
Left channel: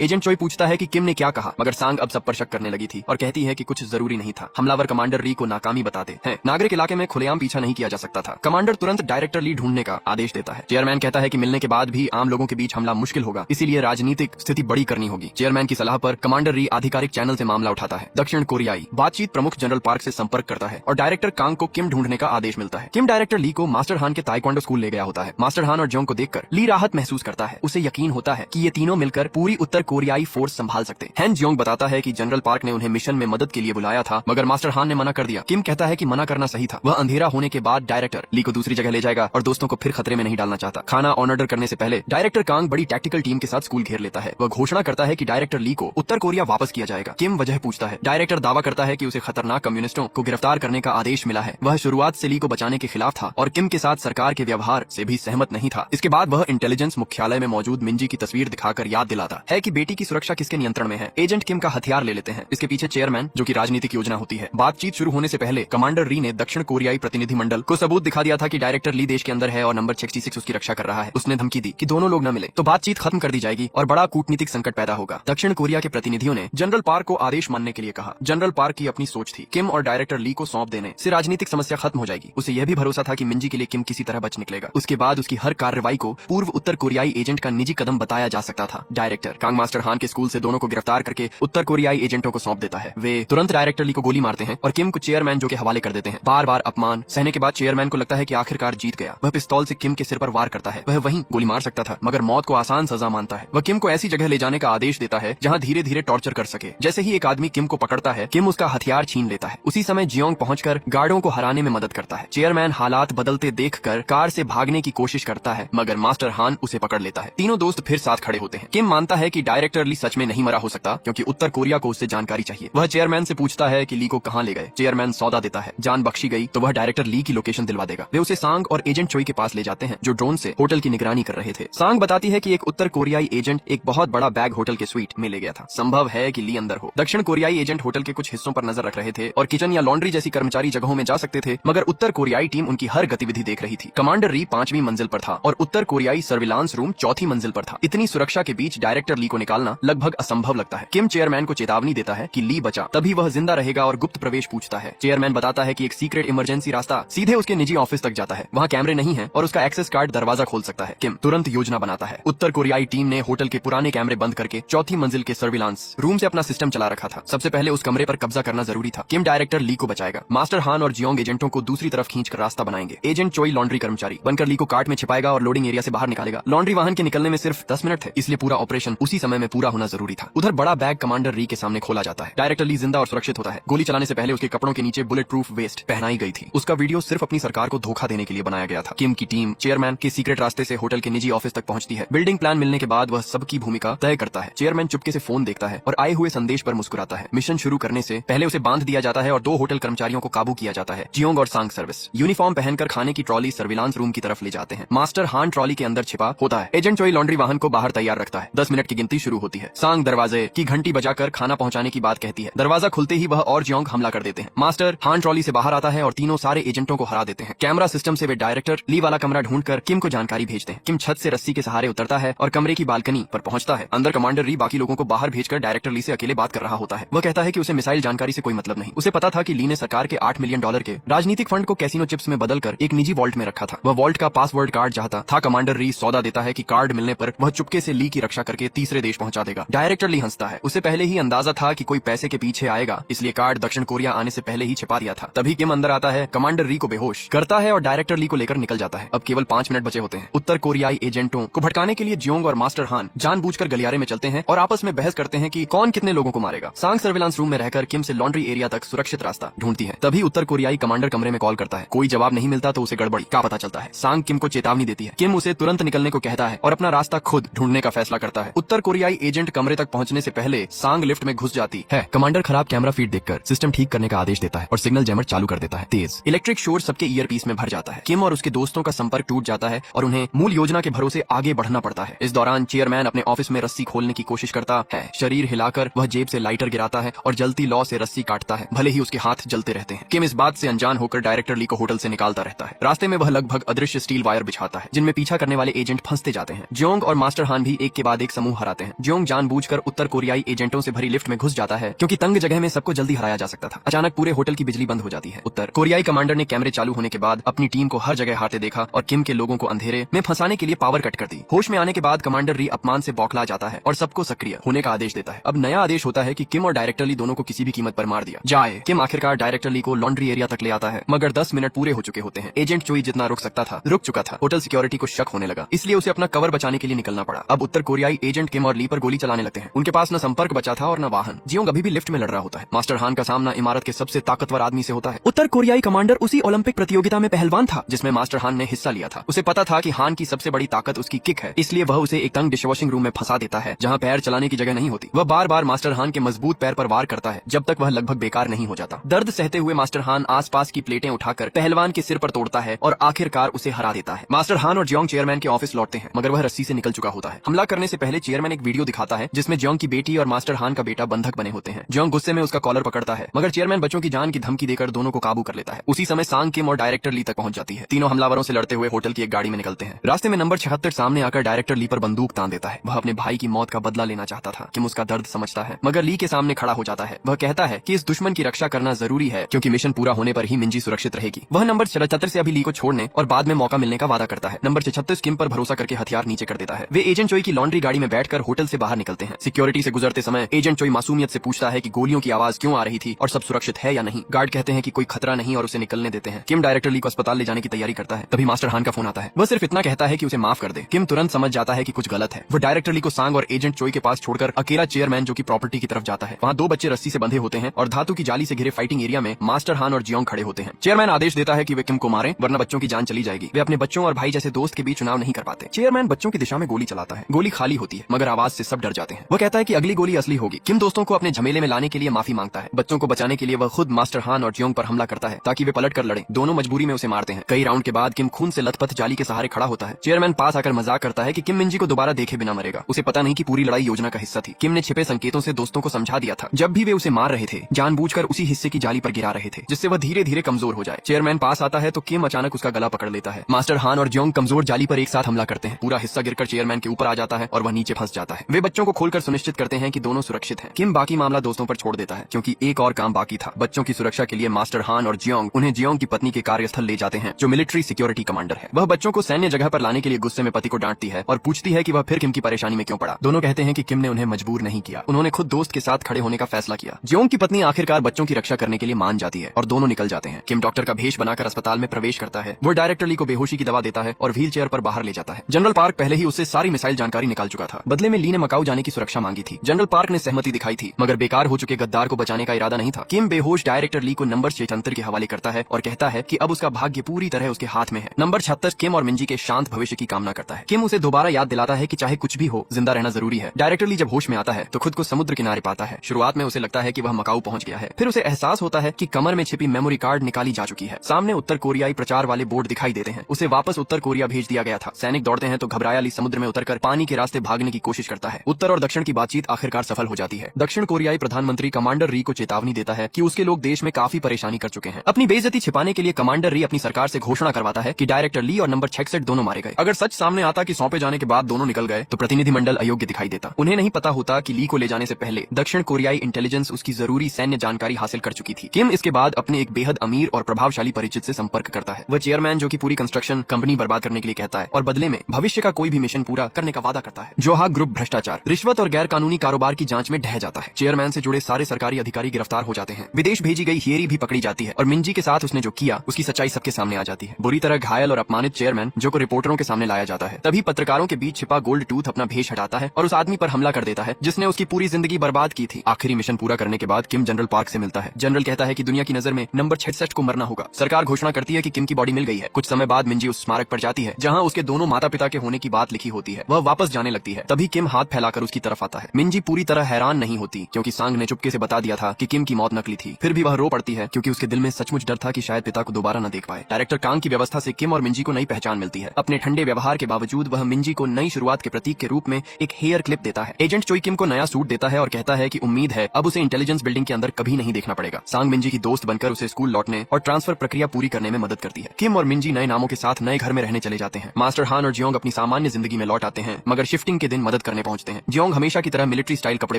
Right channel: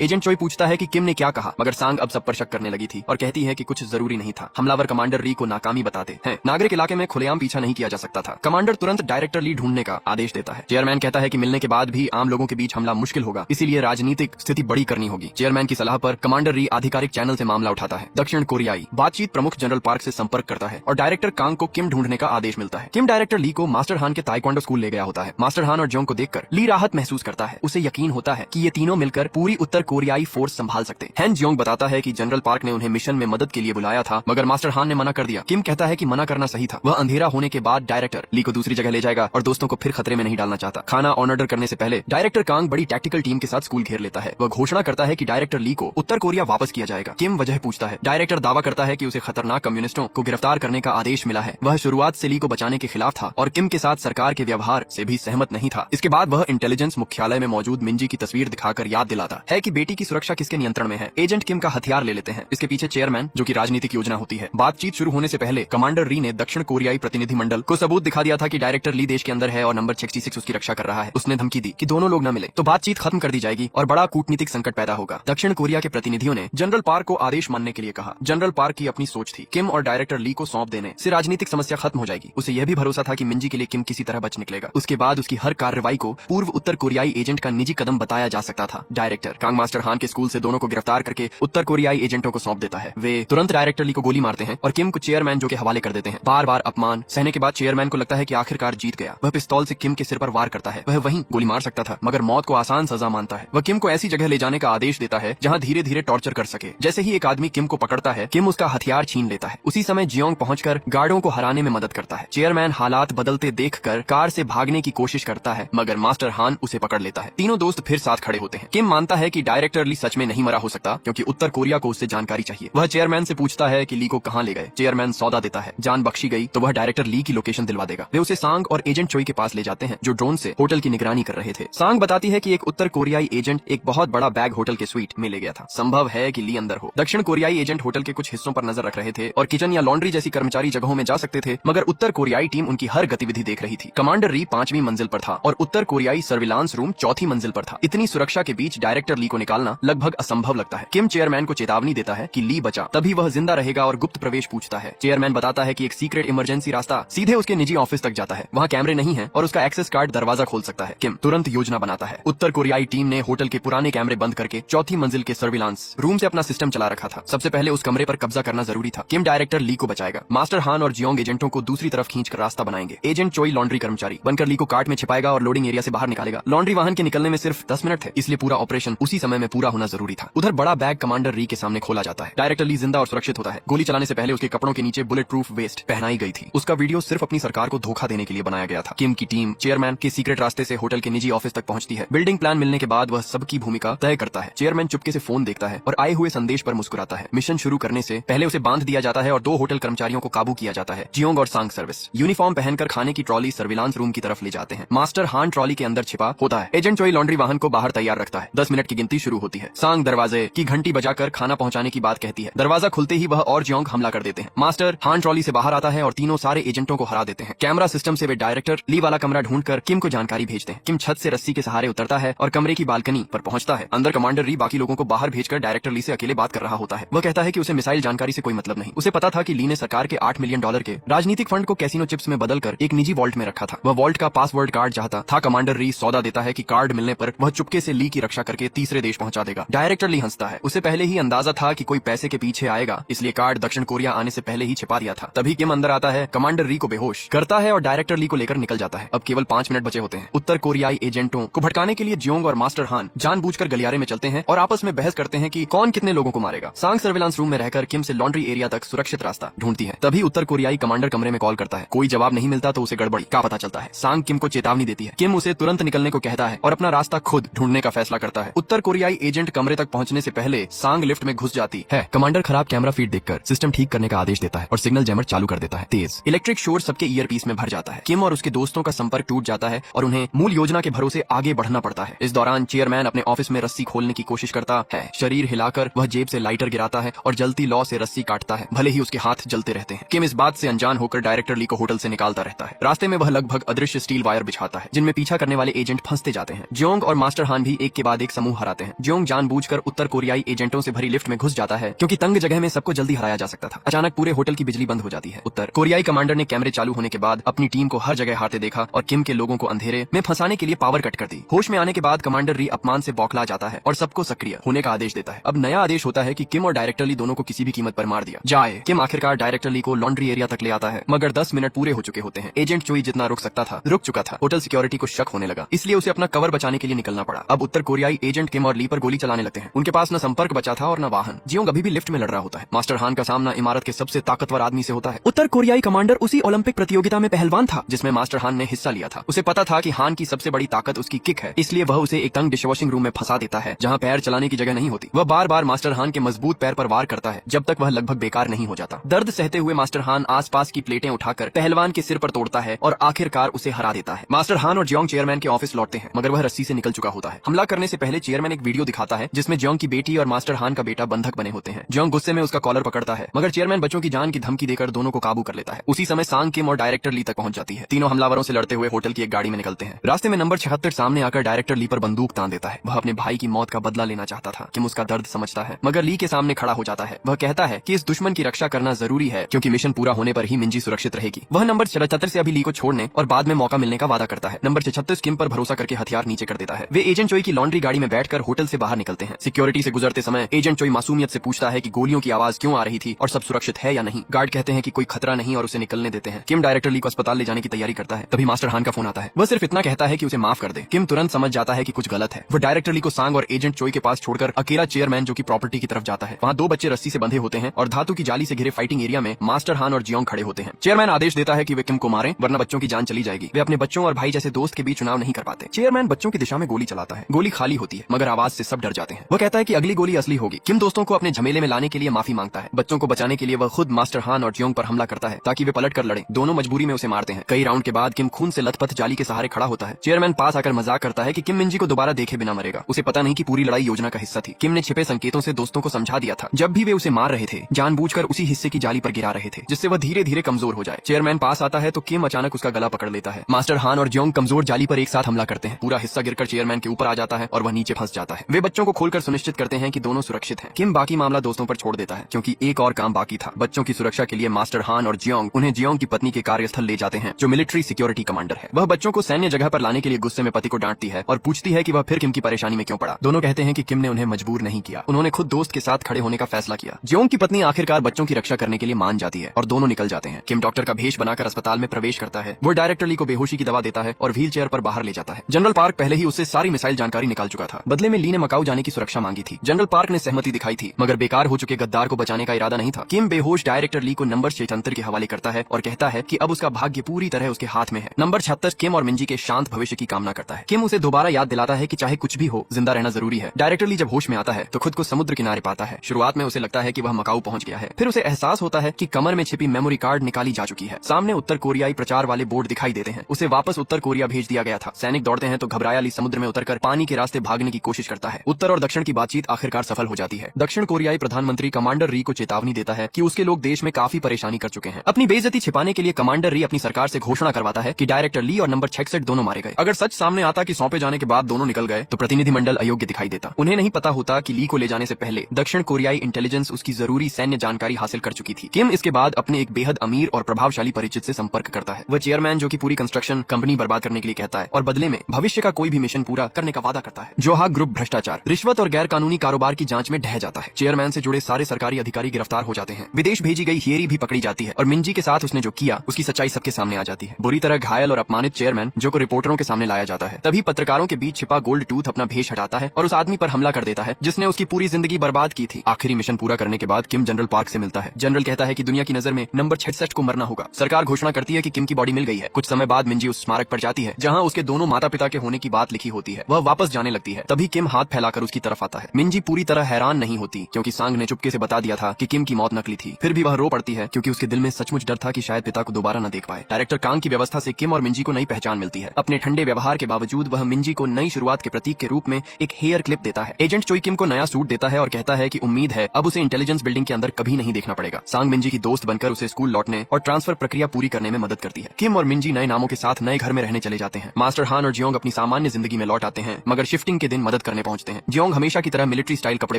एजेंट चोई पूछता है कि किम ने क्या कहा, मगर सांग अब सब पर शक करने लगी थी और कहती है कि कुछ जरूरी नहीं था। हमलावर कमांडर री को नाकामी बताते हैं। नागरिक इलाके में खुलेआम पीछा नहीं किया जा सकता था। कमांडर तुरंत डायरेक्टर ली ढूंढने का आदेश देता है। चेयरमैन कहता है कि मिलने के बाद भी आम लोगों के बीच हमला मुश्किल होगा, इसीलिए राजनीतिक स्थिति बड़ी करनी होगी। चेयरमैन की सलाह पर कमांडर री आधिकारिक चैनल से मामला उठाता है। दक्षिण कोरियाई बातचीत प्रमुख जनरल पार्क से संपर्क करता है और डायरेक्टर कांग को किम ढूंढने का आदेश मिलता है। किम डायरेक्टर ली को मास्टर हान के ताइक्वांडो स्कूल ले गया होता है। मास्टर हान और जोंग को देखकर ली राहत महसूस करता है। उसे यकीन होता है कि ये तीनों मिलकर पूरी उत्तर कोरियाई फोर्स संभाल सकते हैं। हैन जोंग बताता है कि जनरल पार्क ने उन्हें मिशन में मदद के लिए बुलाया था, मगर मास्टर हान ने मना कर दिया। किम कहता है कि मना करना सही था। वह अंधेरा होने के बाद डायरेक्टर ली को दूसरी जगह ले जाएगा और दोस्तों को फिर खतरे में नहीं डालना चाहता। खाना ऑर्डर करने से पहले डायरेक्टर कांग बड़ी टैक्टिकल टीम के साथ स्कूल घेर लेता है। वह घोषणा करता है कि डायरेक्टर ली को उत्तर कोरिया वापस किया जाएगा। किम वजह पूछता है। डायरेक्टर दावा करता है कि उसे खतरनाक कम्युनिस्टों को गिरफ्तार करने का आदेश मिला है। वह शुरुआत से ली को बचाने के खिलाफ था और किम के साथ सरकार के व्यवहार से भी सहमत नहीं था। इसके बाद वह इंटेलिजेंस मुख्यालय में मौजूद मिंजी की तस्वीर दिखाकर याद दिलाता है कि बेटी की सुरक्षा किसके नियंत्रण में है। एजेंट किम का हथियार ले लेते हैं। इसके पीछे चेयरमैन, जो की राजनीतिक योजना होती है। बातचीत शुरू होने से पहले कमांडर री ने दक्षिण कोरियाई प्रतिनिधिमंडल को सबूत दिखा दिया था कि डायरेक्टर ली देश के अंदर है और नंबर 66 उसकी रक्षा कर रहा है। उसने धमकी दी कि दोनों लोग न मिले तो बातचीत खत्म कर दी जाएगी और बड़ा कूटनीतिक संकट पैदा होगा। दक्षिण कोरिया के प्रतिनिधियों ने जनरल पार्क को आदेश मानने के लिए कहा। जनरल पार्क की अपनी सोच थी। किम और डायरेक्टर ली को सौंप देने से राजनीतिक समस्या खत्म हो जाएगी। उसे यह भी भरोसा था कि मिंजी के लिए किम किसी तरह बच निकलेगा। उसके बाद उसकी हर कार्रवाई को पूर्व उत्तर कोरियाई एजेंट का निजी कदम बताया जा सकता था। डायरेक्टर कांग मास्टर हान के स्कूल से दोनों को गिरफ्तार करके उत्तर कोरियाई एजेंटों को सौंप देता है। वे तुरंत डायरेक्टर ली को गोली मारते हैं और किम को चेयरमैन जो के हवाले कर देते हैं। बार बार अपमान सहने के बाद चेयरमैन को लगता है कि आखिरकार जीत गया। वह पिस्तौल से किम के सिर पर वार करता है। वह वहीं गोली मार सकता था, मगर मौत को आसान सजा मानता है। वह किम को ऐसी जगह ले जाने का आदेश देता है जहां धीरे धीरे टॉर्चर कर सके। जैसे ही एक आदमी किम को पकड़ता है, किम उसका हथियार छीन लेता है। उसी समय जियोंग पहुंचकर गार्डों को हराने में मदद करता है। चेयरमैन हालात बदलते देखकर कार से भागने की कोशिश करता है, मगर मास्टर हान उसे पकड़ लेता है। तीनों दोस्त फिर साथ खड़े होते हैं। किम मानता है कि डायरेक्टर ली सच में नहीं मरा हो सकता, क्योंकि उत्तर कोरिया को उससे जानकारी चाहिए। वह चेयरमैन से पूछता है कि ली को कहां ले गए। चेयरमैन सौदा देता है। जान बख्शी गई तो वह डायरेक्टर ली की लोकेशन दिलवा देगा। वे उसे सांग और एजेंट चोई के पास ले जाते हैं, जो ड्रोन से होटल की निगरानी कर रहे थे। सांग बताती है कि एक उत्तर कोरियाई एजेंट एक बहुत बड़ा बैग होटल के स्वीट में ले गया था। संभव है कि ली अंदर हो। दक्षिण कोरियाई एजेंट होटल के कुछ हिस्सों पर नजर रख रहे थे और किचन या लॉन्ड्री जैसी कर्मचारी जगहों में जा सकते थे, मगर उत्तर कोरियाई टीम उनकी हर गतिविधि देख रही थी। कमांडर री 5वीं मंजिल पर था और उत्तर कोरियाई सर्विलांस रूम 4थी मंजिल पर था। इतनी सुरक्षा के बीच डायरेक्टर ली को निकालना लगभग असंभव लगता है। किम चेयरमैन को चेतावनी देता है कि ली बचा, तभी वह जिंदा रहेगा और गुप्त प्रवेश पूछता है। चेयरमैन बताता है कि एक सीक्रेट इमरजेंसी रास्ता सीधे उसके निजी ऑफिस तक जाता है। वहाँ कैमरे नहीं है और उसका एक्सेस कार्ड दरवाजा खोल सकता है। किम तुरंत योजना बनाता है। उत्तर कोरियाई टीम ने होटल के पुराने कैमरे बंद करके 4थी मंजिल के सर्विलांस रूम से अपना सिस्टम चला रखा था। सबसे पहले उस कमरे पर कब्जा करना जरूरी था। किम डायरेक्टर ली को बचाएगा। मास्टर हान और जियोंग एजेंटों को दूसरी तरफ खींचकर रास्ता बनाएंगे। एजेंट चोई लॉन्ड्री कर्मचारी बनकर ली को कार्ट में छिपाएगा और लोडिंग एरिया से बाहर निकालेगा। लॉन्ड्री वाहन के निकलने में सिर्फ 10 मिनट है, इसलिए पूरा ऑपरेशन उसी समय में पूरा होना जरूरी था। उधर बड़ा बैग कमांडर री के सामने खोला जाता है। डायरेक्टर ली जिंदा और सुरक्षित होता है। गोली चलाने से पहले उसके कपड़ों के नीचे बुलेट प्रूफ वेस्ट पहनाई गई थी। उसका वीडियो सिर्फ अपनी सरकार को धोखा देने के लिए बनाया गया था। किम की टीम चेयरमैन के सीक्रेट रास्ते से होटल के निजी ऑफिस तक पहुंचती है। बिल्डिंग प्लान मिलने के बाद वह सबकी भूमिका तय करता है। चेयरमैन चुपके से फोन देखता है और आए हुए संदेश पर मुस्कुराता है। मिशन शुरू करने से पहले उसे बांध दिया जाता है और 2 होटल कर्मचारियों को काबू किया जाता है। जियोंग और सांग सर्विस यूनिफॉर्म पहनकर खाने की ट्रॉली सर्विलांस रूम की तरफ ले जाते हैं। मास्टर हान ट्रॉली के अंदर छिपा होता है। एजेंट चोई लॉन्ड्री वाहन को बाहर तैयार रखता है। 10 मिनट की गिनती शुरू होती है। सांग दरवाजे की घंटी बजाकर खाना पहुंचाने की बात कहती है। दरवाजा खुलते ही वह और जियोंग हमला कर देते हैं। मास्टर हान ट्रॉली से बाहर आता है और तीनों सारे एजेंटों को हरा देते हैं। कैमरा सिस्टम से वे डायरेक्टर ली वाला कमरा ढूंढकर किम को जानकारी भेजते हैं। किम छत से रस्सी के सहारे उतरता है और कमरे की बालकनी पर पहुंचता है। अंदर कमांडर री बाकी लोगों को बाहर भेजकर डायरेक्टर ली से अकेले बात कर रहा होता है। वह कहता है कि उसे मिसाइल जानकारी से कोई मतलब नहीं। उसे पता था कि ली ने सरकार के $8 मिलियन के राजनीतिक फंड को कैसीनो चिप्स में बदलकर एक निजी वॉल्ट में रखा था। वह वॉल्ट का पासवर्ड कार्ड चाहता था। कमांडर री सौदा देता है कि कार्ड मिलने पर वह चुपके से ली की रक्षा करके तीसरे देश पहुंचा देगा। डायरेक्टर ली हंसता है। उसे पहले ही अंदाजा था कि कोई पैसे के पीछे आएगा, इसलिए कार्ड दक्षिण कोरिया आने से पहले ही छिपा दिया था। तभी किम अंदर आता है, कमांडर री को बेहोश करता है और डायरेक्टर ली को लेकर निकल जाता है। अब केवल 5 मिनट बचे होते हैं। उत्तर कोरियाई एजेंटों को भटकाने के लिए जियोंग और मास्टर हान जानबूझकर गलियारे में चलते हैं और आपस में बहस करते हैं कि कौन कितने लोगों को मारेगा। सांग सर्विलांस रूम में रहकर किम से लॉन्ड्री एरिया तक सुरक्षित रास्ता ढूंढती है। तभी उत्तर कोरियाई कमांडर कमरे में कॉल करता है। कोई जवाब नहीं मिलता तो उसे गड़बड़ी का पता चलता है। सांग किम को चेतावनी देती है। किम उसे तुरंत निकलने को कहता है और और अपना रास्ता खुद ढूंढने का फैसला करता है। उत्तर कोरियाई एजेंट कमरे तक पहुंचने से पहले सांग लिफ्ट में घुस जाती है। कमांडर खराब कैमरा फीड देखकर सिस्टम ठीक करने का आदेश देता है और सिग्नल जैमर चालू कर देता है। तेज इलेक्ट्रिक शोर सबके ईयरपीस में भर जाता है। किम और उसके दोस्तों का संपर्क टूट जाता है और उन्हें मूल योजना के भरोसे आगे बढ़ना पड़ता है। इस दौरान चेयरमैन अपने ऑफिस में रस्सी खोलने की कोशिश करता है। शरीर हिलाकर वह जेब से लाइटर गिराता है और जलती लौ से रस्सी काटता है, भले ही उसके हाथ चलते रहते हैं। किम इस बात से अनजान होकर डायरेक्टर ली को होटल से निकालता रहता है। रास्ते में वह लगभग अदृश्य स्टील वायर बिछाता है जिनमें पीछा करने वाले एजेंट फंसते जाते हैं। जोंग और मास्टर हान भी एक के बाद एक समूह हराते हैं। जोंग जानबूझकर उत्तर कोरियाई एजेंटों से भरी लिफ्ट में घुस जाता है क्योंकि तंग जगह में सबको जल्दी हराया जा सकता था। अचानक पूरे होटल की बिजली बंद हो जाती है। उत्तर कोरियाई कमांडर ने कैमरे चालू होने के बाद अपनी टीम को हर जगह हारते देखा और किम के लोगों को अंधेरे में फंसाने के लिए पावर कट कर दी। होश में आने के बाद कमांडर री अपमान से बौखला जाता है और सबको सक्रिय होने का आदेश देता है। अब नया आदेश होता है कि किम और डायरेक्टर ली दोनों को किसी भी कीमत पर मार दिया जाए। किम आखिरकार डायरेक्टर ली को लॉन्ड्री एरिया तक ले आता है, मगर 10 मिनट पूरे हो चुके होते हैं। एजेंट चोई जितना रुक सकता था रुक चुका था। होटल सिक्योरिटी को शक होने लगा, इसलिए उसे अपना कवर बचाने के लिए निकलना पड़ा। अब उत्तर कोरियाई एजेंट किम और ली पर गोली चलाने लगते हैं। उनके पास न संपर्क बचा था और न वाहन। जियोंग अभी भी लिफ्ट में लड़ रहा होता है। मास्टर हान का सामना इमारत के सबसे ताकतवर आदमी से होता है। उत्तर कोरियाई कमांडर उसी ओलंपिक प्रतियोगिता में पहलवान था जिसमें मास्टर हान ने हिस्सा लिया था। उसे पता था कि हान की सबसे बड़ी ताकत उसकी किक है, इसलिए वह उसे एक तंग डिशवॉशिंग रूम में फंसा देता है जहाँ पैर चलाने की जगह नहीं होती। वह बार बार मास्टर हान के मजबूत पैर पर वार करता है जब तक वह लगभग बेकार नहीं हो जाता। दर्द सहते हुए मास्टर हान आसपास की प्लेटें उठाकर पहलवान के सिर पर तोड़ता है और आखिरकार उसे हरा देता है। मास्टर हान और जियोंग चेयरमैन के ऑफिस लौटते हैं, मगर वह रस्सी से निकल चुका होता है। हमला करने से पहले चेयरमैन एक वीडियो दिखाता है जिसमें जियोंग की बेटी और मास्टर हान का बेटा बंधक बने होते हैं। जियोंग गुस्से में उसका कॉलर पकड़ता है, मगर चेयरमैन बच्चों की जान की धमकी देकर दोनों को काबू कर लेता है। उसी समय सांग, किम और डायरेक्टर ली तक पहुंच जाती है। तीनों हमलावरों से लड़ते हुए होटल की एक गाड़ी में निकलते हैं। रास्ते में नंबर 76 सामने आकर डायरेक्टर ली पर बंदूक तान देता है। वह अपने भाई की मौत का बदला लेना चाहता था। किम उसका दर्द समझता है, मगर ली के सामने खड़ा हो जाता है। वह कहता है कि इस दुश्मन की रक्षा करना जरूरी है क्योंकि मिशन पूरा होने पर ही मिंजी सुरक्षित रहेगी। वह नंबर 77 से अभी ली को छोड़ने और बाद में मौका मिलने का वादा करता है। नंबर 76 किम पर भरोसा करके हथियार नीचे कर देता है। वे एजेंट चोई की लॉन्ड्री गाड़ी में बैठकर होटल से बाहर निकलते हैं। सिक्योरिटी से गुजरते समय एजेंट चोई मासूमियत से पूछता है कि गोलियों की आवाज क्यों आ रही थी और सब सुरक्षित है या नहीं। गार्ड कहते हैं कि कोई खतरा नहीं और उसे निकलने देते हैं। किम डायरेक्टर ली को अस्पताल ले जाने की तैयारी करता है। तभी मास्टर हान का फोन आता है। वह सिर्फ इतना कहता है कि उसे माफ कर दे। किम तुरंत समझ जाता है कि कुछ गलत है। वह डायरेक्टर ली को सांग और एजेंट चोई के पास छोड़कर अकेला चेयरमैन जो की प्रॉपर्टी की तरफ जाता है। वहाँ 2 बच्चे रस्सी से बंधे होते हैं और धातु की जाली से घिरे फाइटिंग एरिया में मास्टर हान और जियोंग खड़े होते हैं। चेयरमैन आदेश देता है कि वे किम को मारें वरना बच्चों की जान चली जाएगी। वे अपने बच्चों और भाई जैसे दोस्त के बीच चुनाव नहीं कर पाते। चेयरमैन बच्चों की दिशा में गोली चलाता है। गोली खाली होती है मगर आवाज से सब डर जाते हैं। वह कहता है कि अगली गोली असली होगी। किम दोस्तों को अपने झमेले में लाने के लिए माफी मांगता है। बच्चों को बचाने के लिए वह खुद मास्टर हान और जियोंग पर हमला करता है ताकि वे पलट कर लड़े। दोनों मजबूरी में उसे मारते हैं। कई राउंड के बाद किम खून से लथपथ जाली के सहारे खड़ा होता है। चेयरमैन पास आकर मजाक करता है कि किम मिंजी को दोबारा देखे बिना मरेगा। उसे पता नहीं कि पूरी लड़ाई योजना का हिस्सा थी। किम ने छिपे संकेतों से दोस्तों को समझा दिया था। जब भी वे उसे मार रहे थे जानबूझकर उसी हिस्से की जाली पर गिरा रहे थे जिससे वह धीरे धीरे कमजोर हो जाए। चेयरमैन पास आता है तो किम अचानक उसका गला पकड़ लेता है। मास्टर हान और जियोंग कमजोर जाली पर एक साथ हमला करते हैं। पूरा हिस्सा गिरकर चेयरमैन के ऊपर आ जाता है और वह नीचे फंस जाता है। वे बच्चों को खोलकर सुनिश्चित करते हैं कि दोनों सुरक्षित हैं। किम बाकी मामला दोस्तों पर छोड़ देता है क्योंकि एक और काम बाकी था। बच्चों की सुरक्षा के लिए मास्टर हान और जियोंग उन्हें जियोंग की पत्नी के कार्यस्थल ले जाते हैं जो मिलिट्री सिक्योरिटी कमांडर है। वह बच्चों को सैन्य जगह पर लाने के लिए गुस्से में पति को डांटती है और पूछती है कि वह फिर किम की परेशानी में क्यों पड़ा। दोनों कहते हैं कि किम ने उन्हें मजबूर नहीं किया, उन्होंने खुद दोस्त के साथ खड़े होने का फैसला किया। जियोंग की पत्नी आखिरकार बच्चों की रक्षा करने के लिए मान जाती है और दोनों निकल जाते हैं। किम डॉक्टर का भेष बनाकर अस्पताल में प्रवेश करता है। वो डायरेक्टर ली को बेहोशी की दवा देता है और व्हील चेयर पर बाहर ले जाता है। जनरल पार्क पहले ही उससे सारी मिसाइल जानकारी निकाल चुका था। बदले में ली ने मकाऊ जाने की सुरक्षा मांगी थी। जनरल पार्क ने सहमति दिखाई थी मगर बेकार हो चुके गद्दार को बचाने का इरादा नहीं था। किम बेहोश डायरेक्टर ली को नंबर 76 के हवाले करता है और कहता है कि अब उसका भाग्य पूरी तरह उसके हाथ में है। नंबर 76 किम और मिंजी के शांत भविष्य की कामना करता है। किम उसे दोबारा याद दिलाता है कि चाहे कुछ भी हो जिंदा रहना जरूरी है। डायरेक्टर ली जब होश में आता है तो खुद को समुद्र किनारे पाता है। शुरुआत में उसे लगता है कि वह मकाऊ पहुंच गया है, फिर उसे एहसास होता है कि कमर में छिपी मेमोरी कार्ड निकाली जा चुकी है। सामने उत्तर कोरियाई प्रचार वाले बोर्ड दिखाई देते हैं। उसे वापस उत्तर कोरिया भेज दिया गया था। सैनिक दौड़ते हैं तो घबराया ली समुद्र में उतरकर पानी के रास्ते भागने की कोशिश करता है। उत्तर और दक्षिण की बातचीत आखिरकार सफल हो जाती है। दक्षिण कोरियाई प्रधानमंत्री कमांडर री को चेतावनी देता है कि उसके लोग देश में काफी परेशानी कर चुके हैं। अपनी बेइज्जती छिपाने के लिए कमांडर री अपनी सरकार से घोषणा करवाता है कि डायरेक्टर ली और नंबर 66 दोनों मारे गए। अगर सच सामने आता कि सौंपे जाने के बाद दोनों निकल गए तो प्रतिनिधिमंडल अयोग्य दिखाई देता। उन्हें नहीं पता होता कि ली को ले जाने से पहले दक्षिण कोरियाई इंटेलिजेंस उसकी जरूरी सैन्य जानकारी हासिल कर चुकी थी। किम इसके बाद अपने एक बेहद अमीर और प्रभावशाली परिचित से संपर्क करता है। वह चेयरमैन जो कि पूरी कंस्ट्रक्शन कंपनी बर्बाद करने के लिए कहता है और बदले में भविष्य का कोई भी मिशन पूरा करने का वादा करता है। जोहा ग्रुप भ्रष्टाचार, रिश्वत और गैर कानूनी कारोबार की जांच में ढह जाता है। चेयरमैन से जुड़े सारे सरकारी अधिकारी गिरफ्तार हो जाते हैं। विदेश भेजी गई हियरी भी पकड़ी जाती है और मिंजी के साथ उसने जो किया उसकी सच्चाई सबके सामने आ जाती है। बुरी तरह घायल और अपमानित चेयरमैन जो को रिपोर्टरों के सामने लाया जाता है। तभी पत्रकारों के बीच छिपा गोल्ड टूथ अपना भेष हटाता है और उस आदमी पर हमला कर देता है जिसने उसकी पूरी जिंदगी बर्बाद की थी। आखिरी मिशन पूरा करने के बाद किम जनरल पार्क से मिलता है। जनरल कहता है कि दुनिया की नजर में नंबर 66 को मरना होगा। सरकार घोषणा करती है कि किम की बॉडी मिल गई है। कुछ समय बाद मिंजी उस स्मारक पर जाती है जहाँ उसके दोनों माता पिता के होने की की बात लिखी होती है। वह वापस जाने लगती है, तभी किम हाथ फैलाकर उसकी तरफ आता है। मिंजी पूरी तरह हैरान नहीं होती क्योंकि सांग ने चुपके से बता दिया था कि किम की मौत नकली थी। फिर भी वह रो पड़ती है क्योंकि उसके दिल में सचमुच डर था कि शायद पिता को दोबारा न देख पाए। डायरेक्टर कांग की व्यवस्था से किम और मिंजी को नई पहचान मिलती है। अपने ठंडे व्यवहार के बावजूद वह मिंजी को नई शुरुआत के प्रतीक के रूप में एक हेयर क्लिप देता है। एजेंट चोई किम को नया सूट देता है और कहता है कि उम्मीद है अब उसे इंटेलिजेंस बिल्डिंग के अंदर कभी नहीं देखना पड़ेगा। सांग मिंजी की दोस्त बनकर उसे स्कूल लौटने और ट्रांसफर प्रक्रिया पूरी करने में मदद करती है। किम और मिंजी नए नामों के साथ नए घर में रहने चले जाते हैं। मास्टर हान और जियोंग अपनी सामान्य जिंदगी में लौट आते हैं, मगर शिफ्टिंग के दिन मदद करने पहुंचते हैं। जियोंग हमेशा की तरह मिलिट्री स्टाइल कपड़े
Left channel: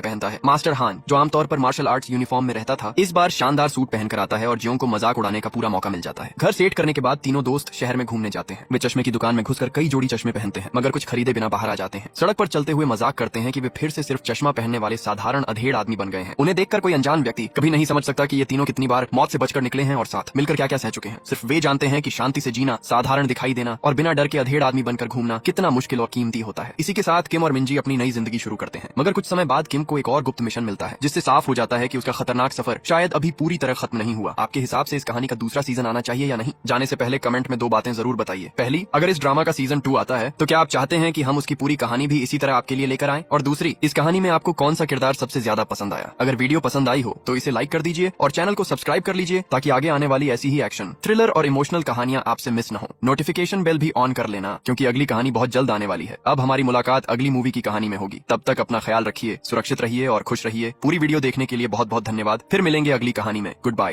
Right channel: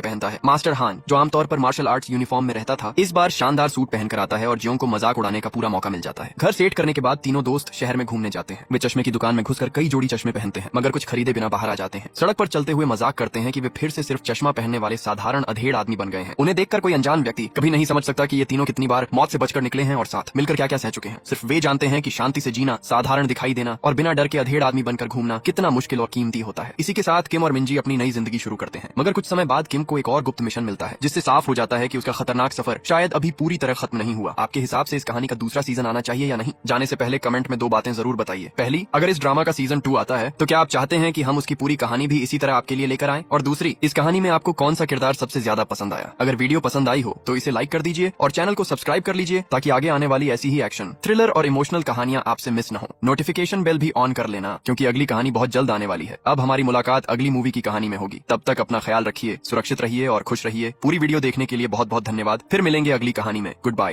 पहनता है। मास्टर हान, जो आमतौर पर मार्शल आर्ट्स यूनिफॉर्म में रहता था, इस बार शानदार सूट पहनकर आता है और जियोंग को मजाक उड़ाने का पूरा मौका मिल जाता है। घर सेट करने के बाद तीनों दोस्त शहर में घूमने जाते हैं। वे चश्मे की दुकान में घुसकर कई जोड़ी चश्मे पहनते हैं, मगर कुछ खरीदे बिना बाहर आ जाते हैं। सड़क पर चलते हुए मजाक करते हैं कि वे फिर से सिर्फ चश्मा पहनने वाले साधारण अधेड़ आदमी बन गए हैं। उन्हें देखकर कोई अनजान व्यक्ति कभी नहीं समझ सकता कि ये तीनों कितनी बार मौत से बचकर निकले हैं और साथ मिलकर क्या क्या सह चुके हैं। सिर्फ वे जानते हैं कि शांति से जीना, साधारण दिखाई देना और बिना डर के अधेड़ आदमी बनकर घूमना कितना मुश्किल और कीमती होता है। इसी के साथ किम और मिंजी अपनी नई जिंदगी शुरू करते हैं, मगर कुछ समय बाद किम को एक और गुप्त मिशन मिलता है, जिससे साफ हो जाता है कि उसका खतरनाक सफर शायद अभी पूरी तरह खत्म नहीं हुआ। आपके हिसाब से इस कहानी का दूसरा सीजन आना चाहिए या नहीं? जाने से पहले कमेंट में 2 बातें जरूर बताइए। पहली, अगर इस ड्रामा का सीजन 2 आता है तो क्या आप चाहते हैं कि हम उसकी पूरी कहानी भी इसी तरह आपके लिए लेकर आएं? और दूसरी, इस कहानी में आपको कौन सा किरदार सबसे ज्यादा पसंद आया? अगर वीडियो पसंद आई हो तो इसे लाइक कर दीजिए और चैनल को सब्सक्राइब कर लीजिए ताकि आगे आने वाली ऐसी ही एक्शन, थ्रिलर और इमोशनल कहानियां आपसे मिस न हो। नोटिफिकेशन बेल भी ऑन कर लेना क्योंकि अगली कहानी बहुत जल्द आने वाली है। अब हमारी मुलाकात अगली मूवी की कहानी में होगी। तब तक अपना ख्याल रखिए, सुरक्षित रहिए और खुश रहिए। पूरी वीडियो देखने के लिए बहुत बहुत धन्यवाद। फिर मिलेंगे अगली कहानी में। Good bye.